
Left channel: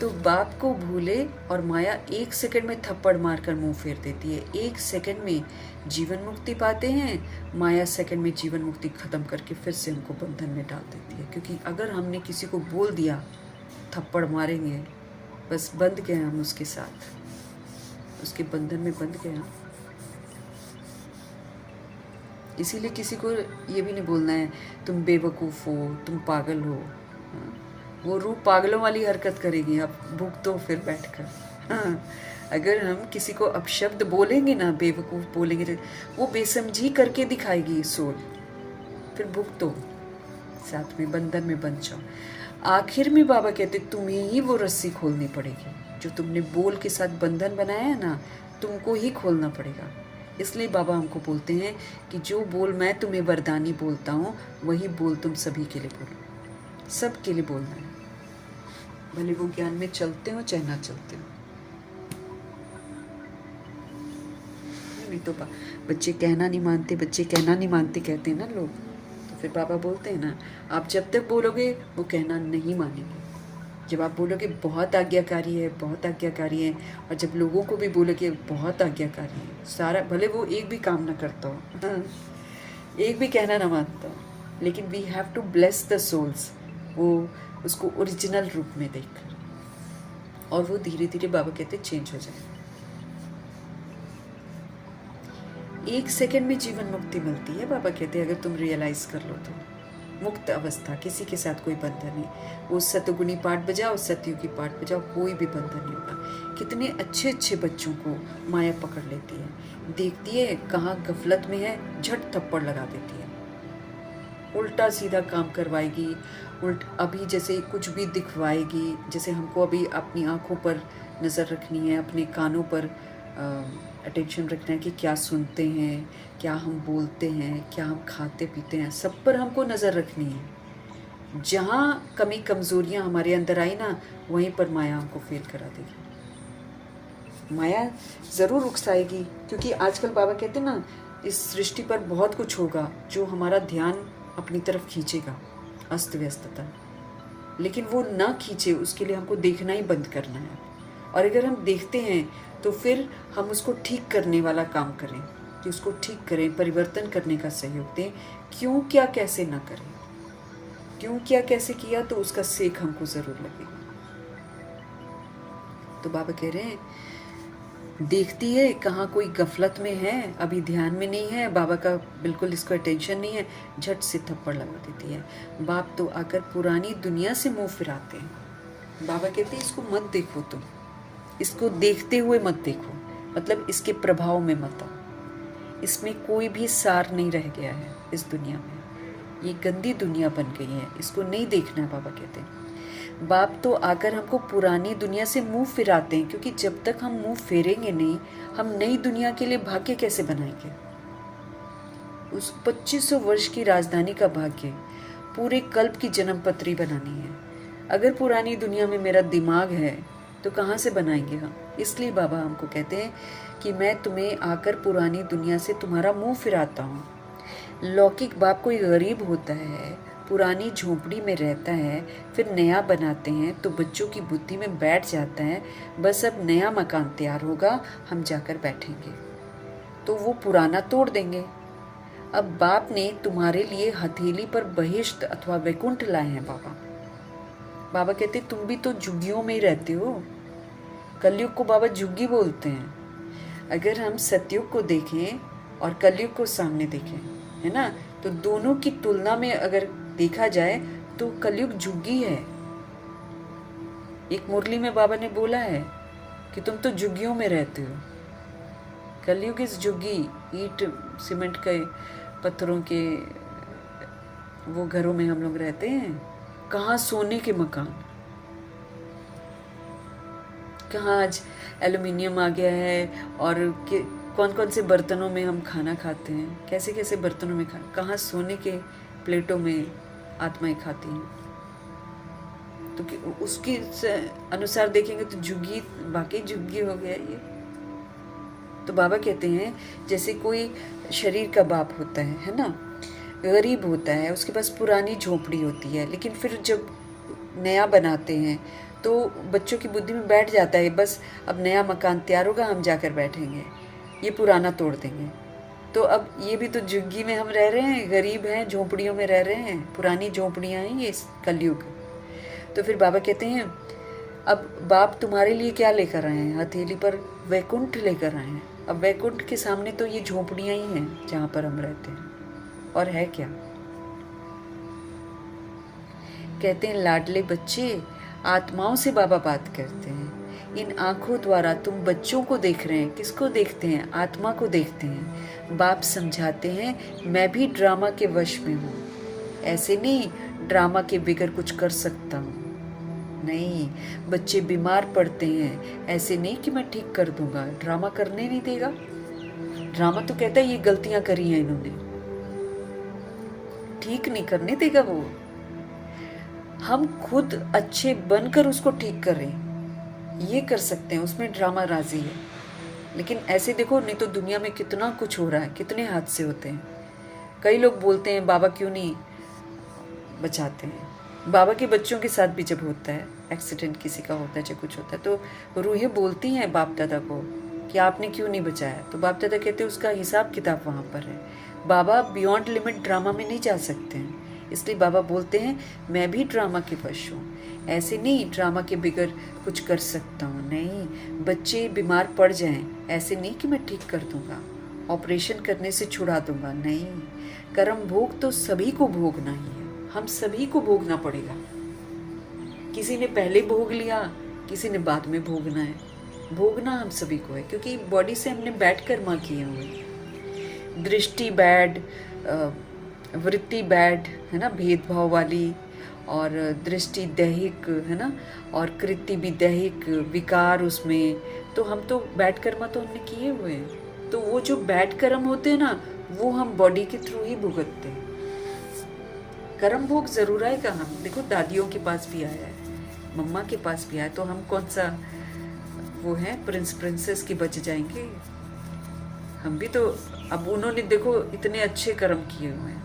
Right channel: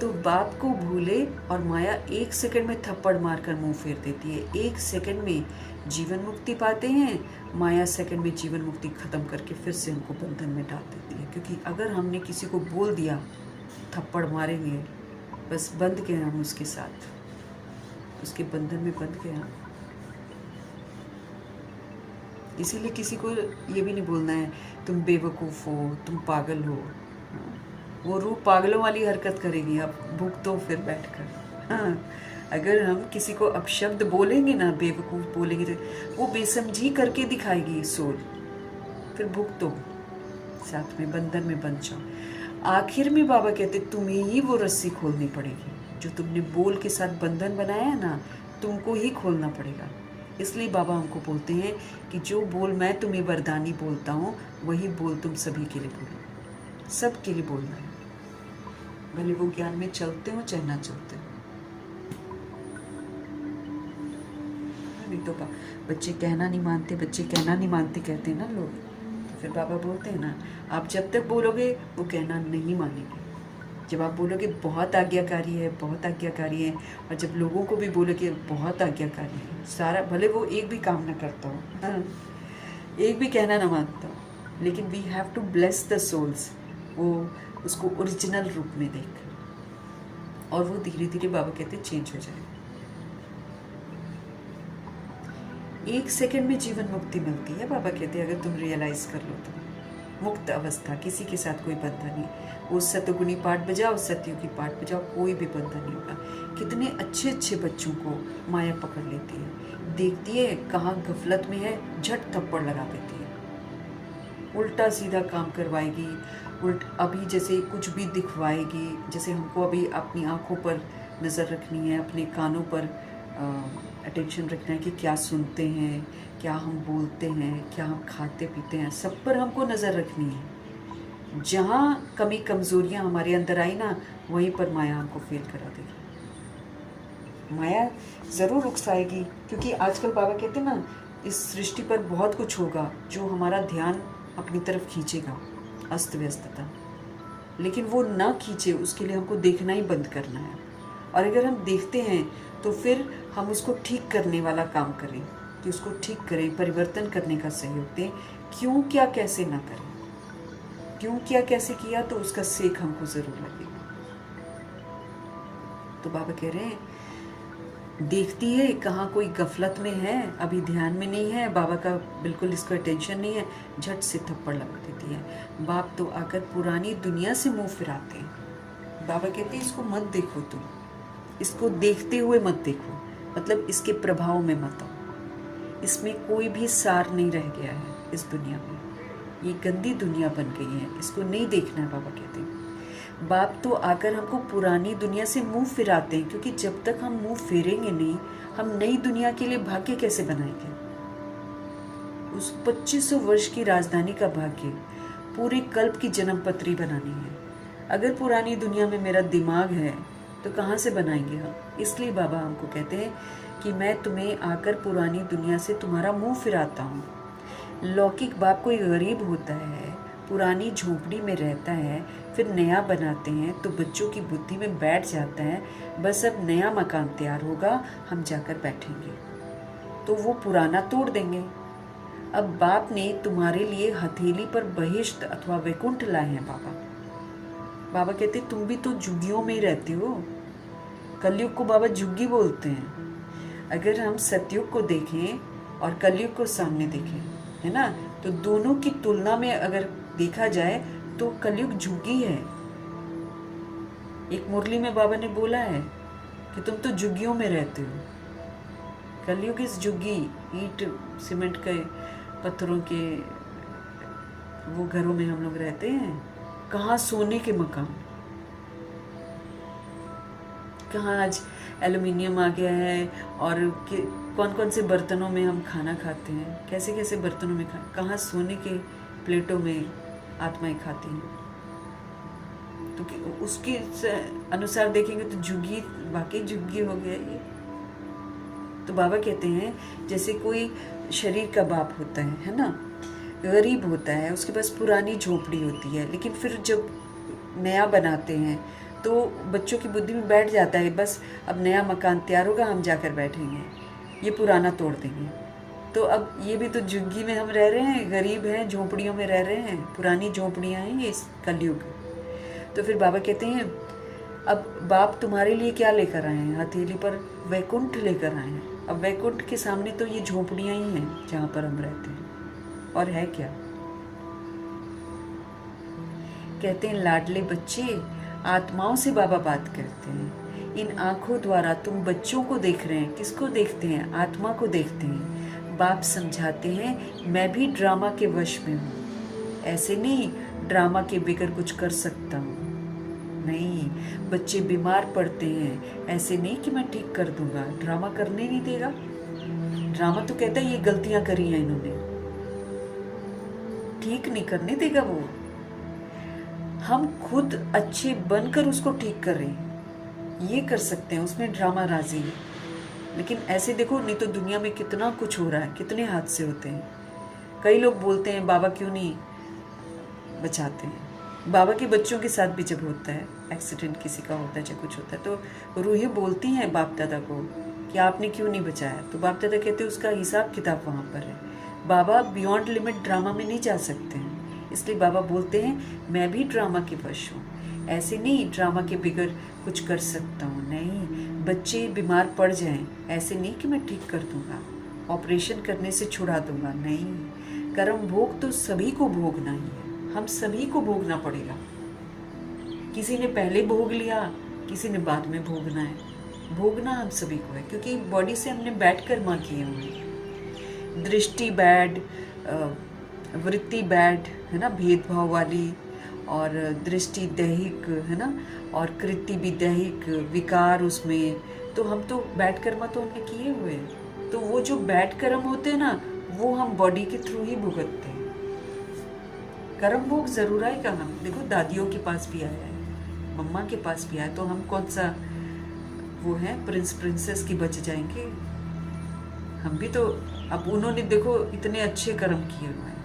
तो बाप को भूले और माया 1 सेकंड में थप्पड़ मारकर मुंह फेर देती है। 1 सेकंड में जीवन मुक्ति पाते हैं, माया सेकंड में जीवन मुक्ति खत्म करके फिर से हमको बंधन में डाल देती है। क्योंकि अगर हमने किसी को बोल दिया थप्पड़ मारेंगे, बस बंध गए हम उसके साथ, उसके बंधन में बंध गए हम। इसीलिए किसी को ये भी नहीं बोलना है तुम बेवकूफ़ हो, तुम पागल हो। वो रूह पागलों वाली हरकत करेगी, आप भुगतो फिर बैठकर। अगर हम किसी को अपशब्द बोलेंगे ना, बेवकूफ़ बोलेंगे, तो वो बेसमझी करके दिखाएगी सोल, फिर भुगतो, साथ में बंधन में बंध जाओ। आखिर में बाबा कहते तुम्हें ही वो रस्सी खोलनी पड़ेगी, जो तुमने बोल के साथ बंधन बनाया है ना, तुमको ही खोलना पड़ेगा। इसलिए बाबा हमको बोलते हैं कि जो बोल मैं तुम्हें वरदानी बोलता हूँ, वही बोल तुम सभी के लिए बोलो, सब के लिए बोलना है, भले वो ज्ञान में चलते हो चाहे ना चलते हो। नहीं तो बच्चे कहना नहीं मानते, बच्चे कहना नहीं मानते कहते हैं ना लोग, तो फिर बाबा बोलते हैं ना, आप जब तक बोलोगे वो कहना नहीं मानेंगे। जब आप बोलोगे बहुत आज्ञाकारी है, बहुत आज्ञाकारी है, और जब लोगों को भी बोलोगे बहुत आज्ञाकारी है, सारा, भले वो एक भी काम ना करता हो, एक भी कहना ना मानता हो, लेकिन we have to bless the souls, वो उसको ओरिजिनल रूप में देखकर, और वो धीरे धीरे बाबा कहते चेंज हो जाएगा। 1 सेकंड में जीवन मुक्ति मिलती है, बाबा कहते हैं अगर तुम रियलाइज कर लो तो। मुक्त अवस्था, किसी के साथ कोई बंधन नहीं। वो सतगुणी पाठ बजाओ, सतयुगी पाठ बजाओ, कोई भी बंधन नहीं होगा। कितने अच्छे अच्छे बच्चों को माया पकड़ लेती है, देखती है कहाँ गफलत में है, झट थप्पड़ लगा देती है, उल्टा सीधा काम करवाएगी, अभी जैसे कुछ भी दिखवाएगी, जैसे हमको अभी अपनी आँखों पर नज़र रखनी है, अपने कानों पर अटेंशन रखना है कि क्या सुनते हैं, क्या हम बोलते हैं, क्या हम खाते पीते हैं, सब पर हमको नज़र रखनी है। जहाँ कमी कमज़ोरियाँ हमारे अंदर आई ना, वहीं पर माया हमको फेल करा देगी। माया ज़रूर उकसाएगी, क्योंकि आजकल बाबा कहते हैं ना, इस सृष्टि पर बहुत कुछ होगा जो हमारा ध्यान अपनी तरफ खींचेगा, अस्त व्यस्तता, लेकिन वो ना खींचे उसके लिए हमको देखना ही बंद करना है। और अगर हम देखते हैं तो फिर हम उसको ठीक करने वाला काम करें, कि उसको ठीक करें, परिवर्तन करने का सहयोग दें। क्यों क्या कैसे ना करें, क्यों क्या कैसे किया तो उसका सीख हमको ज़रूर लगेगा। तो बाबा कह रहे हैं देखती है कहाँ कोई गफलत में है, अभी ध्यान में नहीं है, बाबा का बिल्कुल इसको अटेंशन नहीं है, झट से थप्पड़ लगा देती है। बाप तो आकर पुरानी दुनिया से मुंह फिराते हैं। बाबा कहते हैं इसको मत देखो, तुम इसको देखते हुए मत देखो, मतलब इसके प्रभाव में मत आओ। इसमें कोई भी सार नहीं रह गया है इस दुनिया में, ये गंदी दुनिया बन गई है, इसको नहीं देखना है। बाबा कहते हैं बाप तो आकर हमको पुरानी दुनिया से मुंह फिराते हैं, क्योंकि जब तक हम मुंह फेरेंगे नहीं, हम नई दुनिया के लिए भाग्य कैसे बनाएंगे। उस 2500 वर्ष की राजधानी का भाग्य पूरे कल्प की जन्म पत्री बनानी है, अगर पुरानी दुनिया में मेरा दिमाग है तो कहाँ से बनाएंगे हम। इसलिए बाबा हमको कहते हैं कि मैं तुम्हें आकर पुरानी दुनिया से तुम्हारा मुंह फिराता हूँ। लौकिक बाप कोई गरीब होता है, पुरानी झोंपड़ी में रहता है, फिर नया बनाते हैं तो बच्चों की बुद्धि में बैठ जाता है बस अब नया मकान तैयार होगा, हम जाकर बैठेंगे, तो वो पुराना तोड़ देंगे। अब बाप ने तुम्हारे लिए हथेली पर बहिष्ट अथवा वैकुंठ लाए हैं बाबा। बाबा कहते तुम भी तो झुग्गियों में ही रहते हो। कलयुग को बाबा झुग्गी बोलते हैं। अगर हम सतयुग को देखें और कलयुग को सामने देखें, है ना, तो दोनों की तुलना में अगर देखा जाए तो कलयुग झुग्गी है। एक मुरली में बाबा ने बोला है कि तुम तो झुग्गियों में रहते हो। कलयुग इस झुग्गी, ईंट सीमेंट के पत्थरों के वो घरों में हम लोग रहते हैं। कहाँ सोने के मकान, कहाँ आज एल्युमिनियम आ गया है, और कौन कौन से बर्तनों में हम खाना खाते हैं, कैसे कैसे बर्तनों में कहाँ सोने के प्लेटों में आत्माएं खाती हैं। तो उसके अनुसार देखेंगे तो झुग्गी वाकई झुग्गी हो गया ये। तो बाबा कहते हैं जैसे कोई शरीर का बाप होता है ना, गरीब होता है, उसके पास पुरानी झोपड़ी होती है, लेकिन फिर जब नया बनाते हैं तो बच्चों की बुद्धि में बैठ जाता है बस अब नया मकान तैयार होगा, हम जाकर बैठेंगे, ये पुराना तोड़ देंगे। तो अब ये भी तो झुग्गी में हम रह रहे हैं, गरीब हैं, झोपड़ियों में रह रहे हैं, पुरानी झोपड़ियाँ हैं ये कलयुग। तो फिर बाबा कहते हैं अब बाप तुम्हारे लिए क्या लेकर आए हैं, हथेली पर वैकुंठ लेकर आए हैं। अब वैकुंठ के सामने तो ये झोपड़ियाँ ही हैं जहाँ पर हम रहते हैं, और है क्या। कहते हैं लाडले बच्चे, आत्माओं से बाबा बात करते हैं। इन आंखों द्वारा तुम बच्चों को देख रहे हैं। किसको देखते हैं? आत्मा को देखते हैं। बाप समझाते हैं मैं भी ड्रामा के वश में हूँ। ऐसे नहीं ड्रामा के बिगड़ कुछ कर सकता हूँ, नहीं। बच्चे बीमार पड़ते हैं, ऐसे नहीं कि मैं ठीक कर दूंगा, ड्रामा करने नहीं देगा। ड्रामा तो कहता है ये गलतियां करी हैं इन्होंने, ठीक नहीं करने देगा वो। हम खुद अच्छे बनकर उसको ठीक कर रहे हैं, ये कर सकते हैं, उसमें ड्रामा राजी है। लेकिन ऐसे देखो नहीं तो दुनिया में कितना कुछ हो रहा है, कितने हादसे होते हैं। कई लोग बोलते हैं बाबा क्यों नहीं बचाते हैं। बाबा के बच्चों के साथ भी जब होता है एक्सीडेंट, किसी का होता है चाहे कुछ होता है, तो रूहें बोलती हैं बाप दादा को कि आपने क्यों नहीं बचाया। तो बाप दादा कहते हैं उसका हिसाब किताब वहाँ पर है। बाबा बियॉन्ड लिमिट ड्रामा में नहीं जा सकते हैं, इसलिए बाबा बोलते हैं मैं भी ड्रामा के वश हूँ। ऐसे नहीं ड्रामा के बिगड़ कुछ कर सकता हूँ, नहीं। बच्चे बीमार पड़ जाएं, ऐसे नहीं कि मैं ठीक कर दूंगा, ऑपरेशन करने से छुड़ा दूंगा, नहीं। कर्म भोग तो सभी को भोगना ही है, हम सभी को भोगना पड़ेगा। किसी ने पहले भोग लिया, किसी ने बाद में भोगना है। भोगना हम सभी को है, क्योंकि बॉडी से हमने बैठ कर्मा किए हुए। दृष्टि बैड, वृत्ति बैड है ना, भेदभाव वाली, और दृष्टि दैहिक है ना, और कृति भी दैहिक, विकार उसमें। तो हम तो बैड कर्मा तो हमने किए हुए हैं। तो वो जो बैड कर्म होते हैं ना, वो हम बॉडी के थ्रू ही भुगतते हैं। कर्म भोग जरूर आएगा। हम देखो दादियों के पास भी आया है, मम्मा के पास भी आया, तो हम कौन सा वो है प्रिंस प्रिंसेस की बच जाएंगे। हम भी तो, अब उन्होंने देखो इतने अच्छे कर्म किए हुए हैं,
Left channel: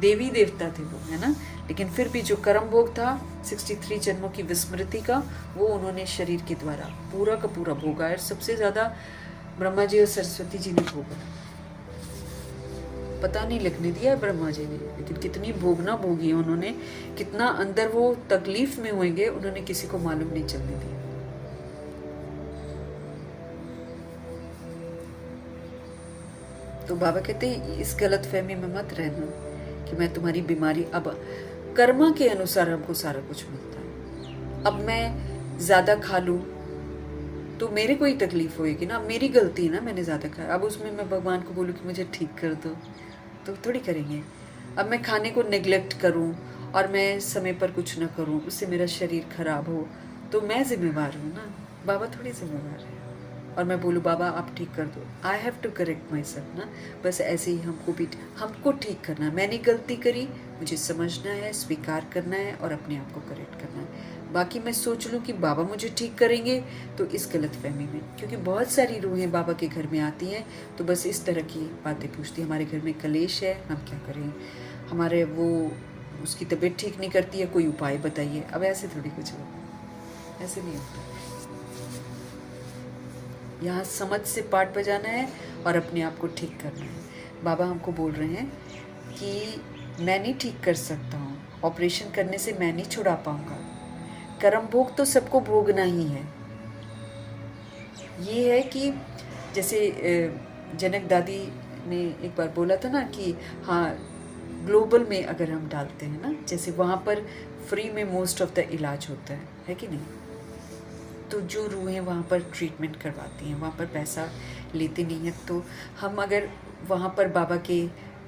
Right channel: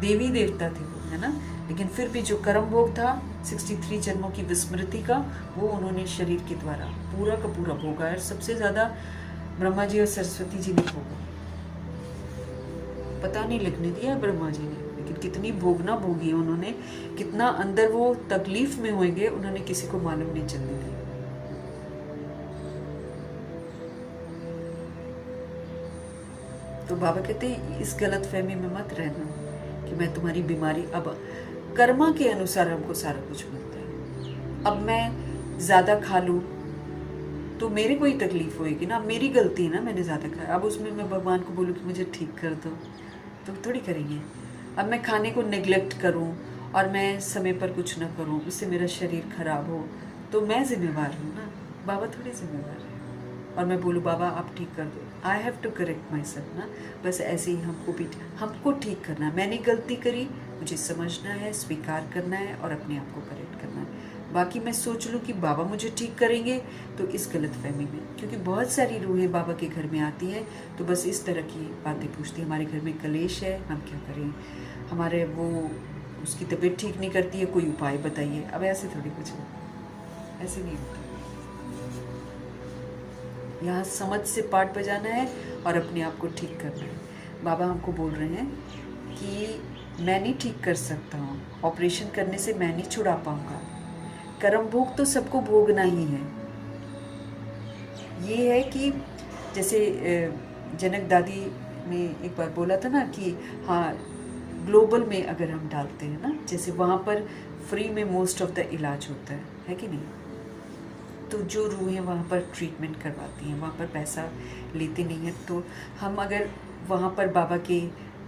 देवी देवता थे वो, है ना, लेकिन फिर भी जो कर्म भोग था 63 जन्मों की विस्मृति का, वो उन्होंने शरीर के द्वारा पूरा का पूरा भोगा है। सबसे ज्यादा ब्रह्मा जी और सरस्वती जी ने भोगा, पता नहीं लगने दिया ब्रह्मा जी ने, लेकिन कितनी भोगना भोगी उन्होंने, कितना अंदर वो तकलीफ में होंगे, उन्होंने किसी को मालूम नहीं चलने दिया। तो बाबा कहते हैं इस गलत फहमी में मत रहना कि मैं तुम्हारी बीमारी, अब कर्मा के अनुसार हमको सारा कुछ मिलता है। अब मैं ज्यादा खा लूं तो मेरे को ही तकलीफ होएगी ना, मेरी गलती है ना, मैंने ज्यादा खाया। अब उसमें मैं भगवान को बोलूं कि मुझे ठीक कर दो, तो थोड़ी करेंगे। अब मैं खाने को नेग्लेक्ट करूं और मैं समय पर कुछ ना करूं, उससे मेरा शरीर खराब हो, तो मैं जिम्मेवार हूँ ना, बाबा थोड़ी जिम्मेवार है। और मैं बोलूँ बाबा आप ठीक कर दो, I have to correct my self ना, बस ऐसे ही हमको ठीक करना। मैंने गलती करी, मुझे समझना है, स्वीकार करना है और अपने आप को करेक्ट करना है। बाकी मैं सोच लूँ कि बाबा मुझे ठीक करेंगे तो इस गलतफहमी में, क्योंकि बहुत सारी रूहें बाबा के घर में आती हैं तो बस इस तरह की बातें पूछती हैं, हमारे घर में कलेश है, हम क्या करें, हमारे वो उसकी तबीयत ठीक नहीं करती है, कोई उपाय बताइए। अब ऐसे थोड़ी कुछ होता, ऐसे नहीं होता। यहाँ समझ से पाठ बजाना है और अपने आप को ठीक करना है। बाबा हमको बोल रहे हैं कि मैं नहीं ठीक कर सकता हूँ, ऑपरेशन करने से मैं नहीं छुड़ा पाऊँगा, कर्म भोग तो सबको भोगना ही है। ये है कि जैसे जनक दादी ने एक बार बोला था ना कि हाँ, ग्लोबल में अगर हम डालते हैं ना, जैसे वहाँ पर फ्री में मोस्ट ऑफ द इलाज होता है कि नहीं, तो जो रूहें वहाँ पर ट्रीटमेंट करवाती हैं वहाँ पर पैसा लेते नहीं हैं, तो हम अगर वहाँ पर बाबा के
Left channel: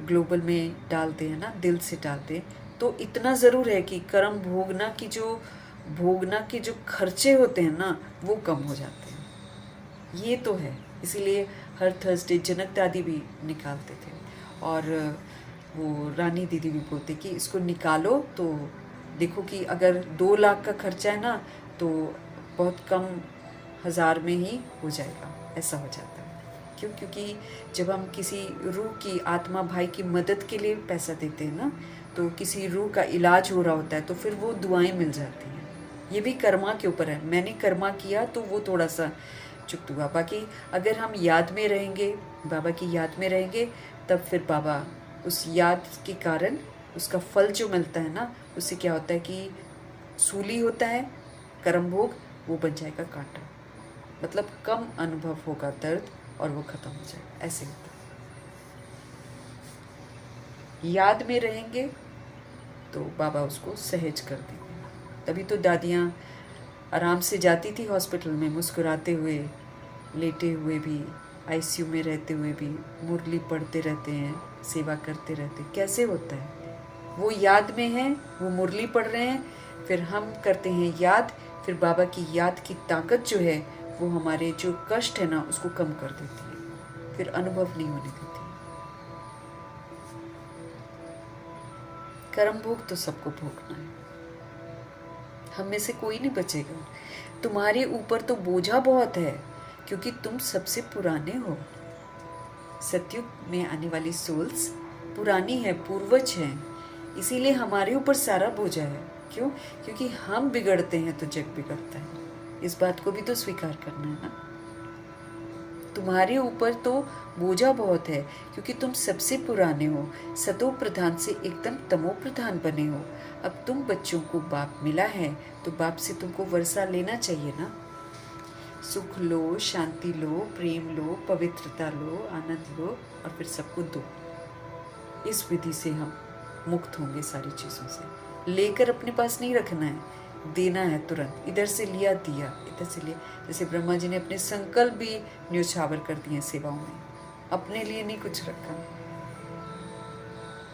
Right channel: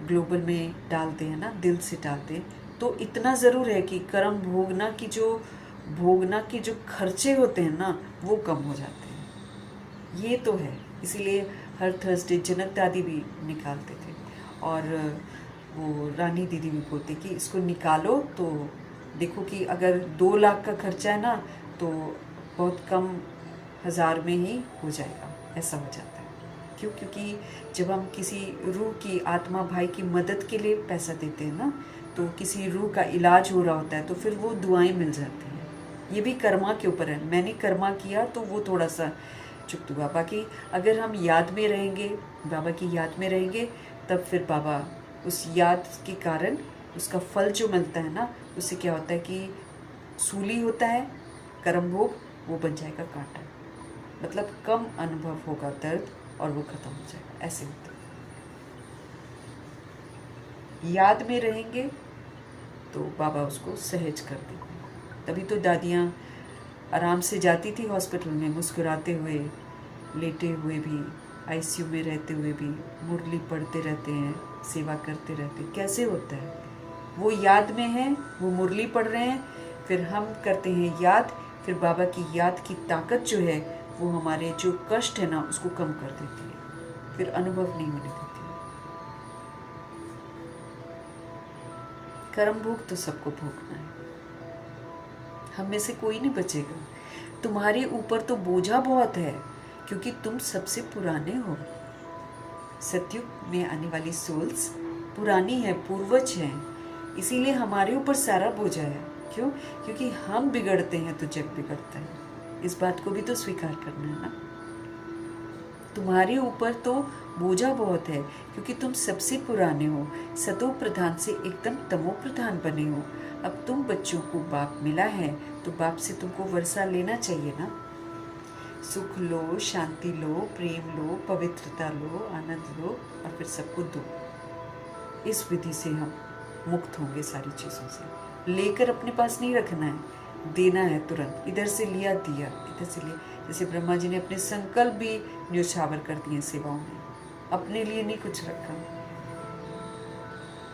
ग्लोबल में डालते हैं ना, दिल से डालते हैं, तो इतना ज़रूर है कि कर्म भोगना के जो खर्चे होते हैं ना वो कम हो जाते हैं। ये तो है, इसीलिए हर थर्सडे जनक दादी भी निकालते थे और वो रानी दीदी भी बोलते कि इसको निकालो तो देखो कि अगर 2 लाख का खर्चा है ना तो बहुत कम 1000 में ही हो जाएगा, ऐसा हो जाता है। क्यों? क्योंकि जब हम किसी रूह की आत्मा भाई की मदद के लिए पैसा देते हैं ना, तो किसी रूह का इलाज हो रहा होता है तो फिर वो दुआएं मिल जाती हैं। ये भी कर्मा के ऊपर है, मैंने कर्मा किया तो वो थोड़ा सा चुप हुआ। बाकी अगर हम याद में रहेंगे, बाबा की याद में रहेंगे, तब फिर बाबा उस याद के कारण उसका फल जो मिलता है ना, उससे क्या होता है कि सूली होता है कर्म भोग, वो बन जाएगा कांटा, मतलब कम अनुभव होगा दर्द और वो खत्म हो जाएगा, ऐसे होता है। याद में रहेंगे तो बाबा उसको सहज कर देंगे। तभी तो दादियाँ आराम से जाती थी हॉस्पिटल में, मुस्कुराते हुए, लेटे हुए भी, आईसीयू में रहते हुए भी मुरली पढ़ते रहते हैं, सेवा करते रहते हैं। कैसे होता है? वो याद में है, वो मुरली पढ़ रहे हैं, फिर हम करते हैं याद, फिर बाबा की याद की ताकत जो है वो हमारे जो कष्ट है ना उसको कम कर देती है, फिर अनुभव नहीं होने देती। कर्म भोग तो सबको भोगना है, हम में से कोई नहीं बचेगा। तुम्हारे ऊपर तो बोझा बहुत है क्योंकि तुम सबसे पुराने हो। सतयुग में आने वाली सोल्स पुरानी है, पूर्वज है, इसीलिए हमारे ऊपर सारा बोझा है। क्यों? क्योंकि हम बिगड़ते हैं तो जग बिगड़ता है। इस बात को भी तो स्वीकार करना है ना। तुम्हारे ऊपर तो बोझा बहुत है क्योंकि तुम सबसे पुराने हो, सतो प्रधान से एकदम तमो प्रधान बने हो। अब तुम बच्चों को बाप मिला है तो बाप से तुमको वर्षा लेना चाहिए ना। सुख लो, शांति लो, प्रेम लो, पवित्रता लो, आनंद लो और फिर सबको दो। इस विधि से हम मुक्त होंगे सारी चीज़ों से। लेकर अपने पास नहीं रखना है, देना है तुरंत। इधर से लिया दिया, इधर से लिया। जैसे ब्रह्मा जी ने अपने संकल्प भी न्योछावर कर दिए सेवाओं में, अपने लिए नहीं कुछ रखा।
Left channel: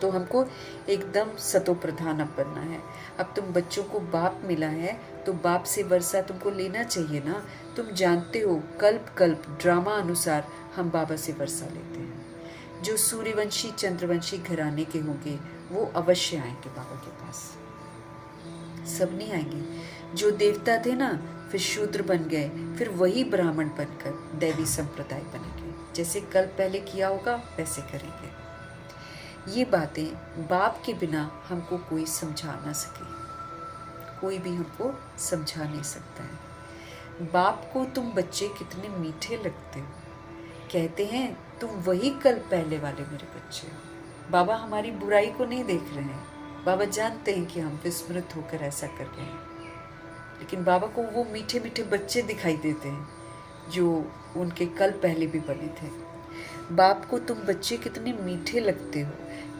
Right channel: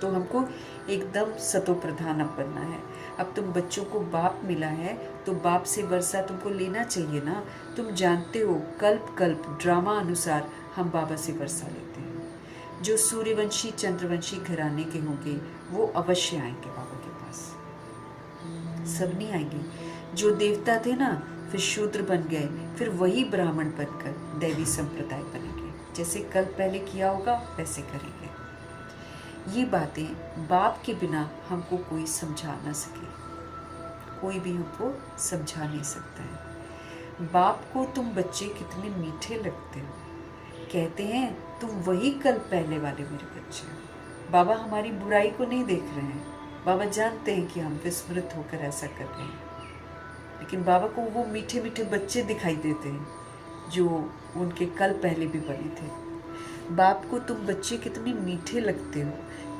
तो हमको एकदम सतो प्रधान अब बनना है। अब तुम बच्चों को बाप मिला है तो बाप से वर्षा तुमको लेना चाहिए ना। तुम जानते हो कल्प कल्प ड्रामा अनुसार हम बाबा से वर्षा लेते हैं। जो सूर्यवंशी चंद्रवंशी घराने के होंगे वो अवश्य आएंगे बाबा के पास, सब नहीं आएंगे। जो देवता थे ना फिर शूद्र बन गए, फिर वही ब्राह्मण बनकर दैवी संप्रदाय बनेंगे। जैसे कल पहले किया होगा वैसे करेंगे। ये बातें बाप के बिना हमको कोई समझा ना सके, कोई भी हमको समझा नहीं सकता है। बाप को तुम बच्चे कितने मीठे लगते हो, कहते हैं तुम वही कल पहले वाले मेरे बच्चे हो। बाबा हमारी बुराई को नहीं देख रहे हैं, बाबा जानते हैं कि हम विस्मृत होकर ऐसा कर रहे हैं, लेकिन बाबा को वो मीठे मीठे बच्चे दिखाई देते हैं जो उनके कल पहले भी बने थे। बाप को तुम बच्चे कितने मीठे लगते हो,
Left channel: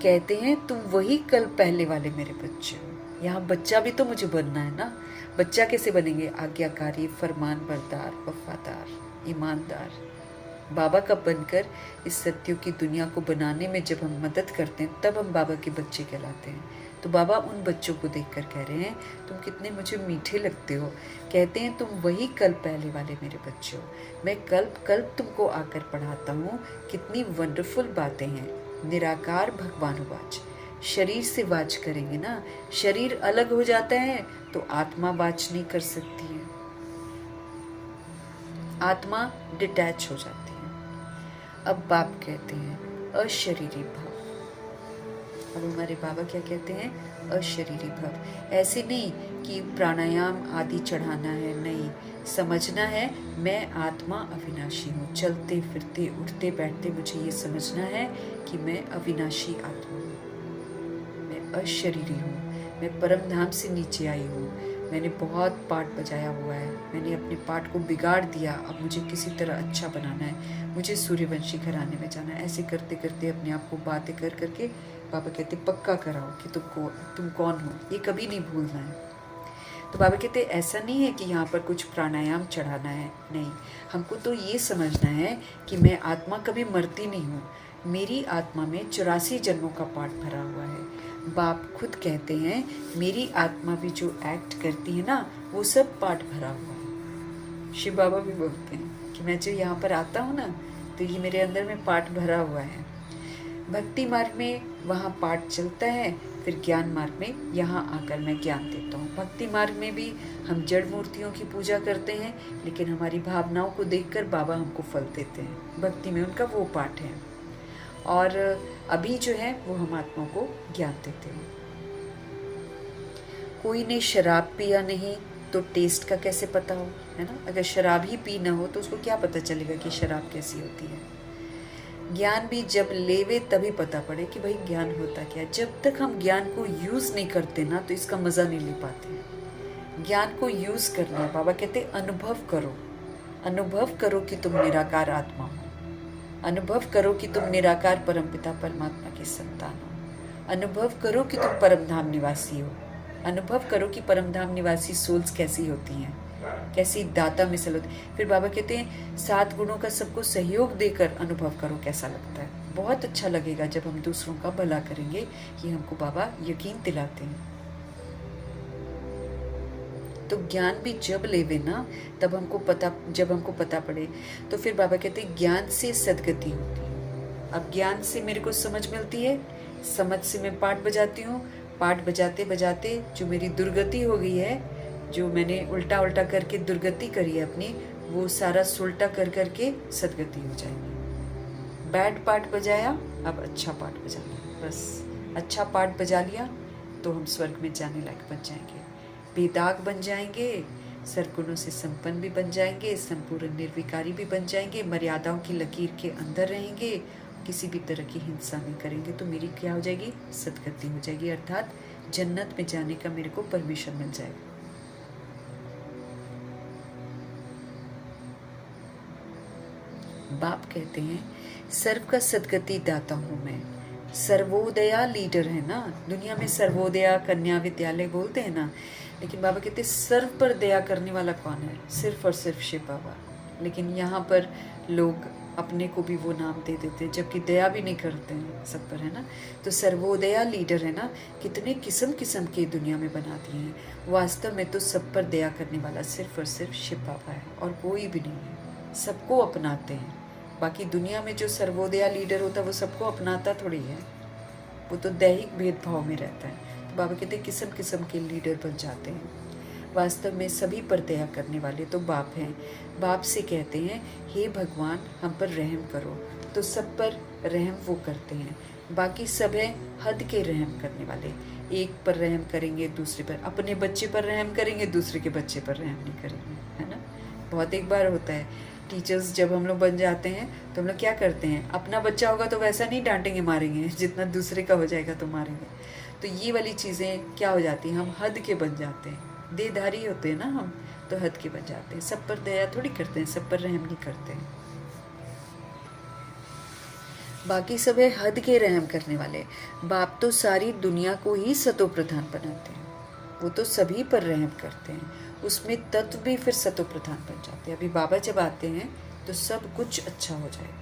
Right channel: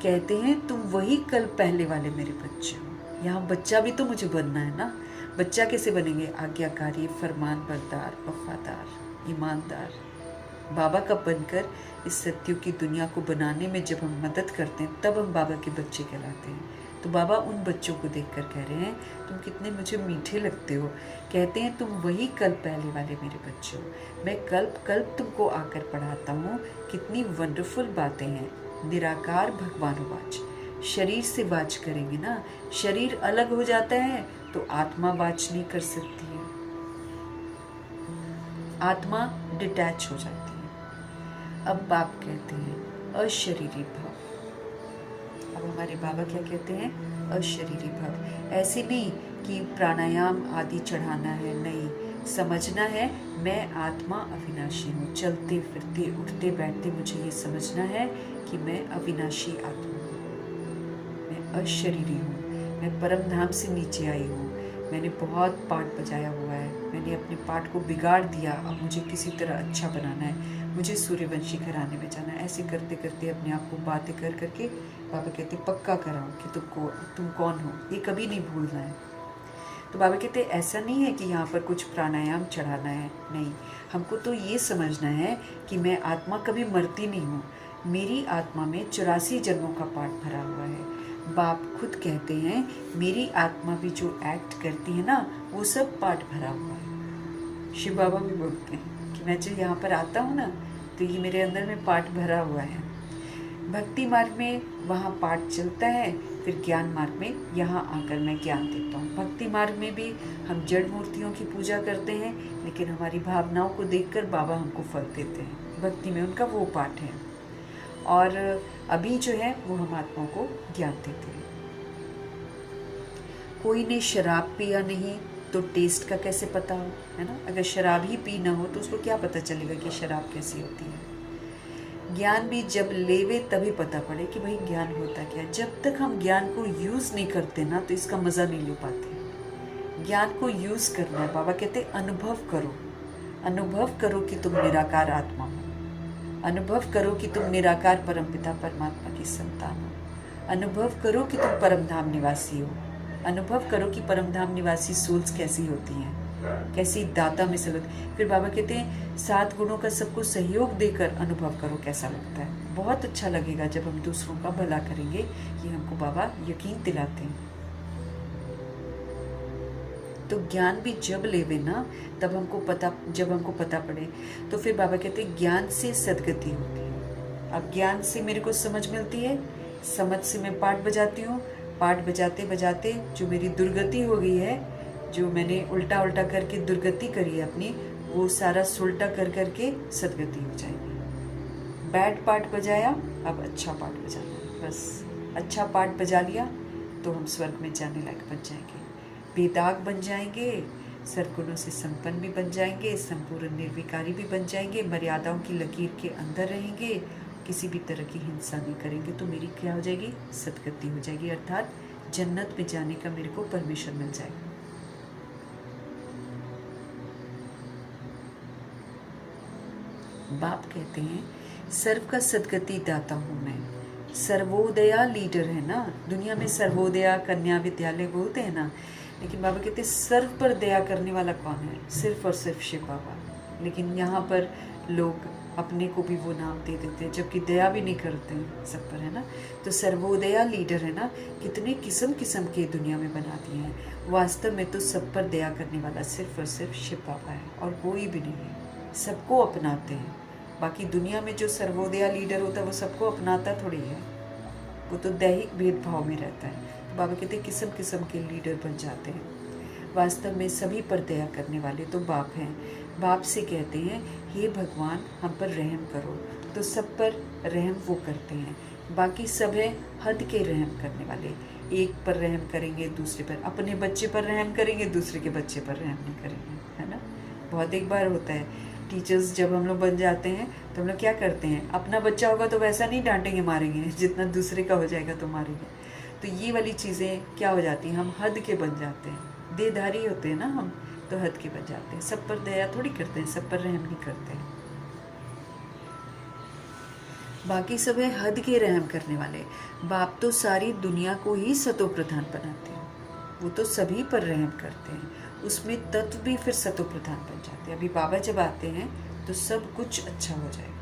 कहते हैं तुम वही कल पहले वाले मेरे बच्चे हो। यहाँ बच्चा भी तो मुझे बनना है ना। बच्चा कैसे बनेंगे? आज्ञाकारी, फरमान बरदार, वफादार, ईमानदार। बाबा का बनकर इस सत्युग की दुनिया को बनाने में जब हम मदद करते हैं तब हम बाबा के बच्चे कहलाते हैं। तो बाबा उन बच्चों को देखकर कह रहे हैं तुम कितने मुझे मीठे लगते हो, कहते हैं तुम वही कल पहले वाले मेरे बच्चे हो। मैं कल्प कल्प तुमको आकर पढ़ाता हूँ, कितनी वंडरफुल बातें हैं। निराकार भगवानुवाच, शरीर से वाच करेंगे ना। शरीर अलग हो जाता है तो आत्मा वाच नहीं कर सकती है, आत्मा डिटैच हो जाती है। अब बाप कहते हैं अशरीरी भव। अब हमारे बाबा क्या कहते हैं? अशरीरी भव। ऐसे नहीं कि प्राणायाम आदि चढ़ाना है, नहीं, समझना है मैं आत्मा अविनाशी हूँ। चलते फिरते उठते बैठते मुझे ये समझना है कि मैं अविनाशी आत्मा हूँ, मैं अशरीरी हूँ, मैं परम धाम से नीचे आई हूँ। मैंने बहुत पाठ बजाया हुआ है, मैंने अपने पाठ को बिगाड़ दिया, अब मुझे किसी तरह अच्छा बनाना है, मुझे सूर्यवंशी घराने में जाना है। ऐसे करते करते अपने आप को बातें कर करके बाबा कहते पक्का कराओ कि तुम कौन हो, ये कभी नहीं भूलना है। तो बाबा कहते ऐसा नहीं है कि यहाँ पर कुछ प्राणायाम चढ़ाना है, नहीं, हमको तो ये समझना है कि मैं आत्मा कभी मरती नहीं हूँ। मेरी आत्मा में 84 जन्मों का पाठ भरा हुआ है। बाप खुद कहते हैं मेरी आत्मा भी जो एक्ट करती है ना, वो सब पाठ भरा हुआ है। शिव बाबा भी बोलते हैं कि मैं जो यहाँ पर आता हूँ ना, तो ये मेरे अंदर में पाठ भरा हुआ है। भक्ति मार्ग में वहाँ पाठ चलता है, फिर ज्ञान मार्ग में यहाँ आकर मैं ज्ञान देता हूँ। भक्ति मार्ग में भी हम जड़ मूर्तियों की पूजा करते हैं, लेकिन हमारी भावनाओं को देखकर बाबा हमको फल देते हैं। भक्ति में उनका वो पाठ है, और अभी जो है वो हम आत्मा को ज्ञान देते हैं। कोई ने शराब पिया नहीं तो टेस्ट का कैसे पता हो, है ना? अगर शराब ही पी ना हो तो उसको क्या पता चलेगा कि शराब कैसी होती है। ज्ञान भी जब लेवे तभी पता पड़े कि भाई ज्ञान होता क्या। जब तक हम ज्ञान को यूज नहीं करते ना, तो इसका मजा नहीं ले पाते। ज्ञान को यूज करना है। बाबा कहते अनुभव करो, अनुभव करो कि तुम निराकार आत्मा हो, अनुभव करो कि तुम निराकार परमपिता परमात्मा की संतान हो, अनुभव करो कि तुम परमधाम निवासी हो, अनुभव करो कि परमधाम निवासी सोल्स कैसी होती हैं, कैसी दाता मिसल होती। फिर बाबा कहते हैं 7 गुणों का सबको सहयोग देकर अनुभव करो कैसा लगता है। बहुत अच्छा लगेगा जब हम दूसरों का भला करेंगे, ये हमको बाबा यकीन दिलाते हैं। तो ज्ञान भी जब लेवे ना, तब जब हमको पता पड़े, तो फिर बाबा कहते हैं ज्ञान से सदगति होती है। अब ज्ञान से मेरे को समझ मिलती है, समझ से मैं पाठ बजाती हूँ, पाठ बजाते बजाते जो मेरी दुर्गति हो गई है, जो मैंने उल्टा उल्टा करके दुर्गति करी है अपनी, वो सारा सुलटा कर करके सदगति हो जाएगी। बैड पाठ बजाया, अब अच्छा पाठ बजा लिया, बस अच्छा पाठ बजा लिया तो हम स्वर्ग में जाने लायक बन जाएंगे, बेदाग बन जाएंगे, सरगुणों से संपन्न भी बन जाएंगे, संपूर्ण निर्विकारी भी बन जाएंगे, मर्यादाओं की लकीर के अंदर रहेंगे, किसी भी तरह की हिंसा नहीं करेंगे। तो मेरी क्या हो जाएगी? सदगति हो जाएगी, अर्थात जन्नत में जाने का मेरे को परमिशन मिल जाएगा। बाप कहते हैं सर्व का सदगति दाता हूँ मैं। सर्वोदया लीडर है ना, दुनिया में सर्वोदया कन्या विद्यालय बोलते हैं ना, लेकिन बाबा कहते हैं सर्व पर दया करने वाला कौन है? सिर्फ और सिर्फ शिव बाबा। लेकिन यहाँ पर लोग अपने को भी वो नाम दे देते हैं, जबकि दया भी नहीं करते हैं सब पर, है ना। तो सर्वोदया लीडर है ना, कितने किस्म किस्म के दुनिया में बना दिए हैं। वास्तव में तो सब पर दया करने वाला सिर्फ और सिर्फ शिव बाबा है, और कोई भी नहीं है। सबको अपनाते हैं। बाकी दुनिया में जो सर्वोदया लीडर होता है वो सबको अपनाता थोड़ी है, वो तो दैहिक भेदभाव में रहता है। तो बाबा कहते हैं किस्म किस्म के लीडर बन जाते हैं। वास्तव में सभी पर दया करने वाले तो बाप हैं। बाप से कहते हैं हे भगवान हम पर रहम करो, तो सब पर रहम वो करते हैं। बाकी सब है हद के रहम करने वाले, एक पर रहम करेंगे, दूसरे पर, अपने बच्चे पर रहम करेंगे, दूसरे के बच्चे पर रहम नहीं करेंगे, है ना। बहुत एक बार होता है, टीचर्स जब हम लोग बन जाते हैं तो हम लोग क्या करते हैं, अपना बच्चा होगा तो वैसा नहीं डांटेंगे मारेंगे जितना दूसरे का हो जाएगा तो मारेंगे। तो ये वाली चीज़ें क्या हो जाती हैं, हम हद के बन जाते हैं, देधारी होते हैं ना हम, तो हद के बन जाते हैं। सब पर दया थोड़ी करते हैं, सब पर रहम नहीं करते हैं। बाकी सब है हद के रहम करने वाले। बाप तो सारी दुनिया को ही सतो प्रधान बनाते हैं, वो तो सभी पर रहम करते हैं, उसमें तत्व भी फिर सतो प्रधान बन जाते हैं। अभी बाबा जब आते हैं तो सब कुछ अच्छा हो जाएगा।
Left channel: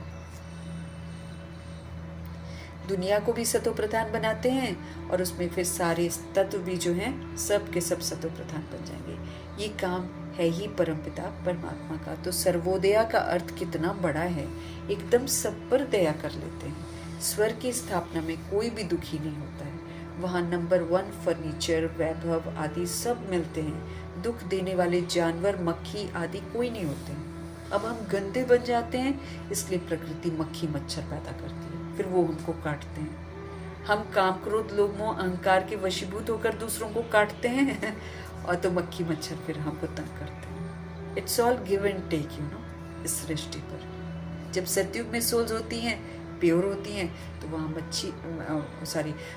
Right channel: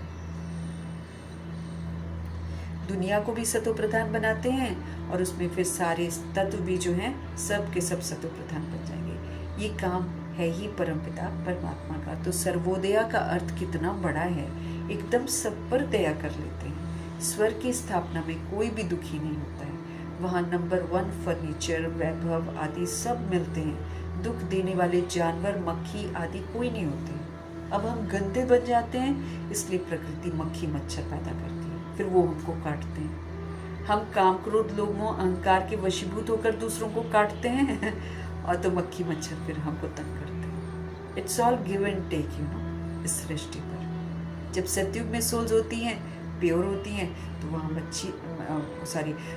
दुनिया को भी सतो प्रधान बनाते हैं, और उसमें फिर सारे तत्व भी जो हैं सब के सब सतो प्रधान बन जाएंगे। ये काम है ही परमपिता परमात्मा का। तो सर्वोदया का अर्थ कितना बड़ा है, एकदम सब पर दया कर लेते हैं। स्वर्ग की स्थापना में कोई भी दुखी नहीं होता है। वहाँ नंबर 1 फर्नीचर, वैभव आदि सब मिलते हैं। दुख देने वाले जानवर, मक्खी आदि कोई नहीं होते हैं। अब हम गंदे बन जाते हैं, इसलिए प्रकृति मक्खी मच्छर पैदा करती है, फिर वो हमको काटते हैं। हम काम, क्रोध, लोभ, मोह, अहंकार के वशीभूत होकर दूसरों को काटते हैं और तो मक्खी मच्छर फिर हमको तंग करते हैं। It's all give and take, इस सृष्टि पर। जब सतयुग में सोल्स होती हैं, प्योर होती हैं, तो वहाँ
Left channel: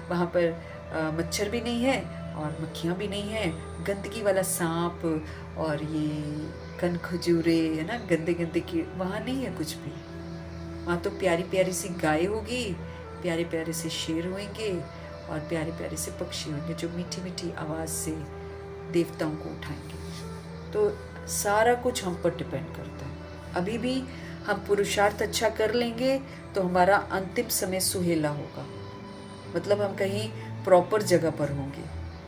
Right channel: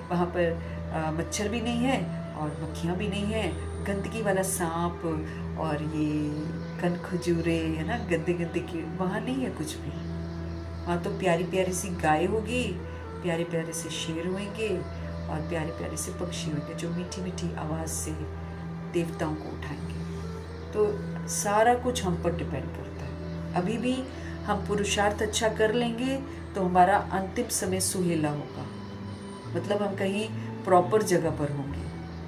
वहाँ पर मच्छर भी नहीं है और मक्खियाँ भी नहीं है। गंदगी वाला सांप और ये कन खजूरे, है ना, गंदे गंदे की वहाँ नहीं है कुछ भी। वहाँ तो प्यारी प्यारी सी गाय होगी, प्यारे प्यारे से शेर होंगे और प्यारे प्यारे से पक्षी होंगे जो मीठी मीठी आवाज़ से देवताओं को उठाएंगे। तो सारा कुछ हम पर डिपेंड करता है। अभी भी हम पुरुषार्थ अच्छा कर लेंगे तो हमारा अंतिम समय सुहेला होगा, मतलब हम कहीं प्रॉपर जगह पर होंगे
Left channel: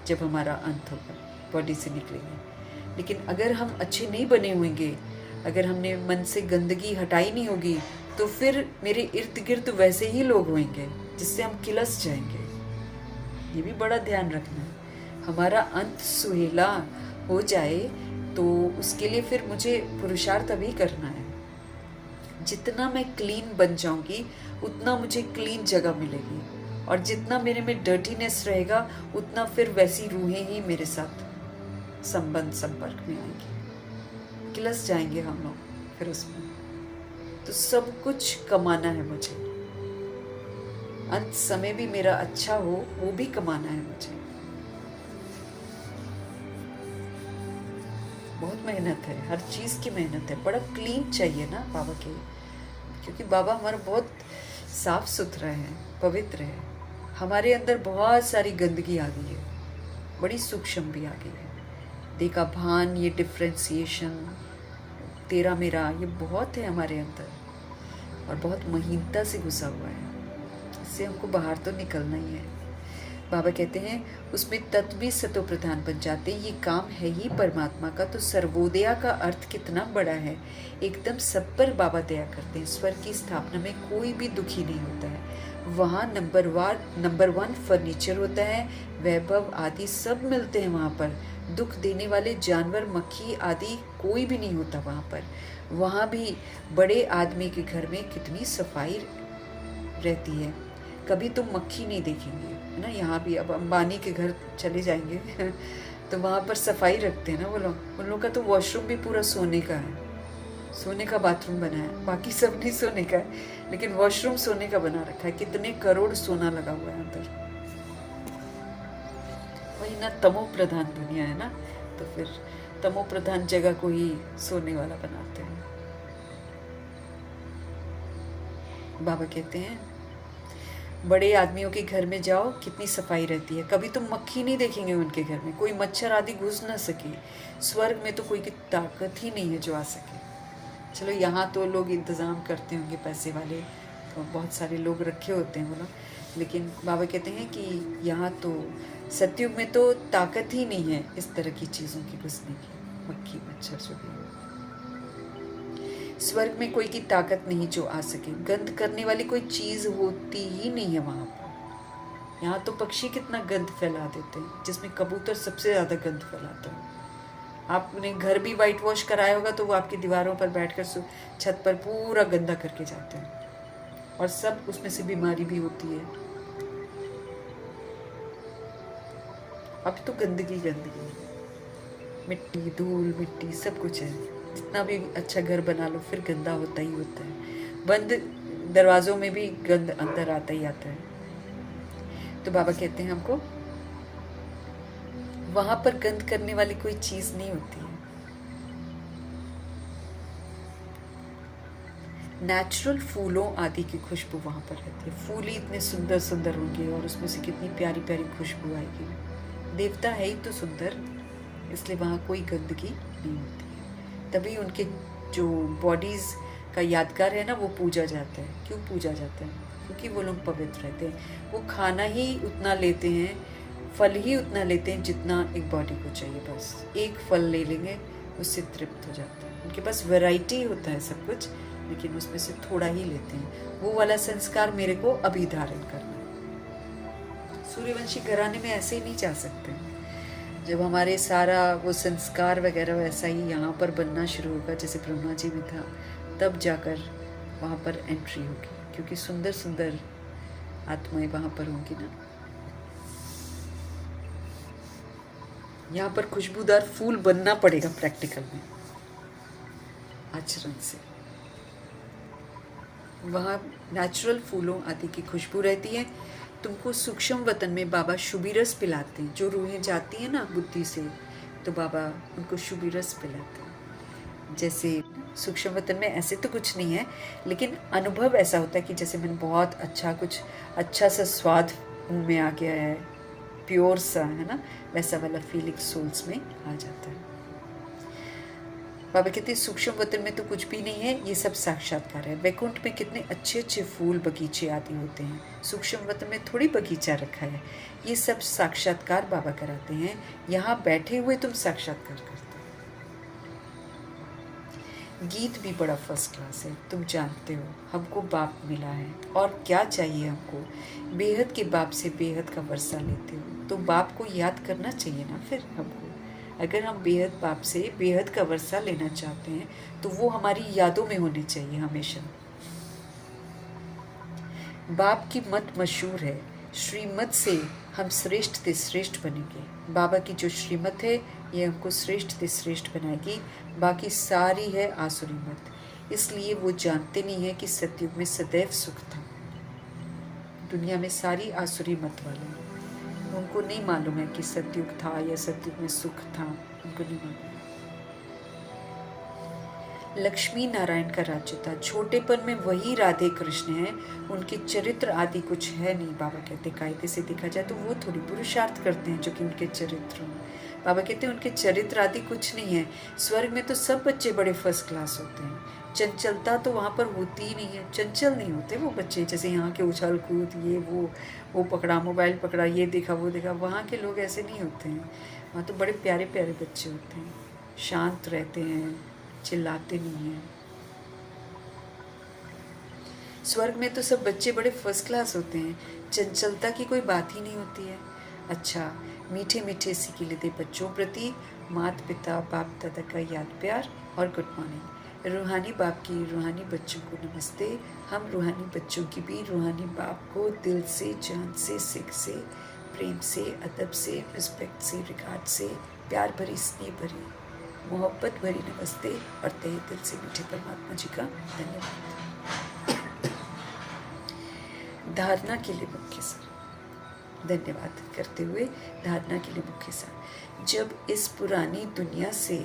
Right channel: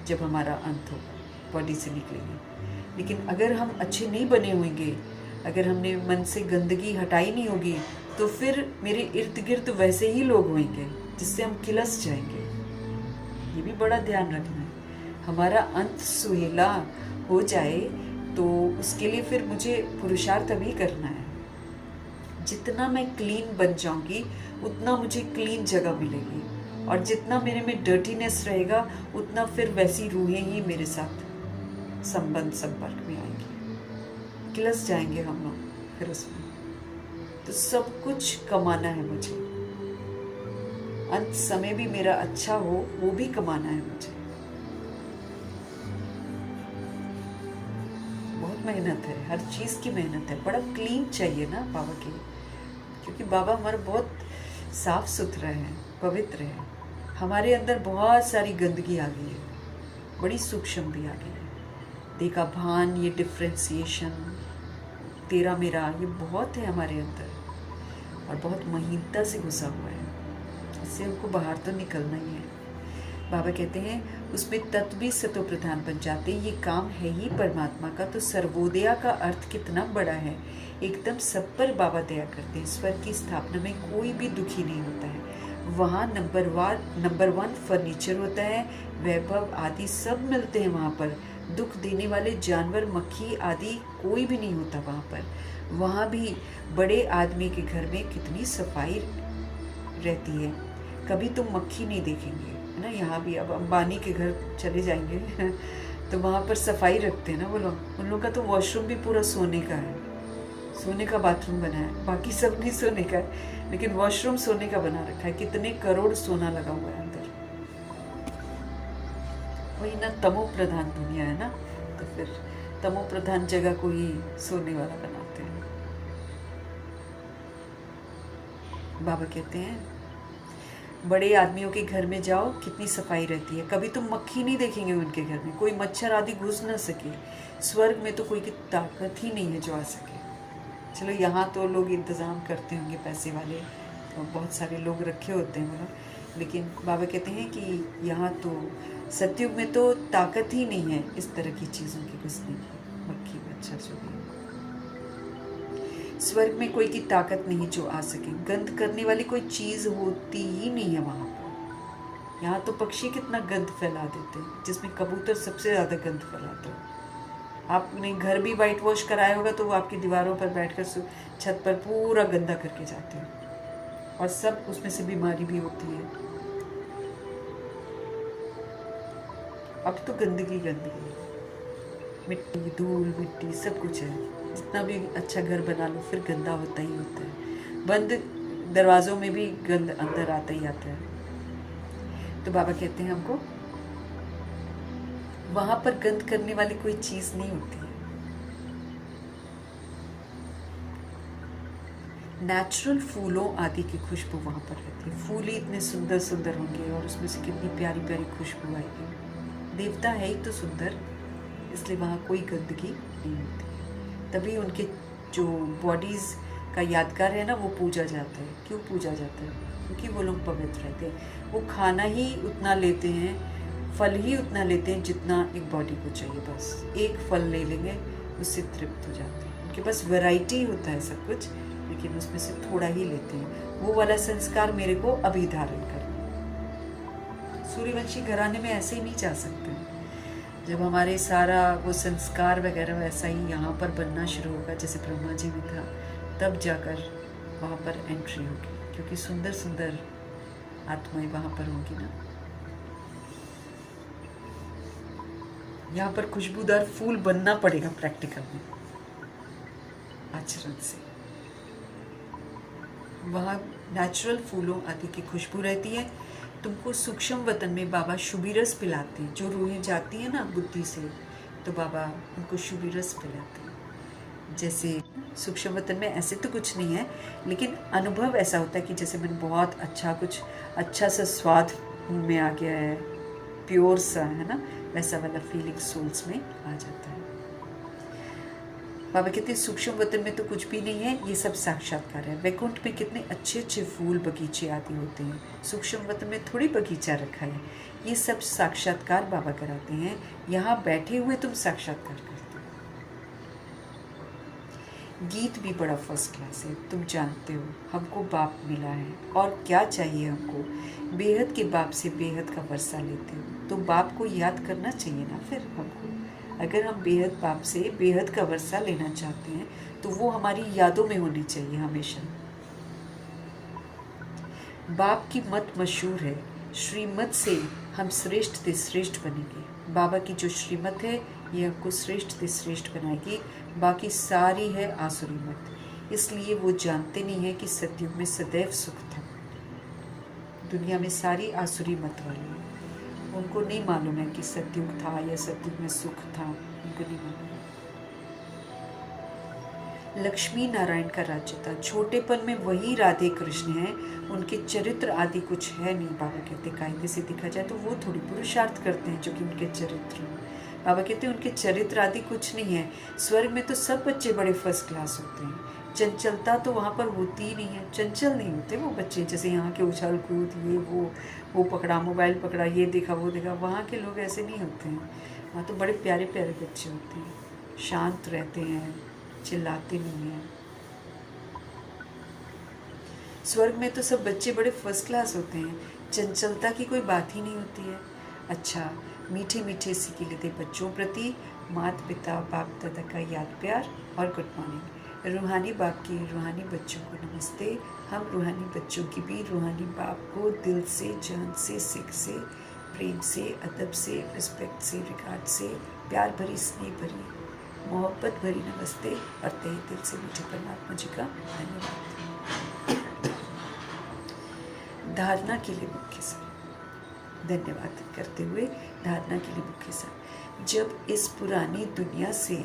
जब हमारा अंत होगा, बॉडी से निकलेंगे। लेकिन अगर हम अच्छे नहीं बने होंगे, अगर हमने मन से गंदगी हटाई नहीं होगी, तो फिर मेरे इर्द गिर्द वैसे ही लोग होंगे जिससे हम किलस जाएंगे। ये भी बड़ा ध्यान रखना है। हमारा अंत सुहेला हो जाए तो उसके लिए फिर मुझे पुरुषार्थ अभी करना है। जितना मैं क्लीन बन जाऊंगी उतना मुझे क्लीन जगह मिलेगी, और जितना मेरे में डर्टीनेस रहेगा उतना फिर वैसी रूहें ही मेरे साथ संपर्क में आएंगी, किलस जाएंगे हम लोग फिर उसमें। तो सब कुछ कमाना है मुझे, अंत समय भी मेरा अच्छा हो वो भी कमाना है मुझे। बहुत मेहनत है, हर चीज़ की मेहनत है। बड़ा क्लीन चाहिए ना बाबा के, क्योंकि बाबा हमारे बहुत साफ सुथरा है, पवित्र है। हमारे अंदर बहुत सारी गंदगी आ गई है, बड़ी सूक्ष्म भी आ गई है। देखा भान, ये डिफ्रेंसिएशन, तेरा मेरा, ये बहुत है हमारे अंदर और बहुत महीनता से घुसा हुआ है। इससे हमको बाहर तो निकलना ही है। बाबा कहते हैं उसमें तत्व भी सतो प्रधान बन जाते हैं। ये काम है ही परमात्मा का, तो सर्वोदया का अर्थ कितना बड़ा है। एकदम सब पर बाबा दया करते हैं। स्वर्ग की स्थापना में कोई भी दुखी नहीं होता है। वहाँ नंबर 1 फर्नीचर होता है, वैभव आदि सब मिलते हैं वहाँ पर। दुख देने वाले जानवर, मक्खी आदि कोई भी नहीं होता वहाँ पर। वहाँ भी बड़े आदमी के घर में कितनी सफाई रहती है, कभी तुम मक्खी नहीं देखेंगे, है ना। यहाँ भी अब अंबानी के घर चले जाएंगे तो वहाँ पर सफाई रखते हैं ना वो लोग। उन लोग का तो वॉशरूम भी पूरा सोने का है, सोने का बाथरूम बना है। बाकी सब नहीं सोने का है, लेकिन वॉशरूम सोने का बना रखा है। कितने करोड़ सोना लगा हुआ है अंदर। वही ना, तमो प्रधान दुनिया है ना, तो फिर तमो प्रधान जगह को ही सोने वाला बनाते हैं। बाबा कहते हैं बड़े आदमियों के घर में जाओ, कितनी सफाई रहती है, कभी तुम मक्खी नहीं देखेंगे उनके घर में, कोई मच्छर आदि घुस ना सके। स्वर्ग में तो कोई की ताकत ही नहीं है जो आ सके। चलो यहाँ तो लोग इंतज़ाम करते होंगे, पैसे वाले तो बहुत सारे लोग रखे होते हैं वो लोग, लेकिन बाबा कहते हैं कि यहाँ तो सतयुग में तो ताकत ही नहीं है इस तरह की चीज़ों की घुसने की, मक्खी मच्छर जो भी। स्वर्ग में कोई की ताकत नहीं जो आ सके। गंध करने वाली कोई चीज़ होती ही नहीं है वहाँ पर। यहाँ तो पक्षी कितना गंध फैला देते हैं, जिसमें कबूतर सबसे ज़्यादा गंध फैलाता है। आपने घर भी वाइट वॉश कराया होगा तो वो आपकी दीवारों पर बैठकर छत पर पूरा गंदा करके जाते हैं, और सब उसमें से बीमारी भी होती है। अब तो गंदगी गंदगी, मिट्टी, धूल मिट्टी सब कुछ है। जितना भी अच्छा घर बना लो फिर गंदा होता ही होता है। बंद दरवाज़ों में भी गंद अंदर आता ही आता है। तो बाबा कहते हैं हमको वहाँ पर गंद करने वाली कोई चीज़ नहीं होती है। नेचुरल फूलों आदि की खुशबू वहाँ पर रहती है। फूल ही इतने सुंदर सुंदर होंगे और उसमें से कितनी प्यारी प्यारी खुशबू आएगी। देवता है ही तो सुंदर, इसलिए वहाँ कोई गंदगी नहीं होती है। तभी उनके जो बॉडीज़ का यादगार है ना, वो पूजा जाता है। क्यों पूजा जाता है? क्योंकि वो लोग पवित्र रहते हैं। वो खाना ही उतना लेते हैं, फल ही उतना लेते हैं जितना एक बॉडी को चाहिए। बस एक फल ले लेंगे, उससे तृप्त हो जाते हैं। उनके पास वैरायटी होता है सब कुछ, लेकिन उसमें से थोड़ा ही लेते हैं। वो वाला संस्कार मेरे को अभी धारण करना। सूर्यवंशी घराने में ऐसे ही नहीं जा सकते हैं। जब हमारे सारा वो संस्कार वगैरह वैसा ही यहाँ पर बनना शुरू होगा जैसे ब्रह्मा जी में था, तब जाकर वहाँ पर एंट्री होगी, क्योंकि सुंदर सुंदर आत्माएं वहाँ पर होंगी ना। यहाँ पर खुशबूदार फूल बनना पड़ेगा प्रैक्टिकल में, आचरण से। वहाँ नेचुरल फूलों आदि की खुशबू रहती है। तुमको सूक्ष्म वतन में बाबा शुभी रस पिलाते हैं। जो रूहें जाती हैं ना बुद्धि से, तो बाबा उनको शुभी रस पिलाते हैं। जैसे सूक्ष्म वतन में ऐसे तो कुछ नहीं है, लेकिन अनुभव ऐसा होता है कि जैसे मैंने बहुत कुछ अच्छा सा स्वाद मुँह में आ गया है, प्योर सा है ना, वैसा वाला फीलिंग सोल्स में आ जाता है। बाबा कहते हैं सूक्ष्म वतन में तो कुछ भी नहीं है, ये सब साक्षात्कार है। वैकुंठ में कितने अच्छे अच्छे फूल बगीचे आदि होते हैं, सूक्ष्म वतन में थोड़ी बगीचा रखा है। ये सब साक्षात्कार बाबा कराते हैं। यहाँ बैठे हुए तुम साक्षात्कार करते हो। गीत भी बड़ा फर्स्ट क्लास है। तुम जानते हो हमको बाप मिला है, और क्या चाहिए हमको? बेहद के बाप से बेहद का वर्षा लेते हो, तो बाप को याद करना चाहिए ना। फिर हमको अगर हम बेहद बाप से बेहद का वर्षा लेना चाहते हैं, तो वो हमारी यादों में होनी चाहिए हमेशा। बाप की मत मशहूर है, श्रीमत से हम श्रेष्ठ से श्रेष्ठ बनेंगे। बाबा की जो श्रीमत है ये हमको श्रेष्ठ से श्रेष्ठ बनाएगी, बाकी सारी है आसुरी मत। इसलिए वो जानते नहीं है कि सतयुग में सदैव सुख था। दुनिया में सारी आसुरी मत वाली, उनको नहीं मालूम है कि सतयुग था या सतयुग में सुख था, उनको नहीं मालूम है। लक्ष्मी नारायण का राज्य था। छोटेपन में वही राधे कृष्ण है, उनके चरित्र आदि कुछ है नहीं। बाबा कहते कायदे से देखा जाए तो वो थोड़ी पुरुषार्थ करते हैं जो कि उनके चरित्र। बाबा कहते हैं उनके चरित्र आदि कुछ नहीं है। स्वर्ग में तो सब बच्चे बड़े फर्स्ट क्लास होते हैं। चंचलता तो वहाँ पर होती ही नहीं है, चंचल नहीं होते वो बच्चे। जैसे यहाँ के उछाल कूद, ये वो पकड़ा, मोबाइल पकड़ा, ये देखा वो देखा, वहाँ के लोग ऐसे नहीं होते हैं। वहाँ तो बड़े प्यारे प्यारे बच्चे होते हैं, शांत रहते हैं, चिल्लाते नहीं हैं। स्वर्ग में तो सब बच्चे बड़े फर्स्ट क्लास होते हैं, चंचलता की कोई बात ही नहीं होती है। अच्छा, मीठे मीठे सीखे लेते बच्चों प्रति माता पिता बाप दादा का याद प्यार और गुड मॉर्निंग। रूहानी बाप की रूहानी बच्चों को नमस्ते। हम रूहानी बच्चों की भी रूहानी बाप को दिल से, जान से, सिख से, प्रेम से, अदब से, रिस्पेक्ट से, रिगार्ड से, प्यार भरी, स्नेह भरी, मोहब्बत भरी नमस्ते और तहे दिल से मीठे परमात्मा जी का धन्यवाद। धारणा के लिए मुख्य सार, धन्यवाद करते हुए धारणा के लिए मुख्य सार। जब इस पुरानी दुनिया से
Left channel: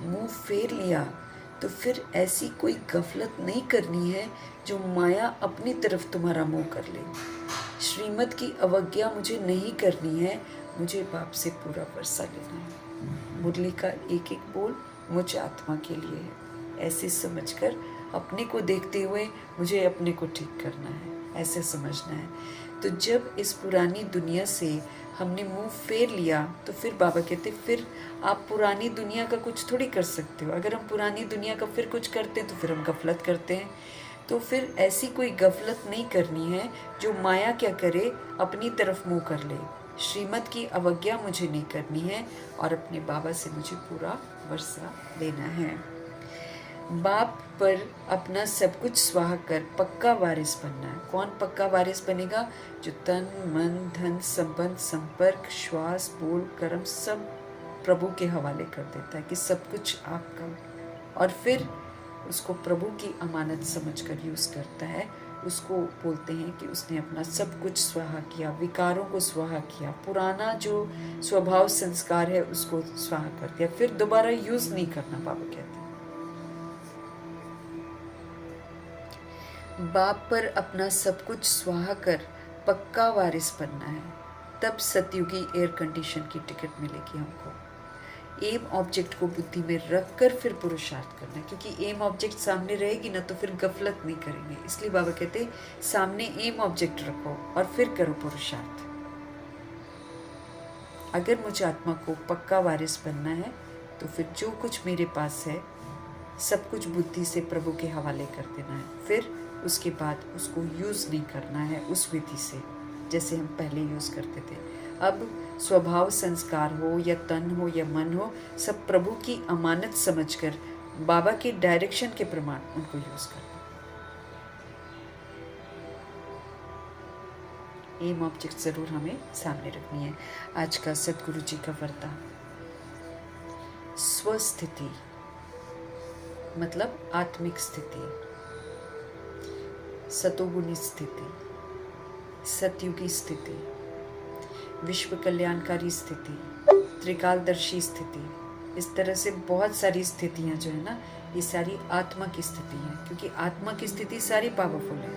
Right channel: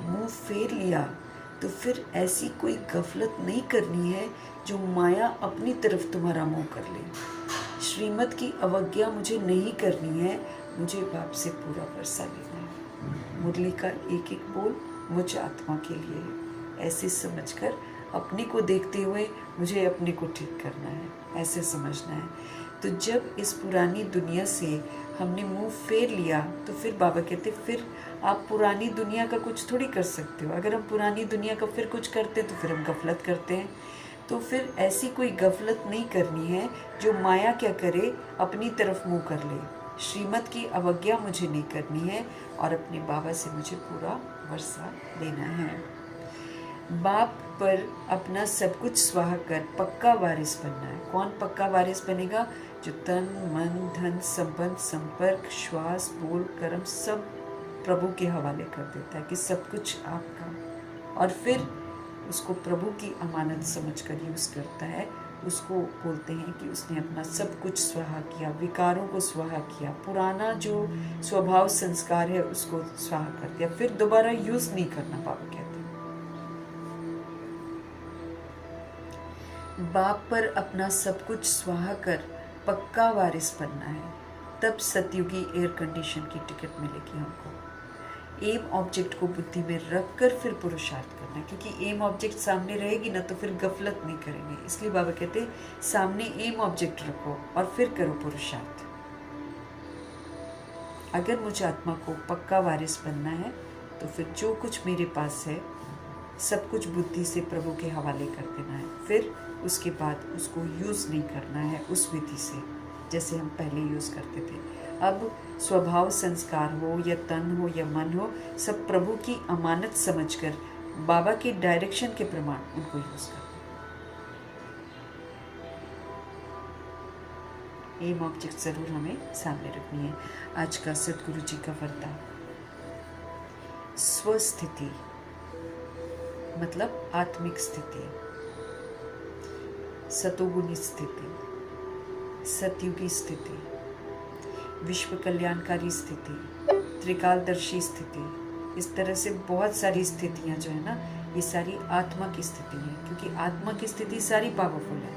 मुंह फेर लिया, तो फिर ऐसी कोई गफलत नहीं करनी है जो माया अपनी तरफ तुम्हारा मुंह कर ले। श्रीमत की अवज्ञा मुझे नहीं करनी है, मुझे बाप से पूरा वर्षा लेना है। मुरली का एक एक बोल मुझ आत्मा के लिए है। ऐसे समझकर अपने को देखते हुए मुझे अपने को ठीक करना है, ऐसे समझना है। तो जब इस पुरानी दुनिया से हमने मुंह फेर लिया, तो फिर बाबा कहते फिर आप पुरानी दुनिया का कुछ थोड़ी कर सकते हो। अगर हम पुरानी दुनिया का फिर कुछ करते तो फिर हम गफलत करते हैं। तो फिर ऐसी कोई गफलत नहीं करनी है जो माया क्या करे, अपनी तरफ मुंह कर ले। श्रीमत की अवज्ञा मुझे नहीं करनी है और अपने बाबा से मुझे पूरा वर्षा लेना है। बाप पर अपना सब कुछ स्वाहा कर पक्का वारिस बनना है। कौन पक्का वारिस बनेगा? जो तन मन धन संबंध संपर्क श्वास बोल कर्म सब प्रभु के हवाले कर देता है कि सब कुछ आपका, और फिर उसको प्रभु की अमानत समझकर यूज़ करता है। उसको बोलते हैं कि उसने अपना सब कुछ स्वाहा किया, विकारों को स्वाहा किया, पुराना जो स्वभाव संस्कार है उसको स्वाहा कर दिया, फिर दोबारा यूज़ नहीं करना। बाबा कहते हैं बाप पर अपना सब कुछ स्वाहा कर पक्का वारिस बनना है, तब सतयुगी एयर कंडीशन की टिकट मिलेगी हमको। एम ऑब्जेक्ट को बुद्धि में रख कर फिर पुरुषार्थ करना, क्योंकि एम ऑब्जेक्ट सामने रहेगी ना तो फिर गफलत नहीं करेंगे। इसलिए बाबा कहते सामने एम ऑब्जेक्ट रखो और फिर करो पुरुषार्थ। अगर मुझे आत्मा को पक्का वारिस बनना है तो फिर जो कुछ मेरे पास है सब कुछ बुद्धि से प्रभु के हवाले कर देना है। फिर उसके बाद उसको यूज़ नहीं करना है उस विधि से, जैसे हम पहले यूज़ करते थे। अब स्वभाव संस्कार हो या तन हो या मन हो, सब प्रभु की अमानत समझकर बाबा की डायरेक्शन के प्रमाण उनको यूज़ करते हैं। एम ऑब्जेक्ट ज़रूर हमें सामने रखनी है। आज का सदगुरु जी का वरदान, स्वस्थिति मतलब आत्मिक स्थिति, सतोगुणी स्थिति, सतयुगी स्थिति, विश्व कल्याणकारी स्थिति, त्रिकालदर्शी स्थिति, इस तरह से बहुत सारी स्थितियां जो है ना, ये सारी आत्मा की स्थिति है, क्योंकि आत्मा की स्थिति सारी पावरफुल है।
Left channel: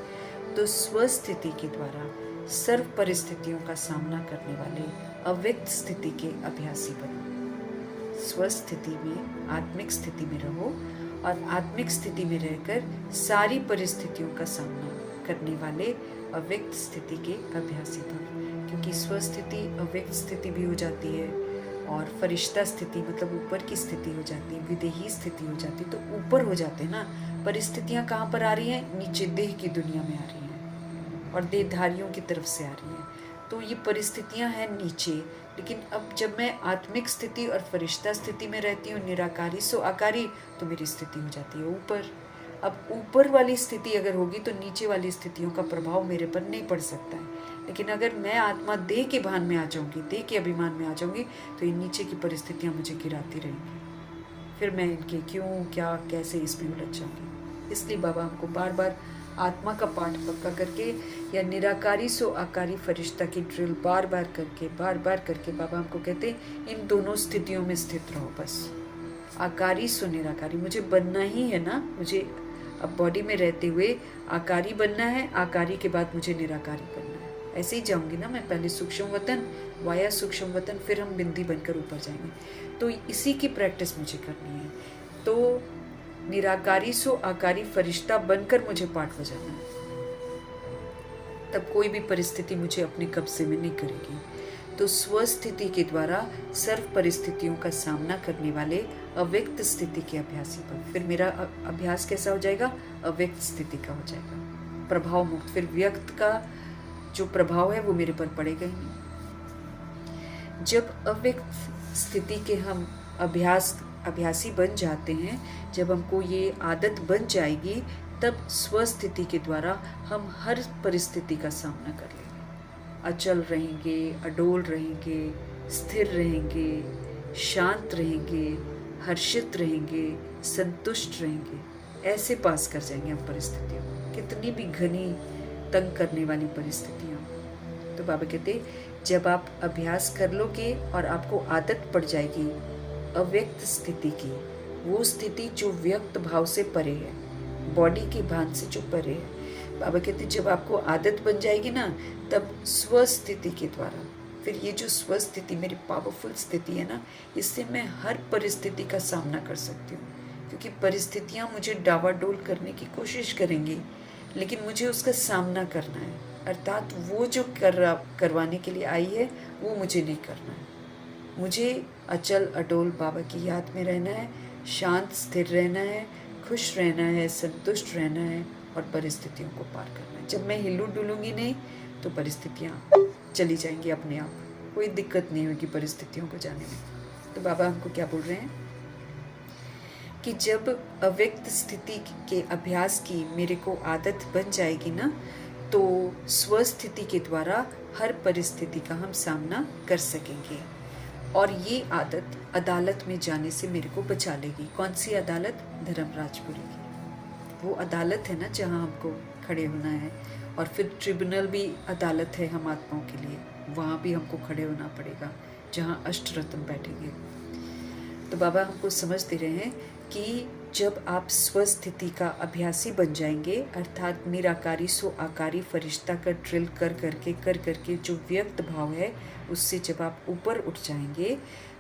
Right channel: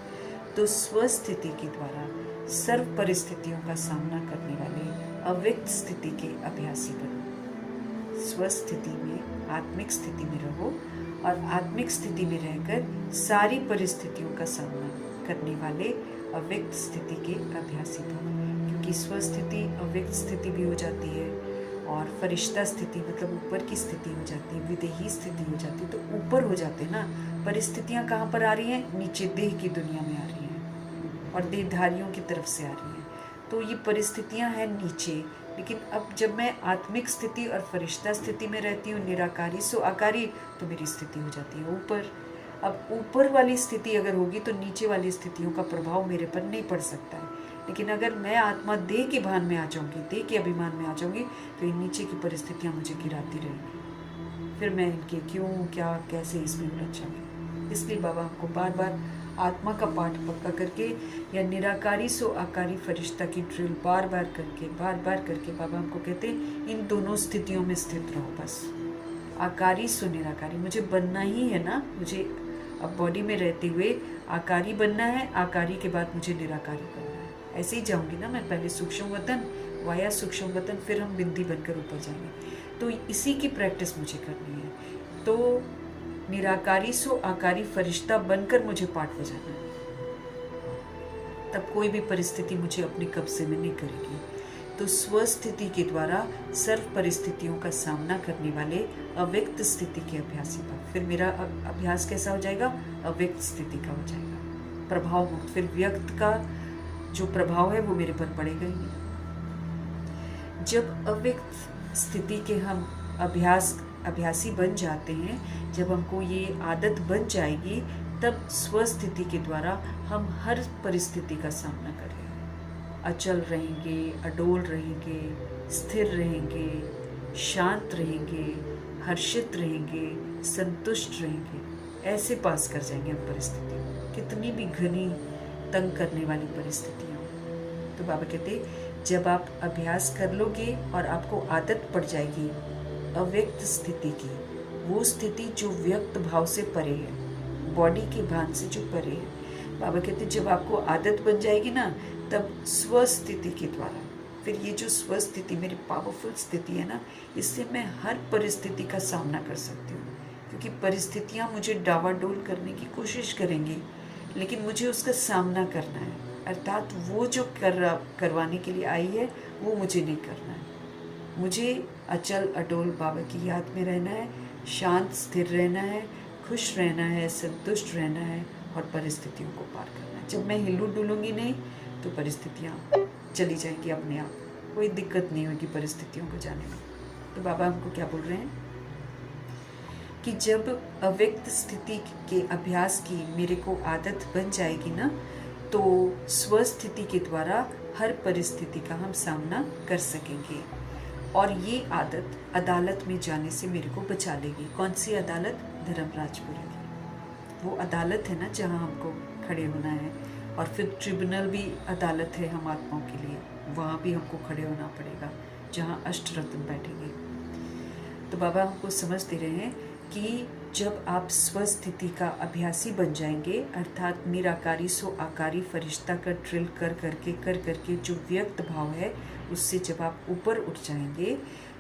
तो स्वस्थिति के द्वारा सर्व परिस्थितियों का सामना करने वाले अव्यक्त स्थिति के अभ्यासी बनो। स्वस्थिति में, आत्मिक स्थिति में रहो और आत्मिक स्थिति में रहकर सारी परिस्थितियों का सामना करने वाले अव्यक्त स्थिति के अभ्यासी बनो। क्योंकि स्वस्थिति अव्यक्त स्थिति भी हो जाती है और फरिश्ता स्थिति मतलब ऊपर की स्थिति हो जाती है, विदेही स्थिति हो जाती है। तो ऊपर हो जाते हैं ना, परिस्थितियाँ कहाँ पर आ रही हैं? नीचे देह की दुनिया में आ रही हैं और देहधारियों की तरफ से आ रही हैं। तो ये परिस्थितियाँ हैं नीचे, लेकिन अब जब मैं आत्मिक स्थिति और फरिश्ता स्थिति में रहती हूँ, निराकारी सो आकारी, तो मेरी स्थिति हो जाती है ऊपर। अब ऊपर वाली स्थिति अगर होगी तो नीचे वाली स्थितियों का प्रभाव मेरे पर नहीं पड़ सकता है। लेकिन अगर मैं आत्मा देह के भान में आ जाऊंगी, देह के अभिमान में आ जाऊंगी, तो ये नीचे की परिस्थितियाँ मुझे गिराती रहेंगी। फिर मैं इनके क्यों, क्या, कैसे इसमें उलझ जाऊंगी। इसलिए बाबा हमको बार बार आत्मा का पाठ पक्का करके या निराकारी सो आकारी फरिश्ता की ड्रिल बार बार करके बाबा हमको कहते हैं इन दोनों स्थितियों में स्थित रहो। बस आकारी सो निराकारी मुझे बनना ही है ना। मुझे अब बॉडी में रहते हुए आकारी बनना है, आकारी के बाद मुझे निराकारी बनना है। ऐसे ही जाऊंगी ना मैं, पहले सूक्ष्म वतन, वाया सूक्ष्म वतन, फिर हम बिंदी बनकर ऊपर जाएंगे। तो इसी की प्रैक्टिस मुझे करनी है। तो निराकारी सो आकारी फरिश्ता बनकर मुझे पाठ बजाना है, तब कोई भी परिस्थिति मुझे अपने कब्जे में नहीं करेगी। तो स्वस्थिति के द्वारा सर्व परिस्थितियों का सामना करने वाले अव्यक्त स्थिति के अभ्यासी बन। फिर मेरा अभ्यास कैसा हो जाएगा? अव्यक्त स्थिति का हो जाएगा, प्रभाव मुक्त। फिर व्यक्त का जो प्रभाव है वो मेरे पर पड़ेगा ही नहीं। जब अव्यक्त स्थिति के हम अभ्यासी बन जाते हैं, जब हमको ये आदत बन जाएगी, तब स्वस्थिति के द्वारा हम हर परिस्थिति का सामना कर लेंगे। अचल रहेंगे, अडोल रहेंगे, स्थिर रहेंगे, शांत रहेंगे, हर्षित रहेंगे, संतुष्ट रहेंगे। ऐसे पास कर जाएंगे हम परिस्थितियों, कितनी भी घनी तंग करने वाली परिस्थितियाँ। तो बाबा कहते जब आप अभ्यास कर लोगे और आपको आदत पड़ जाएगी अव्यक्त स्थिति की, वो स्थिति जो व्यक्त भाव से परे है, बॉडी के भान से जो परे है, बाबा कहते जब आपको आदत बन जाएगी ना, तब स्वस्थिति के द्वारा, फिर ये जो स्वस्थिति मेरी पावरफुल स्थिति है ना, इससे मैं हर परिस्थिति का सामना कर सकती हूँ। क्योंकि परिस्थितियाँ मुझे डावाडोल करने की कोशिश करेंगी, लेकिन मुझे उसका सामना करना है। अर्थात वो जो करवाने के लिए आई है वो मुझे नहीं करना है। मुझे अचल अटोल बाबा की याद में रहना है, शांत स्थिर रहना है, खुश रहना है, संतुष्ट रहना है और परिस्थितियों को पार करना है। जब मैं हिलू डुलूंगी नहीं तो परिस्थितियाँ चली जाएंगी अपने आप, कोई दिक्कत नहीं होगी परिस्थितियों को जाने में। तो बाबा हमको क्या बोल रहे हैं कि जब अव्यक्त स्थिति के अभ्यास की मेरे को आदत बन जाएगी ना, तो स्वस्थिति के द्वारा हर परिस्थिति का हम सामना कर सकेंगे। और ये आदत अदालत में जाने से मेरे को बचा लेगी। कौन सी अदालत? धर्मराजपुरी की। वो अदालत है ना जहाँ हमको खड़े होना है, और फिर ट्रिब्यूनल भी अदालत है हम आत्माओं के लिए, वहाँ भी हमको खड़े होना पड़ेगा, जहाँ अष्टरत्न बैठेंगे। तो बाबा हमको समझ दे रहे हैं कि जब आप स्वस्थिति का अभ्यासी बन जाएंगे, अर्थात निराकारी सो आकारी फरिश्ता का ड्रिल कर करके जो व्यक्त भाव है उससे जब आप ऊपर उठ जाएंगे,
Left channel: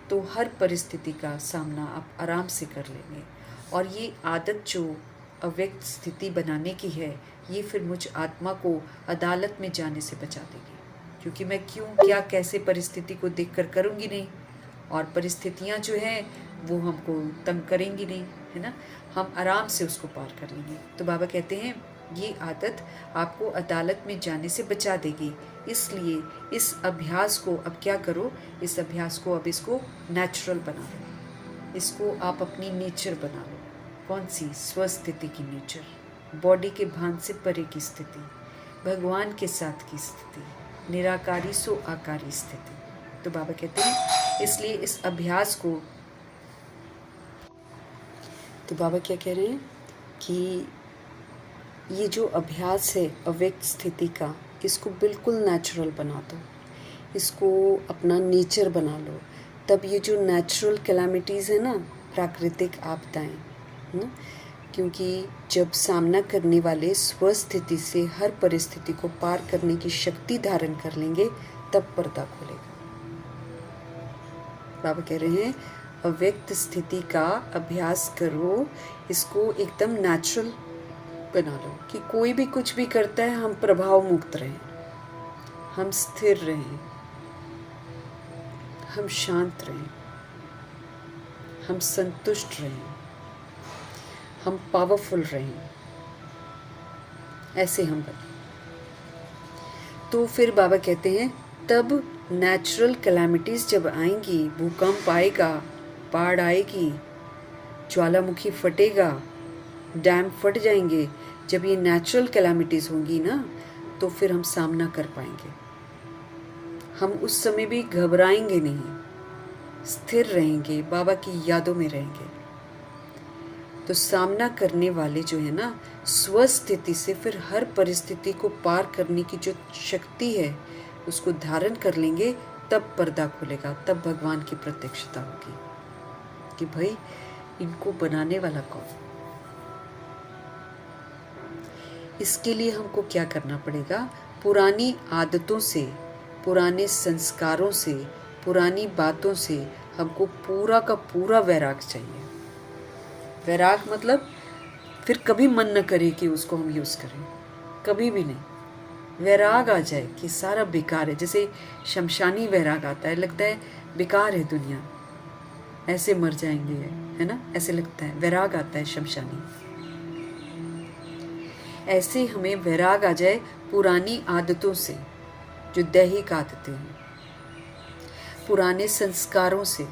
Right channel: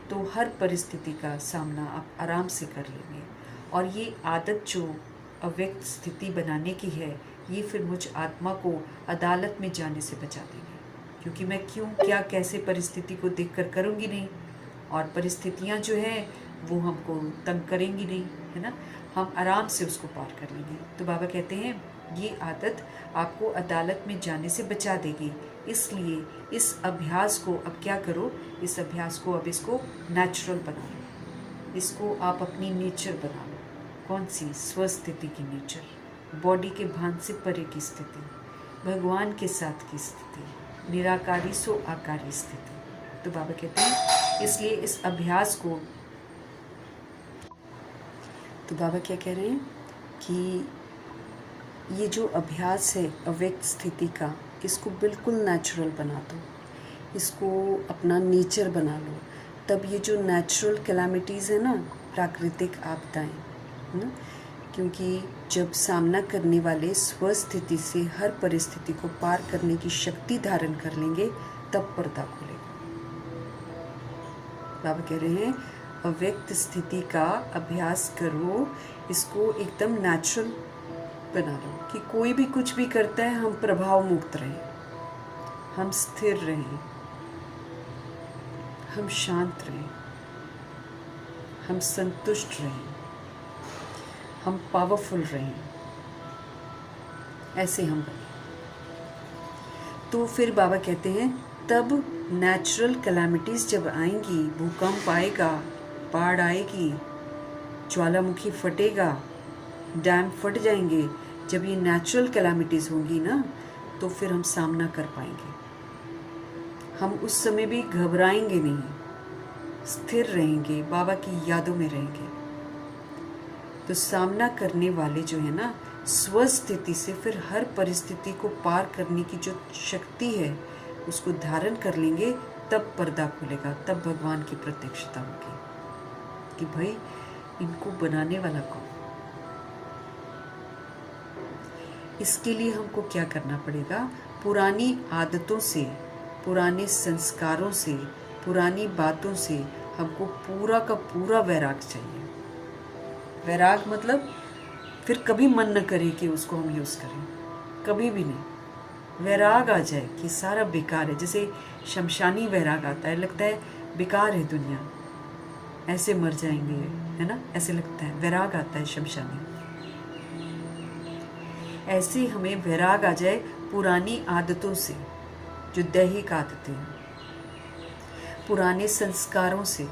तो हर परिस्थिति का सामना आप आराम से कर लेंगे। और ये आदत जो अव्यक्त स्थिति बनाने की है, ये फिर मुझ आत्मा को अदालत में जाने से बचा देगी। क्योंकि मैं क्यों, क्या, कैसे परिस्थिति को देख कर करूँगी नहीं, और परिस्थितियाँ जो हैं वो हमको तंग करेंगी नहीं, है ना। हम आराम से उसको पार कर लेंगे। तो बाबा कहते हैं ये आदत आपको अदालत में जाने से बचा देगी। इसलिए इस अभ्यास को अब क्या करो, इस अभ्यास को अब इसको नेचुरल बना लो, इसको आप अपनी नेचर बना लो। कौन सी? स्वस्थिति की नेचर, बॉडी के भान से परे की स्थिति, भगवान के साथ की स्थिति, निराकारी सो आकारी स्थिति। तो बाबा कहते हैं इसलिए इस अभ्यास को, तो बाबा क्या कह रहे हैं कि ये जो अभ्यास है अव्यक्त स्थिति का, इसको बिल्कुल नेचुरल बना दो, इसको अपना नेचर बना लो। तब ये जो नेचुरल कैलामिटीज़ है ना, प्राकृतिक आपदाएं, है ना, क्योंकि जब सामना करने वाले स्वस्थिति से हर परिस्थिति को पार करने की शक्ति धारण कर लेंगे, तब पर्दा खुलेगा। बाबा कह रहे हैं अव्यक्त स्थिति का अभ्यास करो, इसको एकदम नेचुरल बना लो कि कोई भी कुछ भी करता है हम प्रभाव मुक्त रहें, हम स्थिर रहें, हम शांत रहें, हम संतुष्ट रहें, हम पावरफुल रहें, ऐसे हम बने। तो फिर बाबा कहते हैं तब नेचुरल कैलामिटीज़ जब आएंगी, भूकंप आएगा, बाढ़ आएगी, ज्वालामुखी फटेगा, डैम फट जाएंगे, जब ये नेचुरल कैलामिटीज़ होंगी ना, तो फिर हम सामना कर पाएंगे। हम उस समय भी घबराएंगे नहीं, स्थिर रहेंगे, बाबा की यादों में रहेंगे। तो सामना करने वाले जो है ना, स्वस्थिति से फिर हर परिस्थिति को पार करने की जो शक्ति है उसको धारण कर लेंगे, तब पर्दा खुलेगा, तब भगवान की प्रत्यक्षता होगी कि भाई इनको बनाने वाला कौन। इसके लिए हमको क्या करना पड़ेगा? पुरानी आदतों से, पुराने संस्कारों से, पुरानी बातों से हमको पूरा का पूरा वैराग चाहिए। वैराग मतलब फिर कभी मन न करे कि उसको हम यूज़ करें, कभी भी नहीं। वैराग आ जाए कि सारा बेकार है, जैसे शमशानी वैराग आता है, लगता है बेकार है दुनिया, ऐसे मर जाएंगे, है ना, ऐसे लगता है, वैराग आता है शमशानी। ऐसे हमें वैराग आ जाए पुरानी आदतों से, जो दैहिक आदतें हैं, पुराने संस्कारों से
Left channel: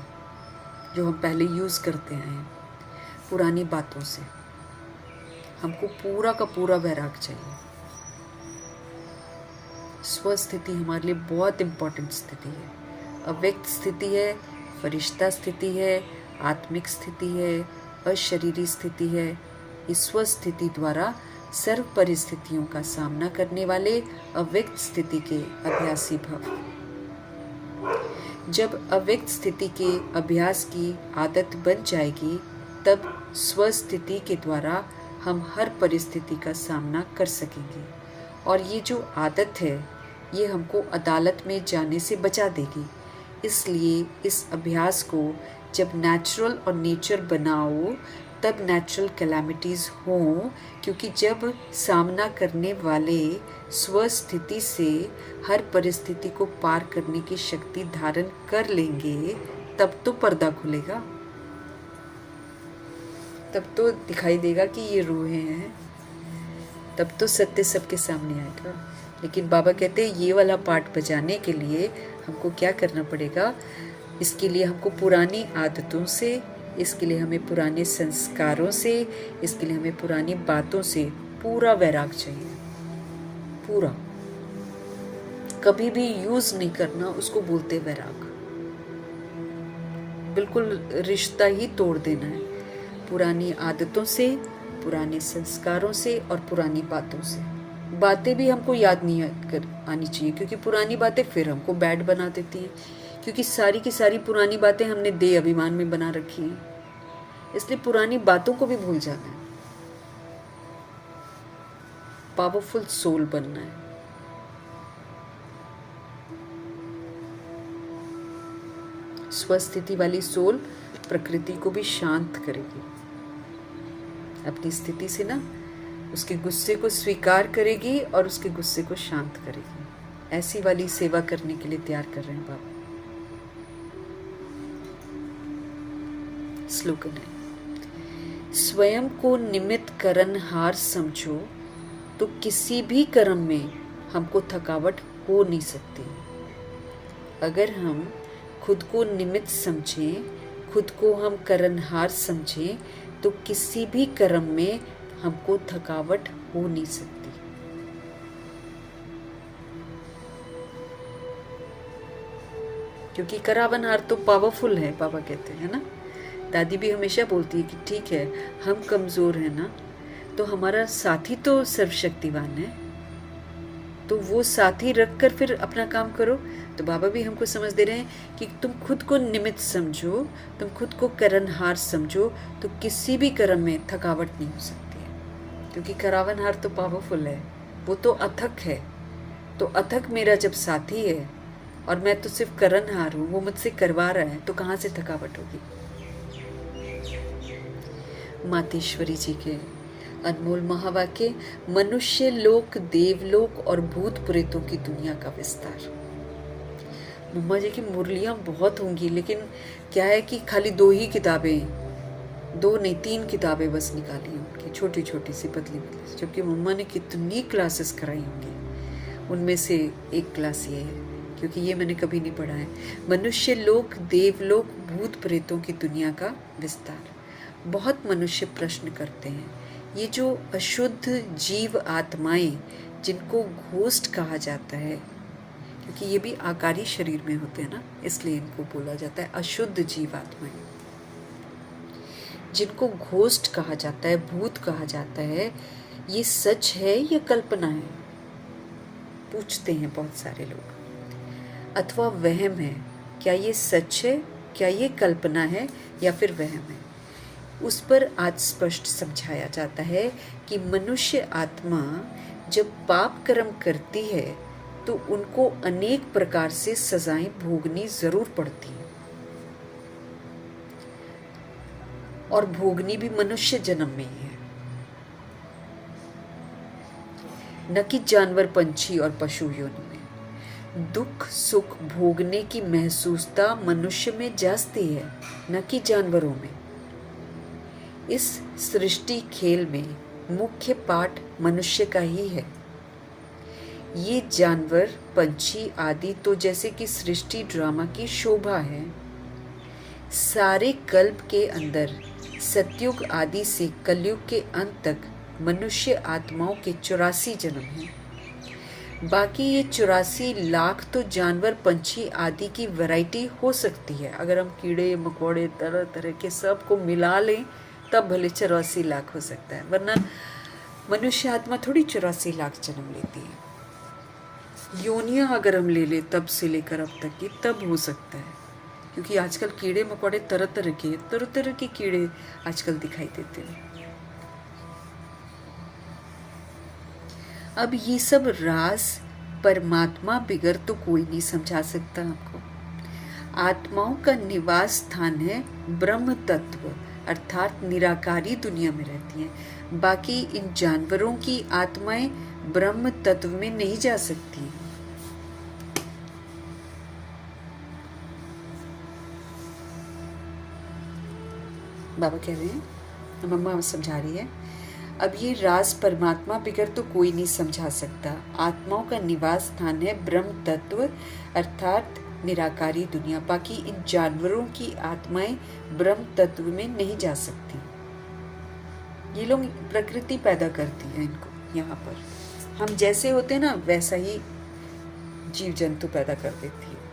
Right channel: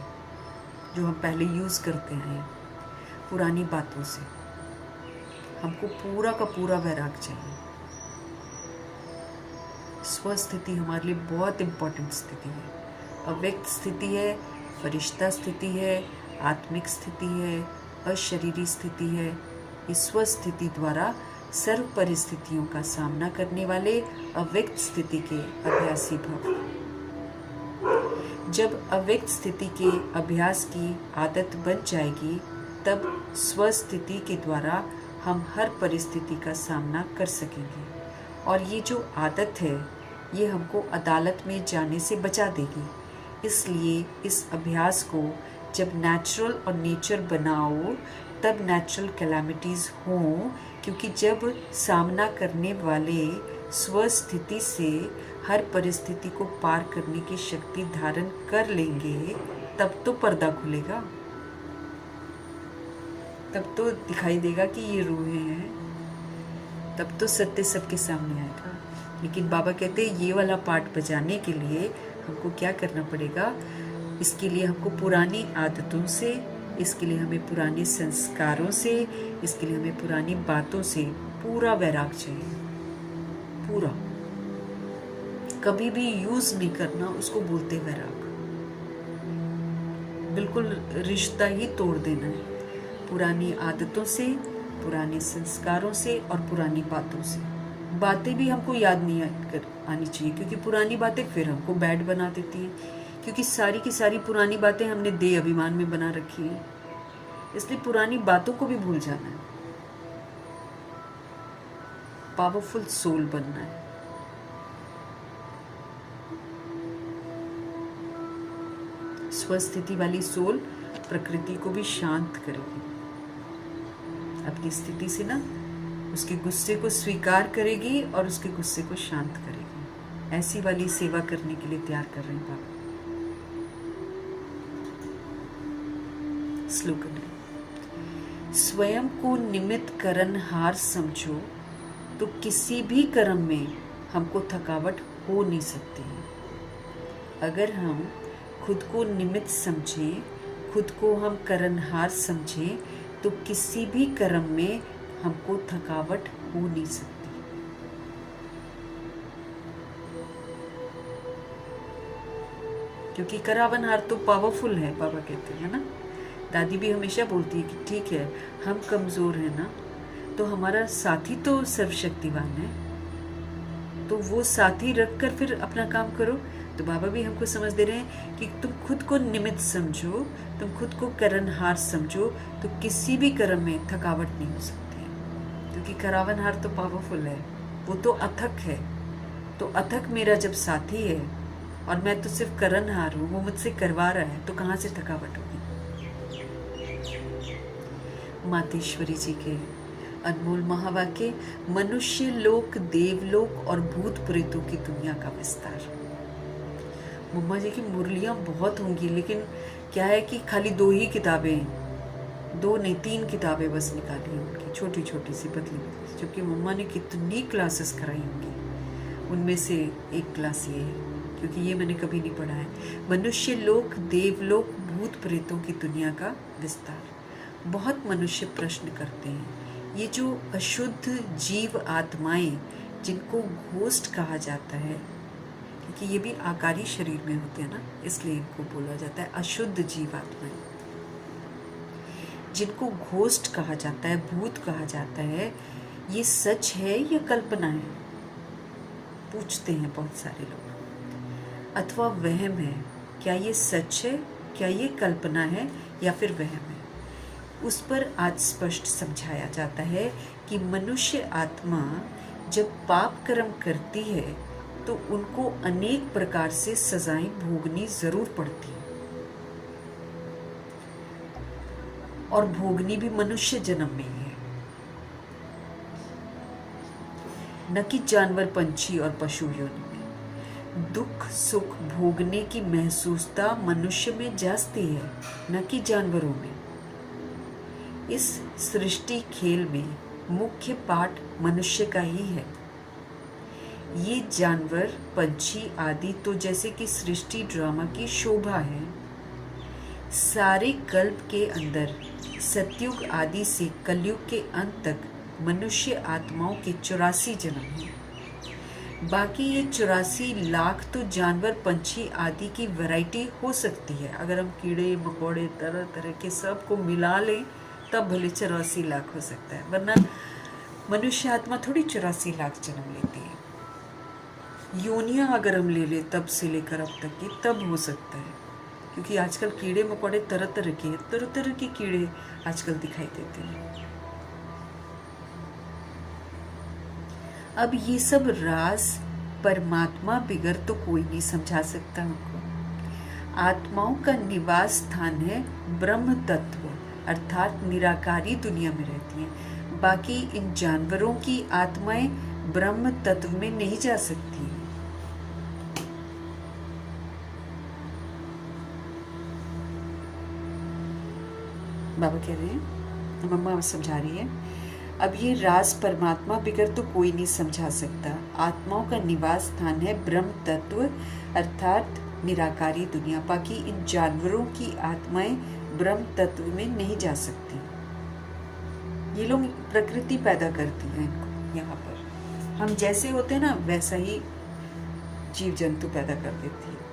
जो हम पहले यूज़ करते आए हैं, पुरानी बातों से हमको पूरा का पूरा वैराग चाहिए। स्वस्थिति हमारे लिए बहुत इम्पोर्टेंट स्थिति है। अव्यक्त स्थिति है, फरिश्ता स्थिति है, आत्मिक स्थिति है, अशरीरी स्थिति है। इस स्वस्थिति द्वारा सर्व परिस्थितियों का सामना करने वाले अव्यक्त स्थिति के अभ्यासी भव। जब अव्यक्त स्थिति के अभ्यास की आदत बन जाएगी, तब स्वस्थिति के द्वारा हम हर परिस्थिति का सामना कर सकेंगे। और ये जो आदत है, ये हमको अदालत में जाने से बचा देगी। इसलिए इस अभ्यास को जब नेचुरल और नेचर बनाओ, तब नेचुरल कैलामिटीज़ हों, क्योंकि जब सामना करने वाले स्वस्थिति से हर परिस्थिति को पार करने की शक्ति धारण कर लेंगे, तब तो पर्दा खुलेगा, तब तो दिखाई देगा कि ये रूहें हैं, तब तो सत्य सबके सामने आएगा। लेकिन बाबा कहते हैं ये वाला पार्ट बजाने के लिए हमको क्या करना पड़ेगा? इसके लिए हमको पुरानी आदतों से, इसके लिए हमें पुराने संस्कारों से, इसके लिए हमें पुरानी बातों से पूरा वैराग चाहिए। पूरा, कभी भी यूज़ नहीं करना, उसको बोलते वैराग। बिल्कुल रिश्ता ही तोड़ देना है पुरानी आदतों से, पुराने संस्कारों से और पुरानी बातों से। बातें भी हमको याद नहीं आनी चाहिए, क्योंकि पुरानी बातें फिर हमको बैड बना देती हैं, क्योंकि सारी की सारी पुरानी बातें हमने देह अभिमान में बना रखी हैं। इसलिए पुरानी बातों को भी भूल जाना है, पावरफुल सोल बनना है। स्वस्थिति वाली सोल प्रकृति को भी शांत करेगी, अपनी स्थिति से ना उसके गुस्से को स्वीकार करेगी और उसके गुस्से को शांत करेगी। ऐसी वाली सेवा करने के लिए तैयार कर रहे हैं बाबा। स्लोगन है, स्वयं को निमित्त करनहार समझो, तो किसी भी कर्म में हमको थकावट हो नहीं सकती। अगर हम खुद को निमित्त समझें, खुद को हम करनहार समझें, तो किसी भी कर्म में हमको थकावट हो नहीं सकती। क्योंकि करावनहार तो पावरफुल है, बाबा कहते हैं ना। दादी भी हमेशा बोलती है कि ठीक है, हम कमज़ोर हैं ना, तो हमारा साथी तो सर्वशक्तिवान है, तो वो साथी रख कर फिर अपना काम करो। तो बाबा भी हमको समझ दे रहे हैं कि तुम खुद को निमित्त समझो, तुम खुद को करनहार समझो, तो किसी भी कर्म में थकावट नहीं हो सकती है। क्योंकि करावनहार तो पावरफुल है, वो तो अथक है। तो अथक मेरा जब साथी है और मैं तो सिर्फ करनहार हूँ, वो मुझसे करवा रहा है, तो कहाँ से थकावट होगी। मातेश्वरी जी के अनमोल महावाक्य, मनुष्य लोक, देवलोक और भूत प्रेतों की दुनिया का विस्तार। मम्मा जी की मुरलियाँ बहुत होंगी, लेकिन क्या है कि खाली 2 ही किताबें, 2 नहीं 3 किताबें बस निकाली हैं उनकी, छोटी छोटी सी पतली पतली, जबकि मम्मा ने कितनी क्लासेस कराई होंगी। उनमें से एक क्लास ये है, क्योंकि ये मैंने कभी नहीं पढ़ा है। मनुष्य लोक, देवलोक, भूत प्रेतों की दुनिया का विस्तार। बहुत मनुष्य प्रश्न करते हैं, ये जो अशुद्ध जीव आत्माएं जिनको घोस्ट कहा जाता है, क्योंकि ये भी आकारी शरीर में होते हैं ना, इसलिए इनको बोला जाता है अशुद्ध जीव आत्माएं, जिनको घोस्ट कहा जाता है, भूत कहा जाता है, ये सच है या कल्पना है, पूछते हैं बहुत सारे लोग। अथवा वहम है, क्या ये सच है, क्या ये कल्पना है या फिर वहम है। उस पर आज स्पष्ट समझाया जाता है कि मनुष्य आत्मा जब पाप कर्म करती है तो उनको अनेक प्रकार से सजाएं भोगनी जरूर पड़ती हैं, और भोगनी भी मनुष्य जन्म में ही है, न कि जानवर, पंछी और पशु योनि में। दुख सुख भोगने की महसूसता मनुष्य में जास्ती है, न कि जानवरों में। इस सृष्टि खेल में मुख्य पाठ मनुष्य का ही है। ये जानवर, पंछी आदि तो जैसे कि सृष्टि ड्रामा की शोभा है। सारे कल्प के अंदर सतयुग आदि से कलयुग के अंत तक मनुष्य आत्माओं के 84 जन्म हैं। बाकी ये 84 लाख तो जानवर, पंछी आदि की वैरायटी हो सकती है। अगर हम कीड़े मकोड़े तरह तरह के सब को मिला लें तब भले 84 लाख हो सकता है, वरना मनुष्य आत्मा थोड़ी 84 लाख जन्म लेती है। योनियां अगर हम ले लें तब से लेकर अब तक की, तब हो सकता है, क्योंकि आजकल कीड़े मकोड़े तरह तरह के कीड़े आजकल दिखाई देते हैं। अब ये सब राज परमात्मा बिगर तो कोई नहीं समझा सकता हमको। आत्माओं का निवास स्थान है ब्रह्म तत्व, अर्थात निराकारी दुनिया में रहती हैं। बाकी इन जानवरों की आत्माएं ब्रह्म तत्व में नहीं जा सकती। बाबा कह रहे हैं, मम्मा समझा रही है, अब ये राज परमात्मा बिगर तो कोई नहीं समझा सकता। आत्माओं का निवास स्थान है ब्रह्म तत्व अर्थात निराकारी दुनिया। बाकी इन जानवरों की आत्माएं ब्रह्म तत्व में नहीं जा सकती। ये लोग प्रकृति पैदा करती है इनको, यहाँ पर हम जैसे होते हैं ना वैसा ही जीव जंतु पैदा कर देती है।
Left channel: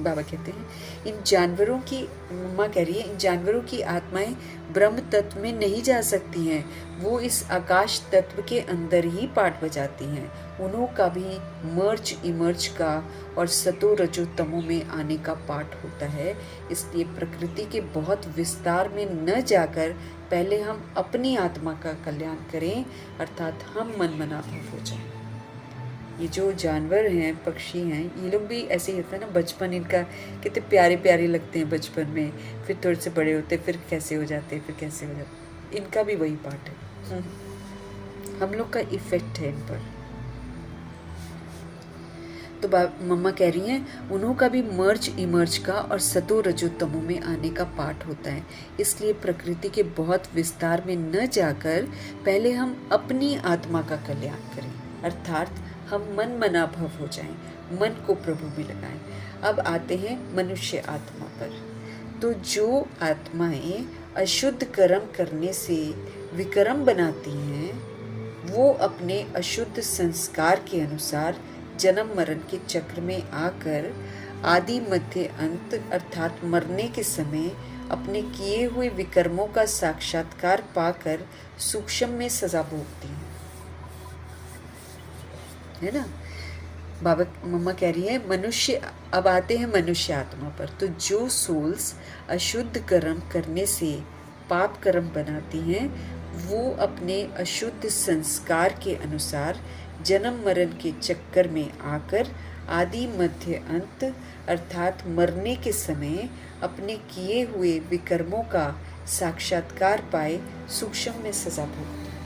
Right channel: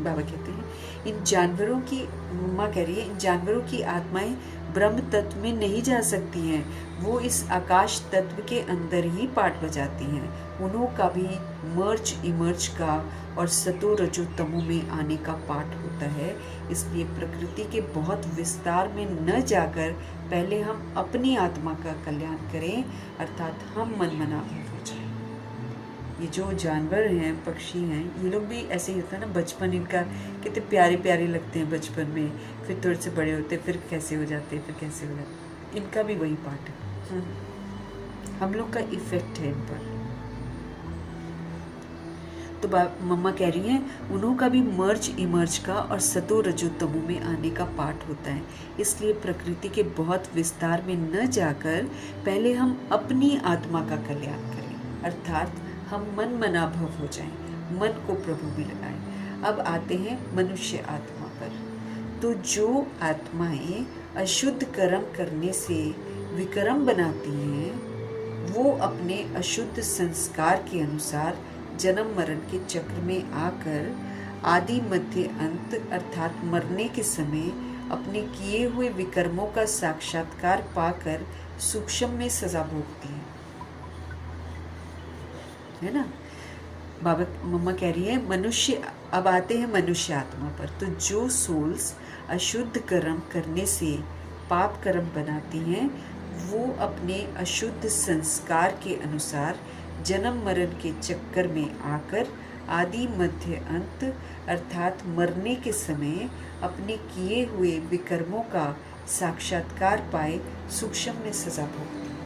बाबा कहते हैं इन जानवरों की, मम्मा कह रही है, इन जानवरों की आत्माएं ब्रह्म तत्व में नहीं जा सकती हैं। वो इस आकाश तत्व के अंदर ही पाठ बजाती हैं। उन्हों का भी मर्ज इमर्ज का और सतो रजो तमो में आने का पाठ होता है। इसलिए प्रकृति के बहुत विस्तार में न जाकर पहले हम अपनी आत्मा का कल्याण करें, अर्थात हम मनमनाभव हो जाएं। ये जो जानवर हैं, पक्षी हैं, ये लोग भी ऐसे ही होता है ना, बचपन इनका कितने प्यारे प्यारे लगते हैं बचपन में, फिर थोड़े से बड़े होते फिर कैसे हो जाते, फिर कैसे हो जाते। इनका भी वही पार्ट है, हम लोग का इफेक्ट है इन पर। तो मम्मा कह रही हैं उन्हों का भी मर्ज इमर्ज का और सतो रजो तमो में आने का पाठ होता है। इसलिए प्रकृति के बहुत विस्तार में न जाकर पहले हम अपनी आत्मा का कल्याण करें, अर्थात हम मन मनाभव हो जाएं, मन को प्रभु में लगाएं। अब आते हैं मनुष्य आत्मा पर। तो जो आत्माएं अशुद्ध कर्म करने से विकर्म बनाती हैं, वो अपने अशुद्ध संस्कार के अनुसार जन्म मरण के चक्र में आकर आदि मध्य अंत अर्थात मरने के समय अपने किए हुए विकर्मों का साक्षात्कार पाकर सूक्ष्म में सजा भोगती है ना। बाबा मम्मा कह रही है मनुष्य, अब आते हैं मनुष्य आत्मा पर। तो जो सोल्स अशुद्ध कर्म करने से पाप कर्म बनाती हैं, वो अपने अशुद्ध संस्कार के अनुसार जन्म मरण के चक्कर में आकर आदि मध्य अंत अर्थात मरने के समय अपने किए हुए विकर्मों का साक्षात्कार पाए सूक्ष्म में सजा भोगती हैं।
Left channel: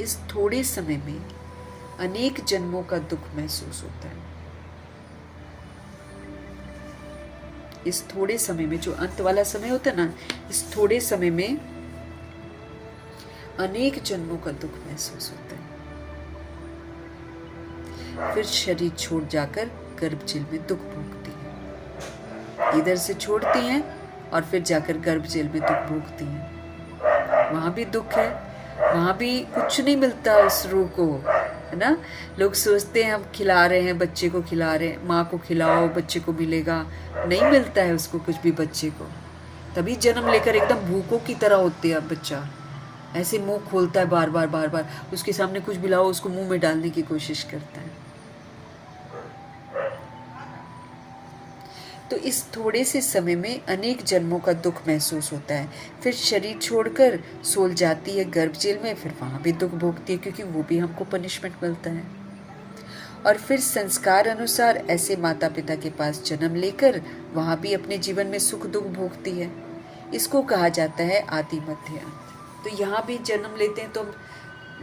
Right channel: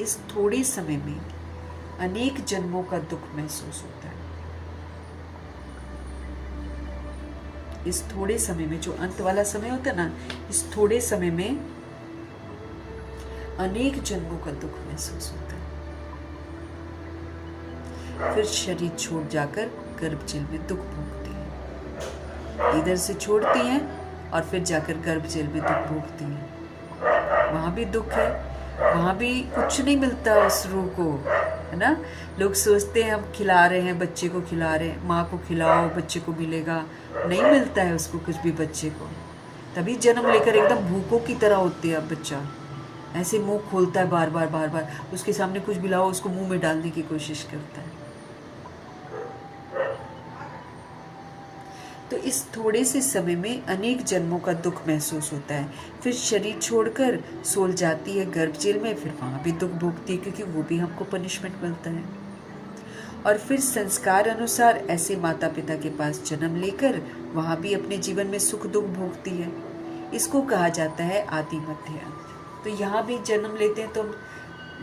इस थोड़े समय में अनेक जन्मों का दुख महसूस होता है। इस थोड़े समय में, जो अंत वाला समय होता है ना, इस थोड़े समय में अनेक जन्मों का दुख महसूस होता है। फिर शरीर छोड़ जाकर गर्भ जेल में दुख भोगती है। इधर से छोड़ती हैं और फिर जाकर गर्भ जेल में दुख भोगती हैं। वहां भी दुख है, वहां भी कुछ नहीं मिलता उस रूह को, है ना। लोग सोचते हैं हम खिला रहे हैं, बच्चे को खिला रहे हैं, माँ को खिलाओ बच्चे को मिलेगा, नहीं मिलता है उसको कुछ भी बच्चे को। तभी जन्म लेकर एकदम भूखों की तरह होते हैं। अब बच्चा ऐसे मुंह खोलता है बार बार बार बार, उसके सामने कुछ भी लाओ उसको मुंह में डालने की कोशिश करता है। तो इस थोड़े से समय में अनेक जन्मों का दुख महसूस होता है। फिर शरीर छोड़कर सोल जाती है गर्भ जेल में, फिर वहां भी दुख भोगती है, क्योंकि वो भी हमको पनिशमेंट मिलता है। और फिर संस्कार अनुसार ऐसे माता पिता के पास जन्म लेकर वहां भी अपने जीवन में सुख दुख भोगती है। इसको कहा जाता है आदि मध्य अंत। तो यहाँ भी जन्म लेते हैं तो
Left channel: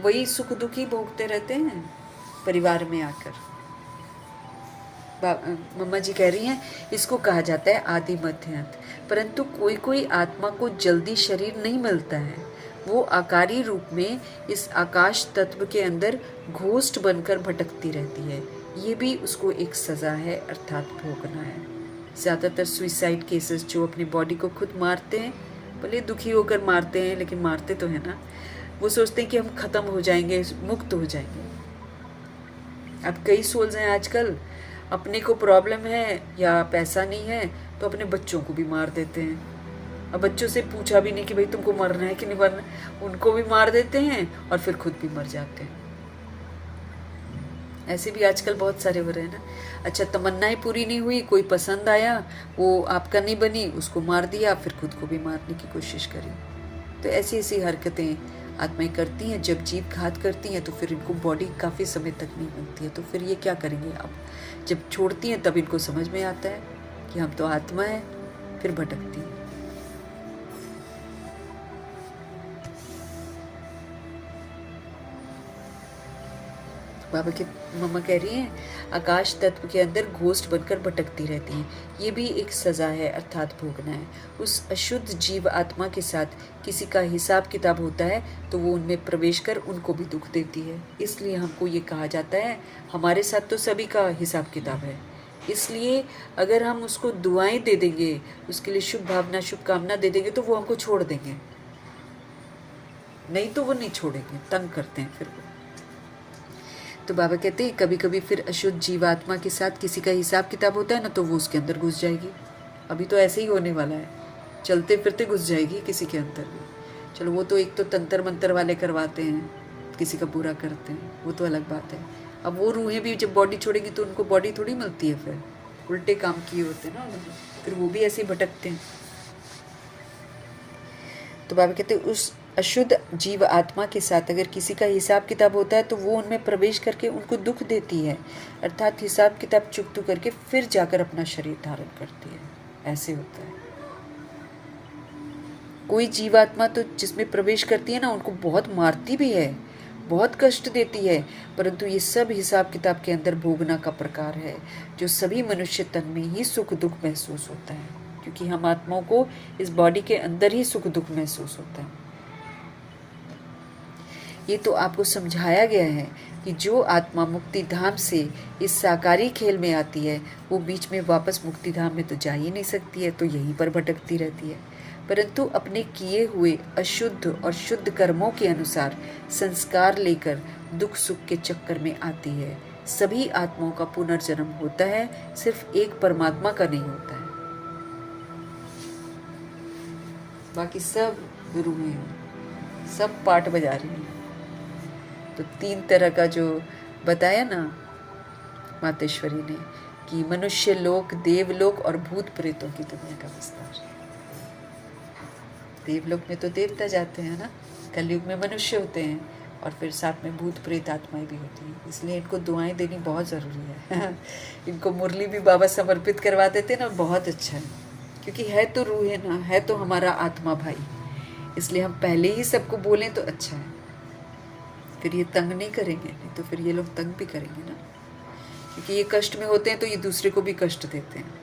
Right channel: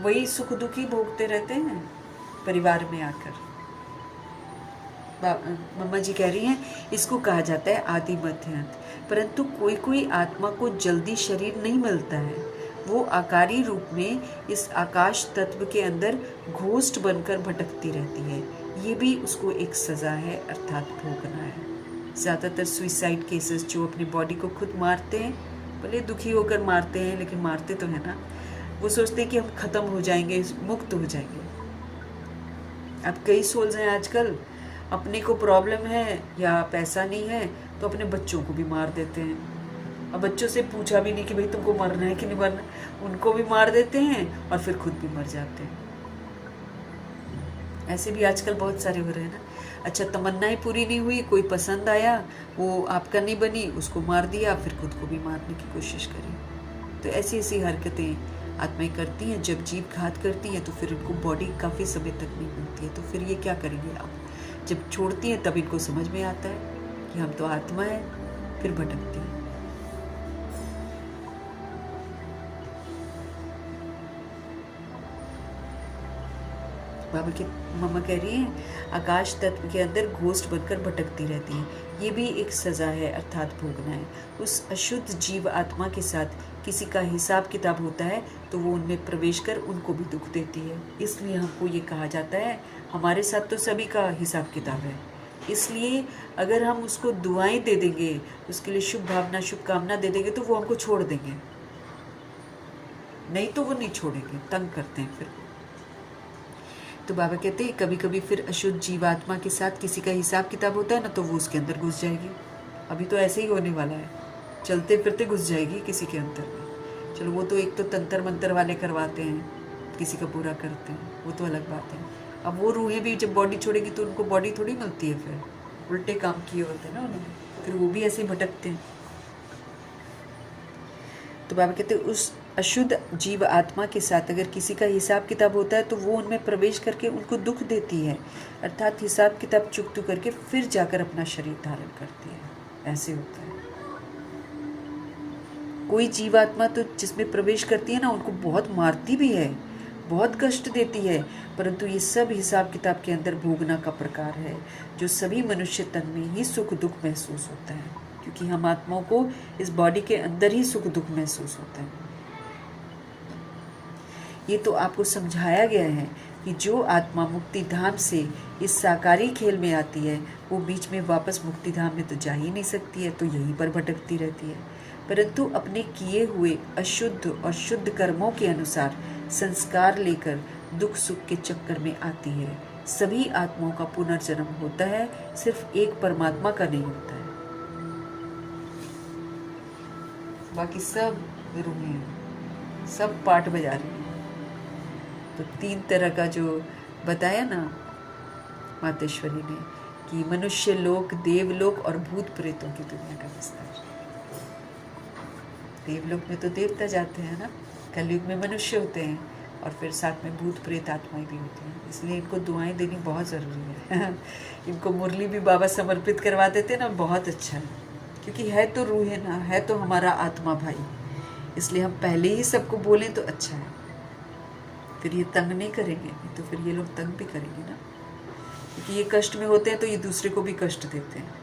वही सुख दुख ही भोगते रहते हैं परिवार में आकर। मम्मा जी कह रही हैं इसको कहा जाता है आदि मध्य अंत। परंतु कोई कोई आत्मा को जल्दी शरीर नहीं मिलता है, वो आकारी रूप में इस आकाश तत्व के अंदर घोस्ट बनकर भटकती रहती है। ये भी उसको एक सजा है, अर्थात भोगना है। ज़्यादातर सुइसाइड केसेस जो अपनी बॉडी को खुद मारते हैं, भले दुखी होकर मारते हैं लेकिन मारते तो है ना, वो सोचते हैं कि हम ख़त्म हो जाएंगे, मुक्त हो जाएंगे। अब कई सोल्स हैं आजकल, अपने को प्रॉब्लम है या पैसा नहीं है तो अपने बच्चों को भी मार देते हैं। अब बच्चों से पूछा भी नहीं कि भाई तुमको मरना है कि नहीं मरना, उनको भी मार देते हैं और फिर खुद भी मर जाते हैं। ऐसे भी आजकल बहुत सारे हो रहे हैं ना। अच्छा, तमन्नाएं पूरी नहीं हुई, कोई पसंद आया, वो आपका नहीं बनी, उसको मार दिया, फिर खुद को भी मारने की कोशिश करी। तो ऐसी ऐसी हरकतें आत्माएं करती हैं। जब जीव घात करती हैं तो फिर इनको बॉडी काफ़ी समय तक नहीं मिलती है, तो फिर ये क्या करेंगे। अब जब छोड़ती हैं तब इनको समझ में आता है कि हम तो आत्मा है, फिर भटकती हैं। बाबा की मम्मा कह रही हैं आकाश तत्व के अंदर घोस्ट बनकर भटकती रहती हैं। ये भी एक सजा है, अर्थात भोगना है। उस अशुद्ध जीव आत्मा के साथ किसी का हिसाब किताब होता है तो वो उनमें प्रवेश कर उनको भी दुख देती है। इसलिए हमको ये कहा जाता है हमारे साथ तो सभी का हिसाब किताब है, इसलिए अगर हम उसको दुआएं दे देंगे, उसके लिए शुभ भावना शुभकामना दे देंगे तो वो हमको छोड़ देंगे, नहीं तो वो नहीं छोड़ेंगे, तंग करते हैं फिर। तो बाबा कहते हैं कभी कभी फिर अशुद्ध जीवात्मा के साथ किसी का हिसाब किताब होता है ना, तो वो उसके अंदर घुस जाएगी। अभी तो ऐसे ही होने वाला है, चलते फिरते घुस जाएगी किसी के अंदर में। चलो वो तो एक तो तंत्र मंत्र वाले करवाते हैं, किसी का पूरा करते हैं, वो तो अलग बात है। अब वो रूहें भी जब बॉडी छोड़ेगी तो उनको बॉडी थोड़ी मिलती है, फिर उल्टे काम किए होते हैं ना उन्होंने, फिर वो भी ऐसे ही भटकते हैं। तो बाबा कहते हैं उस अशुद्ध जीव आत्मा के साथ अगर किसी का हिसाब किताब होता है तो वो उनमें प्रवेश करके उनको दुख देती है, अर्थात हिसाब किताब चुकतू करके फिर जाकर अपना शरीर धारण करती है। ऐसे होता है। कोई जीवात्मा तो जिसमें प्रवेश करती है ना, उनको बहुत मारती भी है, बहुत कष्ट देती है, परंतु ये सब हिसाब किताब के अंदर भोगना का प्रकार है, जो सभी मनुष्य तन में ही सुख दुख महसूस होता है, क्योंकि हम आत्माओं को इस बॉडी के अंदर ही सुख दुख महसूस होता है। ये तो आपको समझाया गया है कि जो आत्मा मुक्ति धाम से इस साकारी खेल में आती है, वो बीच में वापस मुक्ति धाम में तो जा ही नहीं सकती है, तो यहीं पर भटकती रहती है, परंतु अपने किए हुए अशुद्ध और शुद्ध कर्मों के अनुसार संस्कार लेकर दुख सुख के चक्कर में आती है। सभी आत्माओं का पुनर्जन्म होता है, सिर्फ एक परमात्मा का नहीं होता है। बाकी सब गुरु हैं, सब पाठ बजा रही हैं। तो 3 तरह का जो बताया ना मातेश्वरी ने, कि मनुष्य लोक, देवलोक और भूत प्रेतों की दुनिया का विस्तार। देवलोक में तो देवता जाते हैं ना, कलयुग में मनुष्य होते हैं, और फिर साथ में भूत प्रेत आत्माएं भी होती हैं, इसलिए इनको दुआएं देनी बहुत ज़रूरी है। इनको मुरली भी बाबा समर्पित करवा देते हैं ना, बहुत अच्छा है, क्योंकि है तो रूह है ना, है तो हमारा आत्मा भाई, इसलिए हम पहले ही सबको बोलें तो अच्छा है। फिर ये तंग नहीं करेंगे, नहीं तो फिर ये लोग तंग भी करेंगे ना, क्योंकि ये कष्ट में होते हैं तो ये दूसरे को भी कष्ट देते हैं।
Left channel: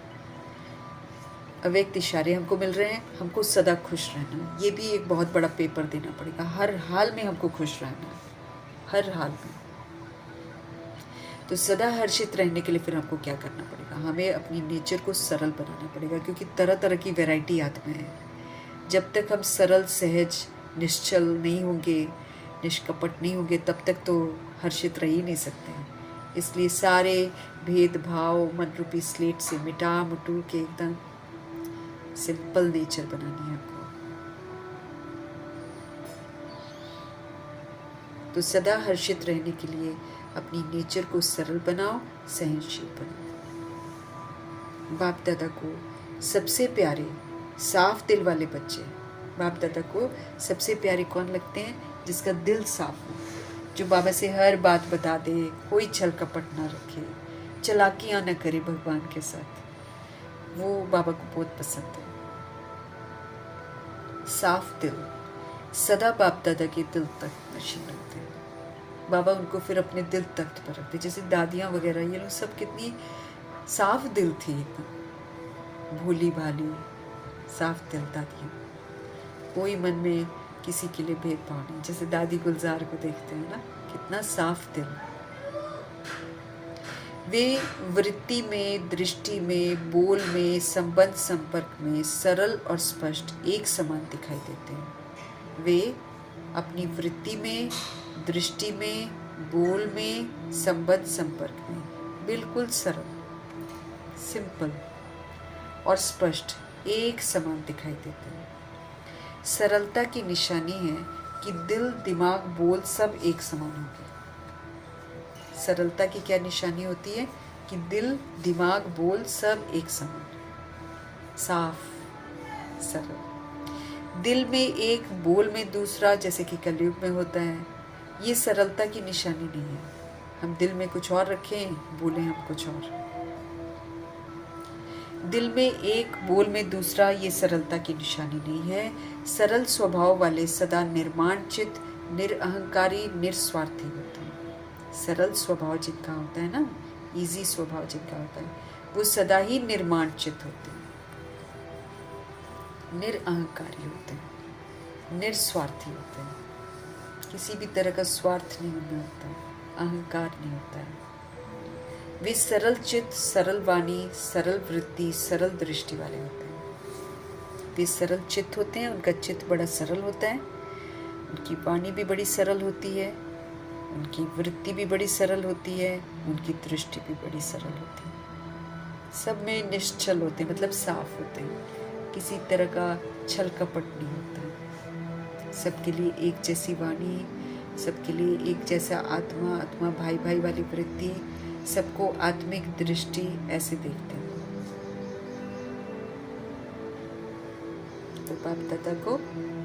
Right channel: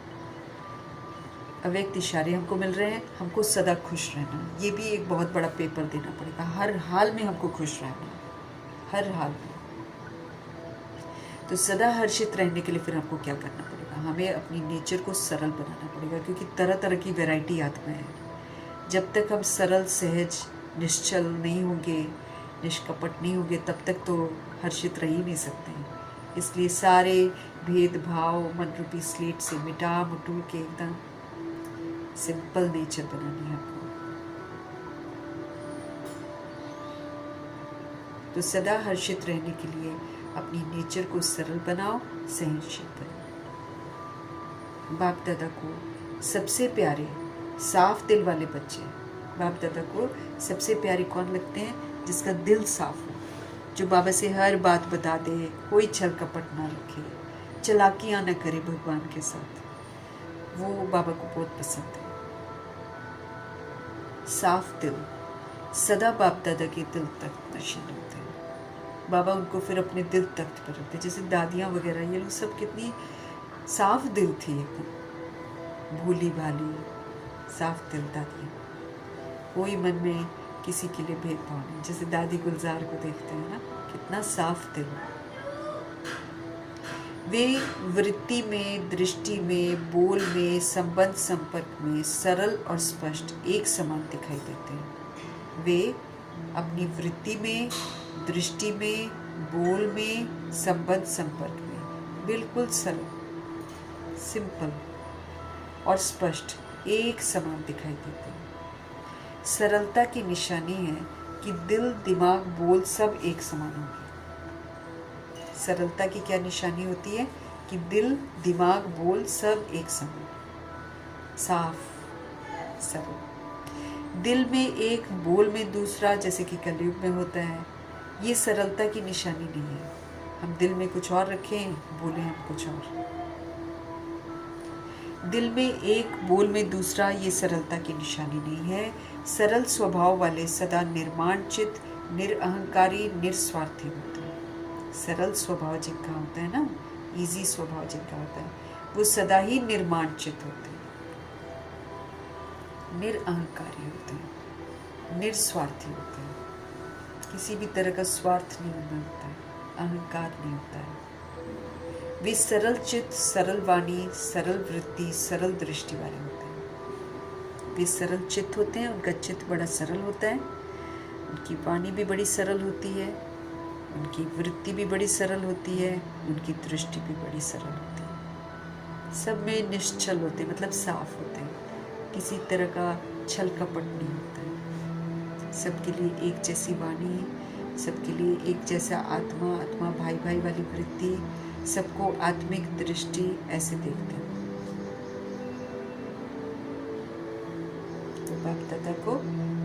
अव्यक्त इशारे हमको मिल रहे हैं, हमको सदा खुश रहना, ये भी एक बहुत बड़ा पेपर देना पड़ेगा। हर हाल में हमको खुश रहना, हर हाल में। तो सदा हर्षित रहने के लिए फिर हमको क्या करना पड़ेगा? हमें अपनी नेचर को सरल बनाना पड़ेगा, क्योंकि तरह तरह की वैरायटी आत्माएं हैं। जब तक हम सरल, सहज, निश्चल नहीं होंगे, निष्कपट नहीं होंगे, तब तक तो हर्षित रह ही नहीं सकते हैं। इसलिए सारे भेदभाव मन रूपी स्लेट से मिटा मुटू के एकदम सिंपल नेचर बनानी है आपको। तो सदा हर्षित रहने के लिए अपनी नेचर को सरल बनाओ, सहनशील बनाओ। बाप दादा को सबसे प्यारे साफ दिल वाले बच्चे, बाप दादा को सबसे प्यारे कौन लगते हैं? जिसका दिल साफ हो, जो बाबा से हर बात बता दे, कोई छल कपट ना रखे, चालाकियां न करे भगवान के साथ, वो बाबा को बहुत पसंद है। साफ दिल सदा बाप दादा के दिल तक नशीन होते हैं। बाबा उनको फिर अपने दिल तख्त पर रखते, जैसे दादियाँ वगैरह, ये लोग सब कितनी साफ दिल थी, एकदम भोली भाली साफ दिल दादियाँ, कोई मन में किसी के लिए भेदभाव नहीं। जैसे दादी गुलजार को देखते हैं ना, कितना साफ दिल। वे वृत्ति में, दृष्टि में, बोल में, संबंध संपर्क में सरल और स्पष्ट एक समान दिखाई देते हैं। वे अपनी वृत्ति में, दृष्टि में, बोल में, संबंध संपर्क में बिल्कुल सरल, सिंपल और स्पष्ट एक समान दिखाई देते हैं। सरलता की निशानी है कि दिल, दिमाग, बोल सब एक समान होंगे। सरलता की क्या निशानी होती है? कि दिल, दिमाग, बोल सब एक समान, साफ, सरल। दिल में एक, बोल में दूसरा, जैसे कि कलयुग में होता है, ये सरलता की निशानी नहीं है। हम दिल में कुछ और रखें, बोले हम कुछ और। दिल में एक, बोल में दूसरा, ये सरलता की निशानी नहीं है। सरल स्वभाव वाले सदा निर्माण चित्त, निरअहंकारी, निस्वार्थी होते हैं। सरल स्वभाव जिनका होता है ना, इजी स्वभाव जिनका होता है, वो सदा ही निर्माण चित्त होते हैं, निरअहंकारी होते हैं, निस्वार्थी होते हैं। किसी भी तरह का स्वार्थ नहीं होता है, अहंकार नहीं होता है। वे सरल चित्त, सरल वाणी, सरल वृत्ति, सरल दृष्टि वाले होते हैं। वे सरल चित्त होते हैं, उनका चित्त बड़ा सरल होता है, उनकी वाणी भी बड़ी सरल होती है, उनकी वृत्ति भी बड़ी सरल होती है, उनकी दृष्टि भी बड़ी सरल होती है। सब में निश्चल होते हैं, मतलब साफ होते हैं, किसी तरह का छल कपट नहीं होता है। सबके लिए एक जैसी वाणी, सबके लिए एक जैसा आत्मा, आत्मा भाई भाई वाली वृत्ति, सबको आत्मिक दृष्टि ऐसे देखते हैं। तो बाप दादा को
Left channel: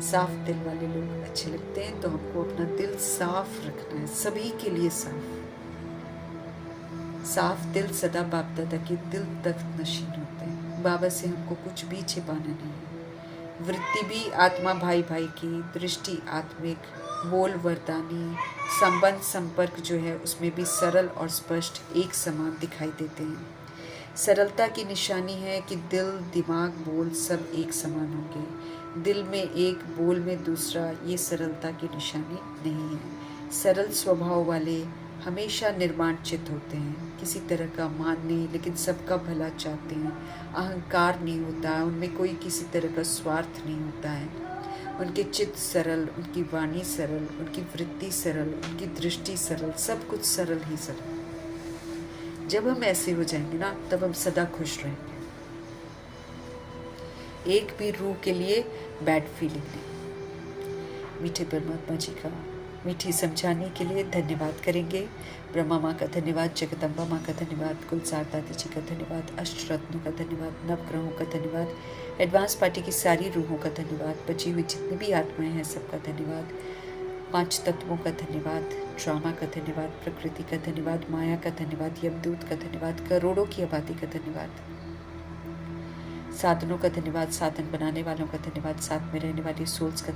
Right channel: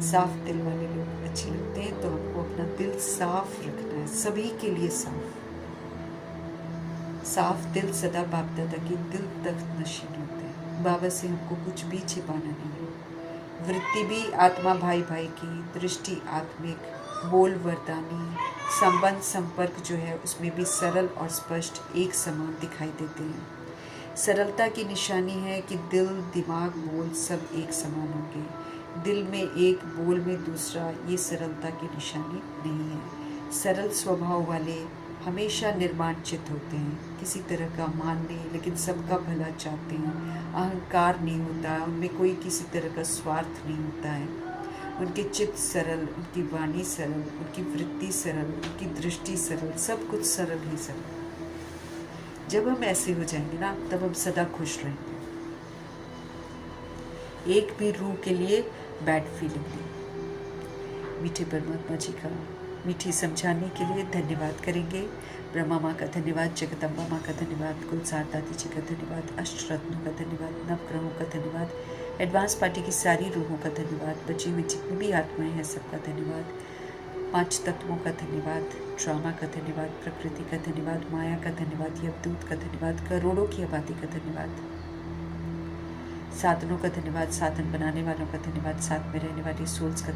साफ दिल वाले लोग अच्छे लगते हैं, तो हमको अपना दिल साफ रखना है, सभी के लिए साफ। साफ दिल सदा बाप दादा के दिल तक नशीन होता है। बाबा से हमको कुछ भी छिपाना नहीं है। वृत्ति भी आत्मा भाई भाई की, दृष्टि आत्मिक, बोल वरदानी, संबंध संपर्क जो है उसमें भी सरल और स्पष्ट एक समान दिखाई देते हैं। सरलता की निशानी है कि दिल, दिमाग, बोल सब एक समान होंगे। दिल में एक, बोल में दूसरा, ये सरलता की निशानी नहीं है। सरल स्वभाव वाले हमेशा निर्माणचित होते हैं, किसी तरह का मान नहीं, लेकिन सबका भला चाहते हैं। अहंकार नहीं होता है उनमें, कोई किसी तरह का स्वार्थ नहीं होता है। उनके चित्त सरल, उनकी वाणी सरल, उनकी वृत्ति सरल, उनकी दृष्टि सरल, सब कुछ सरल ही सरल। जब हम ऐसे हो जाएंगे ना, तब हम सदा खुश रहेंगे। एक भी रूह के लिए बैड फीलिंग नहीं। मीठे परमात्मा जी का मीठी समझाने के लिए धन्यवाद करेंगे। ब्रह्मा माँ का धन्यवाद, जगदम्बा माँ का धन्यवाद, कुलसार दादी जी का धन्यवाद, अष्टरत्नों का धन्यवाद, नवग्रहों का धन्यवाद, एडवांस पार्टी की सारी रूहों का धन्यवाद, बची हुई जितनी भी आत्माएं हैं सबका धन्यवाद, 5 तत्वों का धन्यवाद, ड्रामा का धन्यवाद, प्रकृति का धन्यवाद, माया का धन्यवाद, यमदूत का धन्यवाद, करोड़ों की आबादी का धन्यवाद, साधनों का धन्यवाद, साधन बनाने वालों का धन्यवाद, साथ में रहने वाली सोल्स का